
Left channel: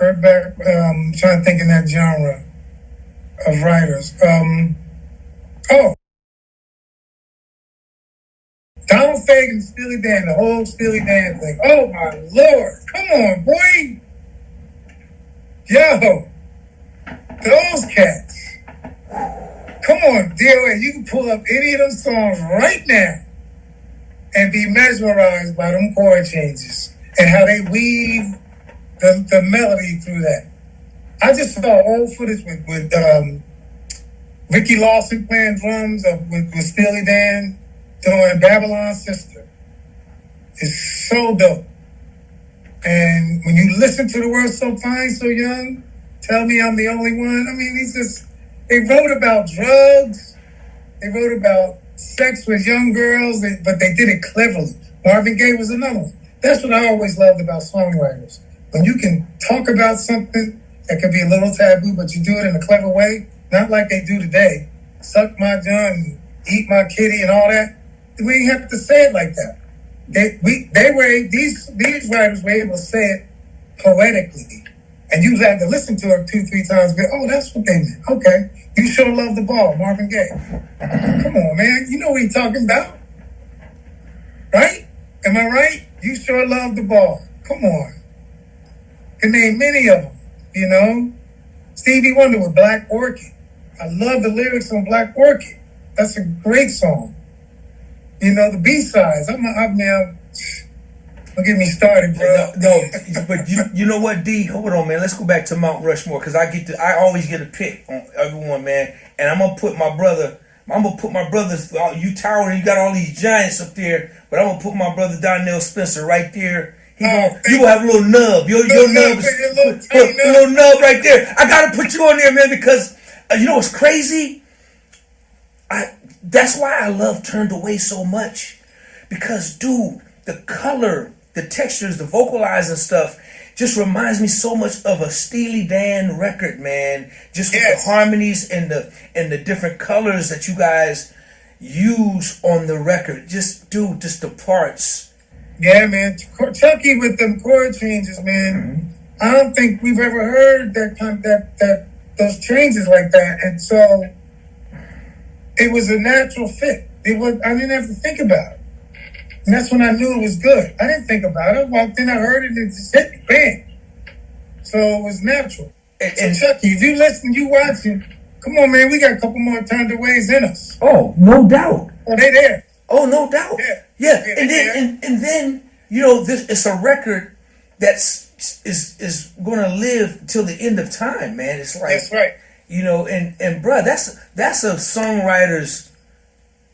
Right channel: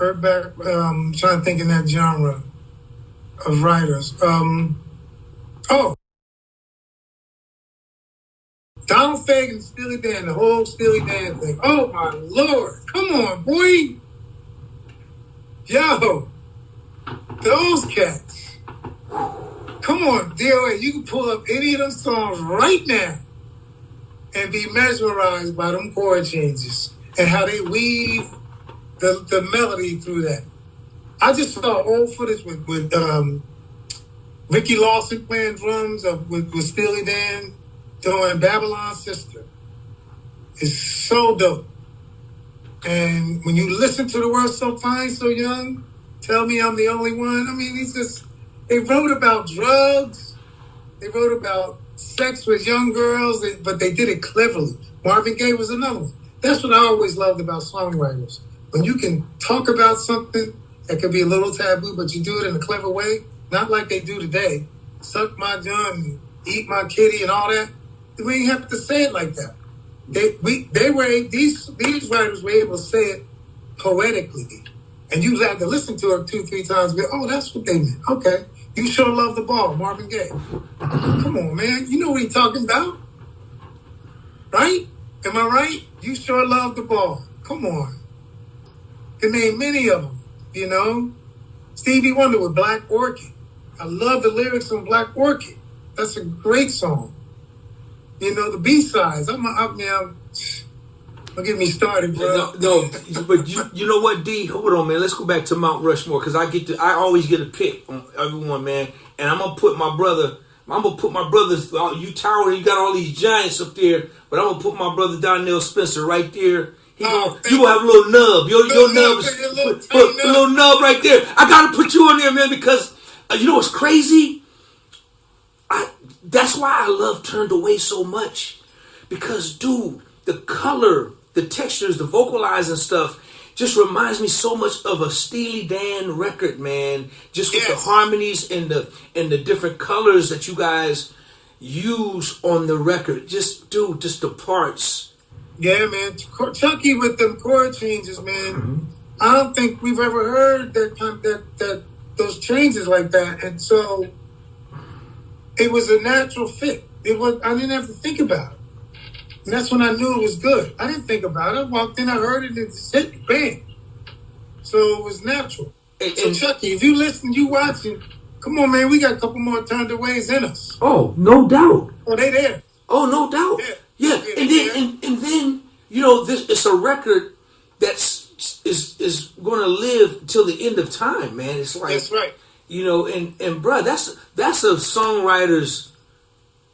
I'm trying to think in that genre of writers. Donald Fagen, Steely Dan, the whole Steely Dan thing. Oh my Lord. Come on, boy. Yo. Those cats. Come on, DOA, you can pull up any of them songs right now and be mesmerized by them chord changes and how they weave the melody through that. I just saw old footage with Ricky Lawson playing drums with Steely Dan doing Babylon's Sister. It's so dope. And when you listen to the words So Fine, So Young, Tell Me I'm the Only One, I mean, they wrote about drugs, they wrote about sex with young girls, but they did it cleverly. Marvin Gaye was another one. That's what I always loved about songwriters. When you can talk about something that could be a little taboo, but you do it in a clever way, not like they do today. Suck my gun, eat my kitty, and all that. We ain't have to say it like that. These writers were able to say it poetically, and you had to listen to it 2-3 times. And go, oh, that's what they meant. Okay, You Sure Love the Ball, Marvin Gaye. Come on, man, you know what he's talking about, right? Am I right? You Sure Love the Ball. Come on, can name many of them. You know, Stevie Wonder with Black Orchid. I love the lyrics on Black Orchid. That's a great song. You know, the B-sides. Don't get me started, bro. No, but you know what, D? Hold on, man. Let's go back to Mount Rushmore because I always get a pick on everyone, man. And I'm gonna put my brother. You towering. You got all these giants up there, but I'm gonna put my brother Donnell Spencer right there. You gonna have a little nub. Your nub is a little nub right there. I gotta put you on there, man, because you know what's crazy? That's why I love Turned Away so much. Because, dude, the color, the textures, the vocalizing stuff just reminds me so much of a Steely Dan record, man. Just with the harmonies and the different colors that you guys use on the record. Just the parts. Yeah, man. Chuckii with them chord changes, man. Mm-hmm. I don't think we've ever heard that those changes like that. And so it was a natural fit. I didn't have to think about it. And that's when I knew it was good. I didn't think about it. I walked in, I heard it, and it just hit me, bang. So it was natural. So Chuckii, if you listen, you watching, come on, man, we got a couple more Turned Aways in us. Oh, no doubt. Oh, they there. Oh, no doubt. Yeah. And then you know, it's a record that's is going to live till the end of time, man. It's like, that's right. You know, and bruh, that's a songwriter's,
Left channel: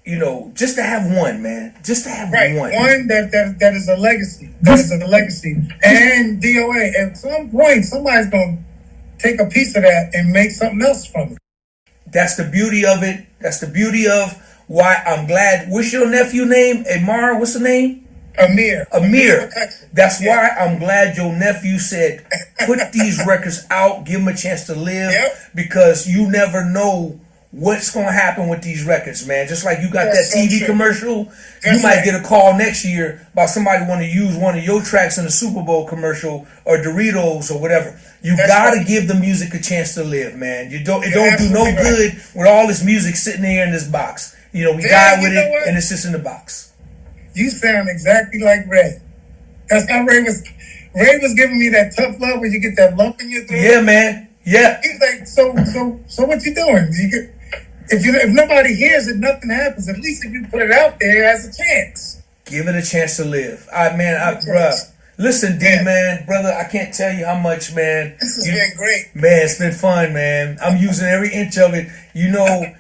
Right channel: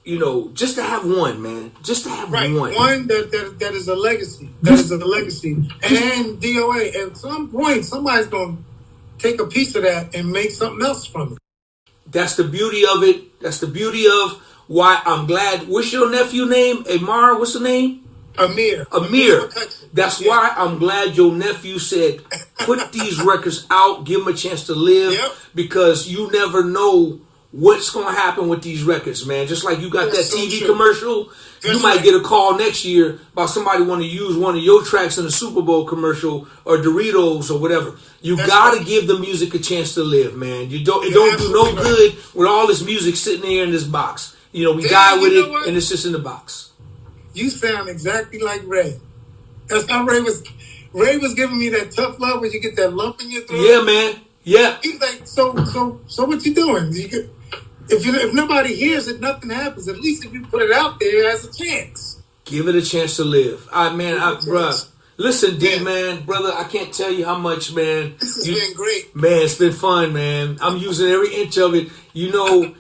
you know, just to have one, man. Just to have one. One that is a legacy. That is a legacy. And DOA, at some point, somebody's going to take a piece of that and make something else from it. That's the beauty of it. That's the beauty of why I'm glad. What's your nephew name? Amar, what's the name? Amir. That's why I'm glad your nephew said, put these records out, give them a chance to live, because you never know what's going to happen with these records, man. Just like you got that TV commercial, you might get a call next year about somebody want to use one of your tracks in a Super Bowl commercial or Doritos or whatever. You got to give the music a chance to live, man. It don't do no good with all this music sitting here in this box. You know, we die with it, and it's just in the box. You sound exactly like Ray. That's how Ray was. Ray was giving me that tough love where you get that lump in your throat. Yeah, man. Yeah. He's like, so what you doing? If nobody hears it, nothing happens. At least if you put it out there, it has a chance. Give it a chance to live. Bruh. Listen, D, man, brother, I can't tell you how much, man. This has been great. Man, it's been fun, man. I'm using every inch of it. You know,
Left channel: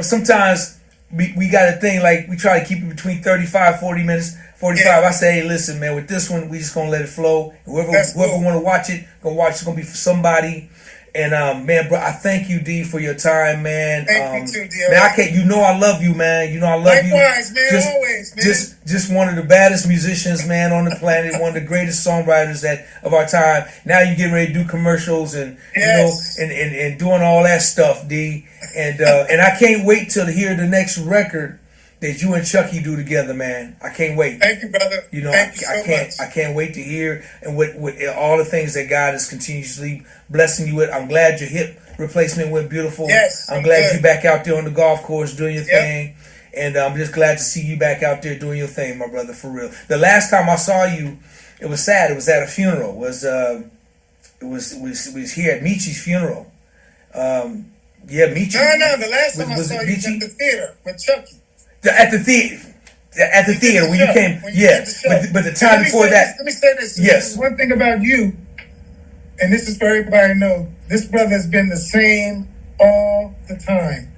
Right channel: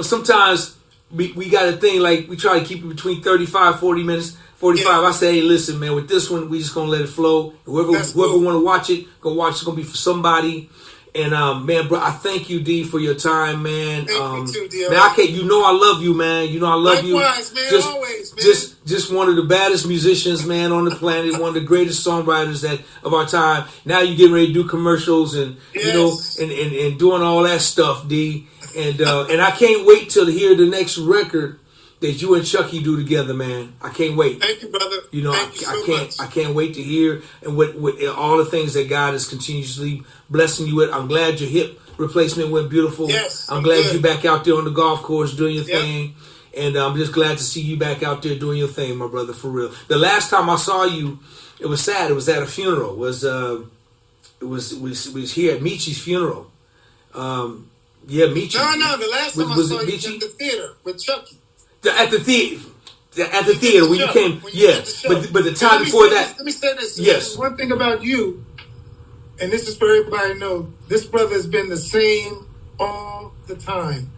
sometimes we got a thing like we try to keep it between 35, 40 minutes. 45. I say, hey, listen, man, with this one, we just gonna let it flow. Whoever want to watch it, go watch. It's gonna be for somebody. And man, bro, I thank you, D, for your time, man. Thank you too, D. Man, I love you, man. You know I love you. Likewise, man, always, man. Just one of the baddest musicians, man, on the planet. One of the greatest songwriters of our time. Now you getting ready to do commercials and you know and doing all that stuff, D. And I can't wait till to hear the next record that you and Chuckii do together, man. I can't wait. Thank you, brother. You know, Thank you so much. I can't wait to hear and with all the things that God is continuously blessing you with. I'm glad your hip replacement went beautiful. Yes, I'm glad you're back out there on the golf course doing your thing. And I'm just glad to see you back out there doing your thing, my brother, for real. The last time I saw you, it was sad. It was at a funeral. It was here at Michi's funeral. Yeah, meet you. No. The last time I Was saw it you Michi? at the theater with Chuckii. At the theater. At the You did theater the when you show. came, When you yeah. did the show. But the And time before that, let me say this. Yes. One thing about you, and this is for everybody to know, this brother has been the same all the time.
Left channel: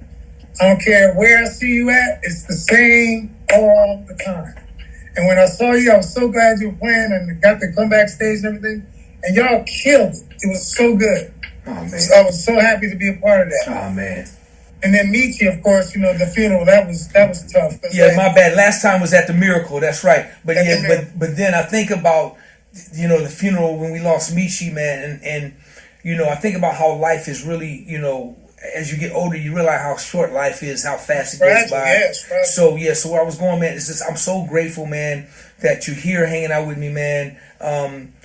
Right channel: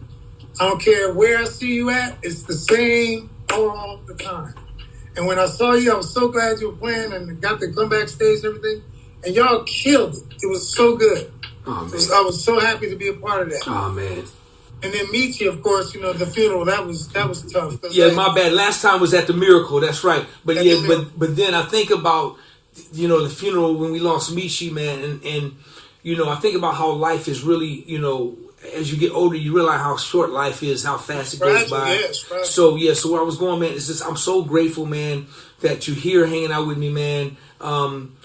I don't care where I see you at, it's the same all the time. And when I saw you, I was so glad you were playing and got to come backstage and everything. And y'all killed it. It was so good. oh man, I was so happy to be a part of that. oh man. And then Michi, of course, the funeral, that was tough. 'Cause, Yeah, like, my bad. Last time was at the Miracle. That's right. But At yeah, the Miracle. but then I think about the funeral when we lost Michi, man, and I think about how life is really, as you get older, you realize how short life is, how fast it goes Fragile, by. yes, fragile. So where I was going, man, is just I'm so grateful, man, that you're here hanging out with me, man.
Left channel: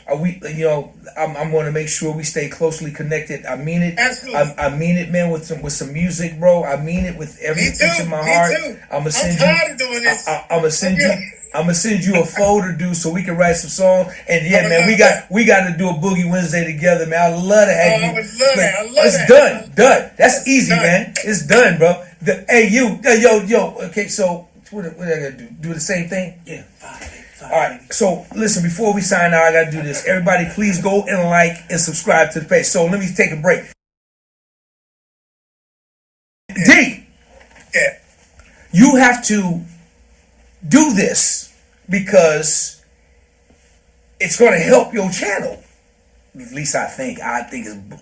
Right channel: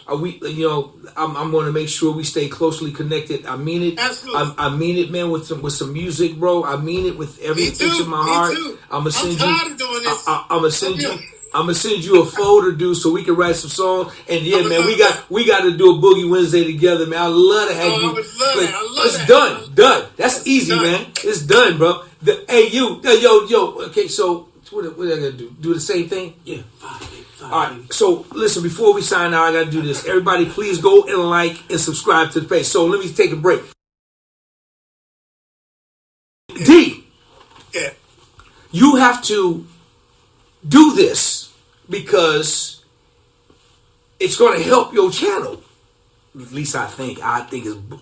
I'm going to make sure we stay closely connected. I mean it. Absolutely. I mean it, man. With some music, bro. I mean it with every Me too, inch of my me heart. too. I'm gonna I'm send tired you. of doing this. I'm gonna send you. Okay. I'm gonna send you a folder, dude, so we can write some songs. And yeah, I'm man, gonna- we got to do a Boogie Wednesday together, man. I love to have Oh, you. I would love play. that. I love it's that. done. That's easy, done. man. It's done, bro. Yo. Okay, so what I gotta do? Do the same thing? Yeah, five. All right. So listen, before we sign out, I gotta do this. Everybody, please go and like and subscribe to the page. So let me take a break. D, Yeah. you have to do this because it's going to help your channel. At least I think. I think it's No,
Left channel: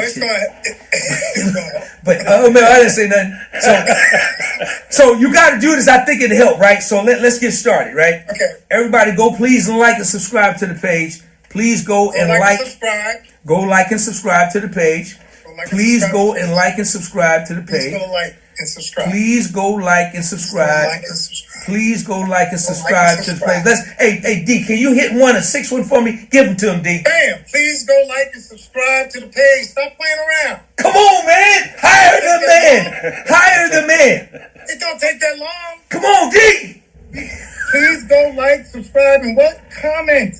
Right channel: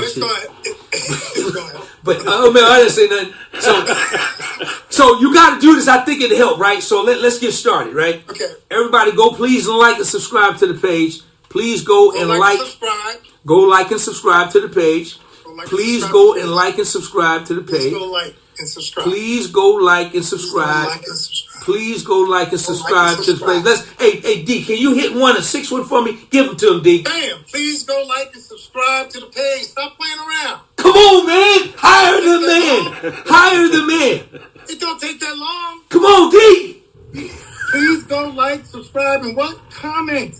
it's bullshit. going to help. But man, I didn't say nothing. So you got to do this. I think it'll help, right? So let's get started, right? Okay. Everybody, go please and like and subscribe to the page. Please go and like. subscribe. Go like and subscribe to the page. Go like and Please subscribe go to the and page. like and subscribe to the Please page. go like and subscribe. Please go like and Please go subscribe. like and subscribe. Please go like and Go like subscribe and to the page. subscribe. Hey D, can you hit a 6 1 for me? Give them to him, D. Bam! Please go like and subscribe to the page. Stop playing around. Come on, man. Hire the man. Hire the man. It don't take that long. Come on, D. Please go like, subscribe, and what? Comment.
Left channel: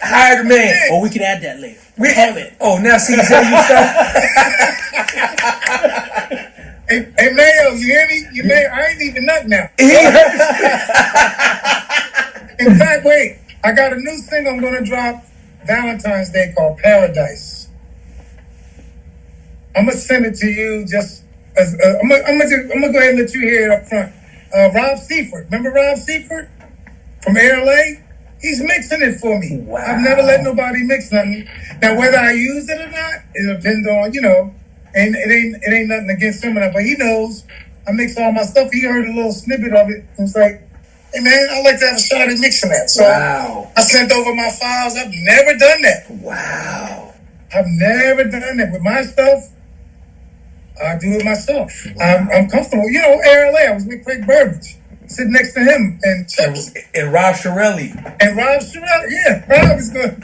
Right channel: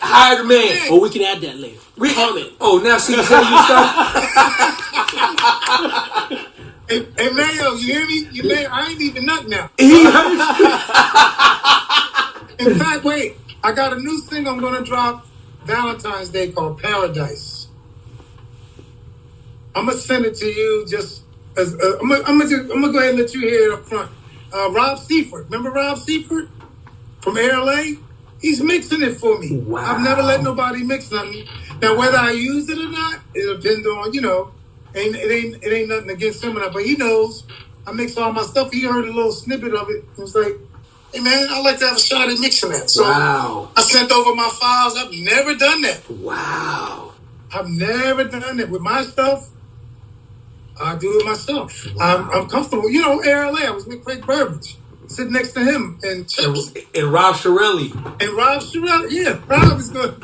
Hire the man. Or we can add that later. Comment. Oh, now see how you start. Hey, Mayo, you hear me? I ain't even nothing now. He heard. In fact, wait. I got a new single I'm going to drop Valentine's Day called Paradise. I'm going to send it to you just as... I'm going to go ahead and let you hear it up front. Rob Seifert. Remember Rob Seifert from AirLA? He's mixing it for me. Wow. I've never let nobody mix nothing. Now, whether I use it or not, it depends on, and it ain't nothing against him, but he knows I mix all my stuff. He heard a little snippet of it and was like, hey man, I'd like to have a shot at mixing that. So Wow. I sent over my files. I've never done that. Wow. I've never done that. With my stuff, I do it myself. I'm comfortable. AirLA, I was with Craig Burbage, sitting next to him and Chuckii. And Rob Shirelli. And Rob Sherrell, yeah, Rob is good.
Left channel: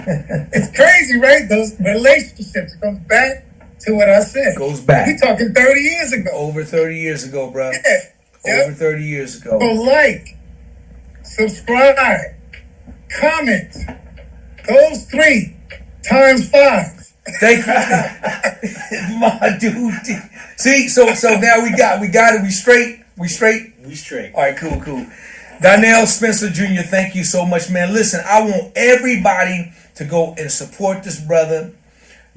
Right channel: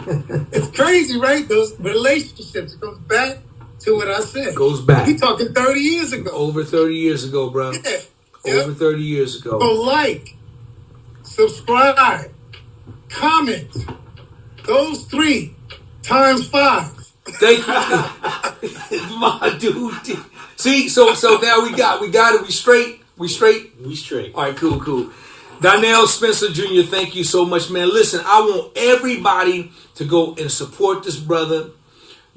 It's crazy, right? Those relationships, it comes back to what I said. Goes back. We talking 30 years ago. Over 30 years ago, bro. Yeah. Over 30 years ago. So like, subscribe, comment. Those 3 times 5. Thank you. My dude. See, so now we got it. We straight. We straight. All right, cool. Donnell Spencer Jr., thank you so much, man. Listen, I want everybody to go and support this brother.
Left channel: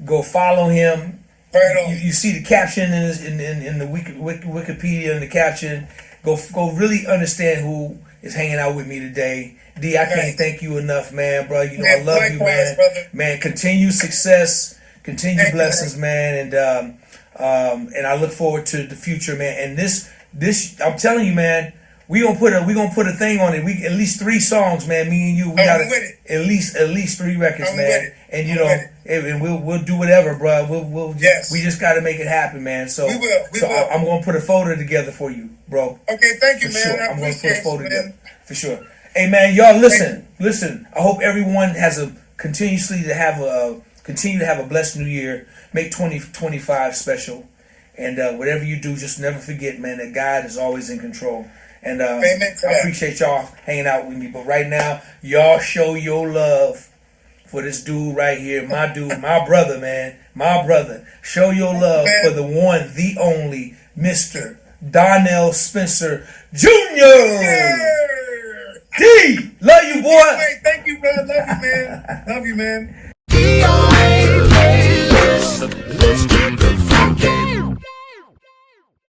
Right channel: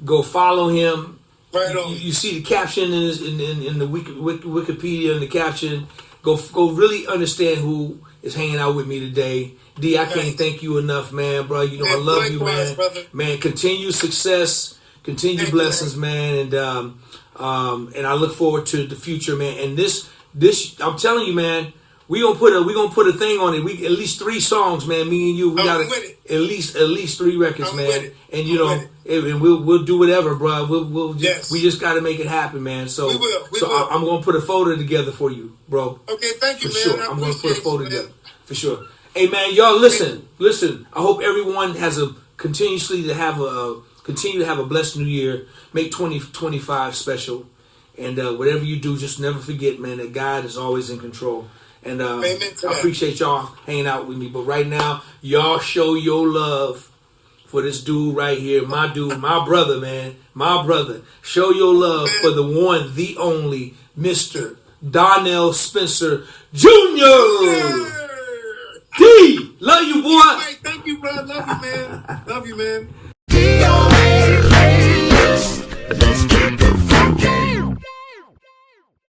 Go follow him. Right on. You see the caption in the Wikipedia in the caption. Go really understand who is hanging out with me today. D, I can't thank you enough, man, bro. I Man, love you, likewise, man. brother. Man, continue success, continue Thank you, blessings, man, and I look forward to the future, man. And this, I'm telling you, man, we gonna put a thing on it. We at least 3 songs, man. Me and you, we got I'm with it. at least 3 records, I'm man. with it. And I'm with and we'll do whatever, bro. We'll Yes. we just got to make it happen, man. So We will. I'm gonna put a folder together for you, bro. Okay, thank you, For man. sure, I I'm gonna put a appreciate folder you, together man. for sure. Hey, man, y'all listen. I hope everyone has continue to have a blessed new year. Make 2025 special, and whatever you do, just never forget, man, that God is always in control. And Amen to I that. appreciate y'all hanging out with me. But right now, y'all show your love for this dude right here, my dude, my brother, man, my brother. Show your love for the one, the only, Mr. Donnell Spencer Jr. D, love you, boy. Hey, thank you, bro. Love you, man. Love you, man. DOA, let's get the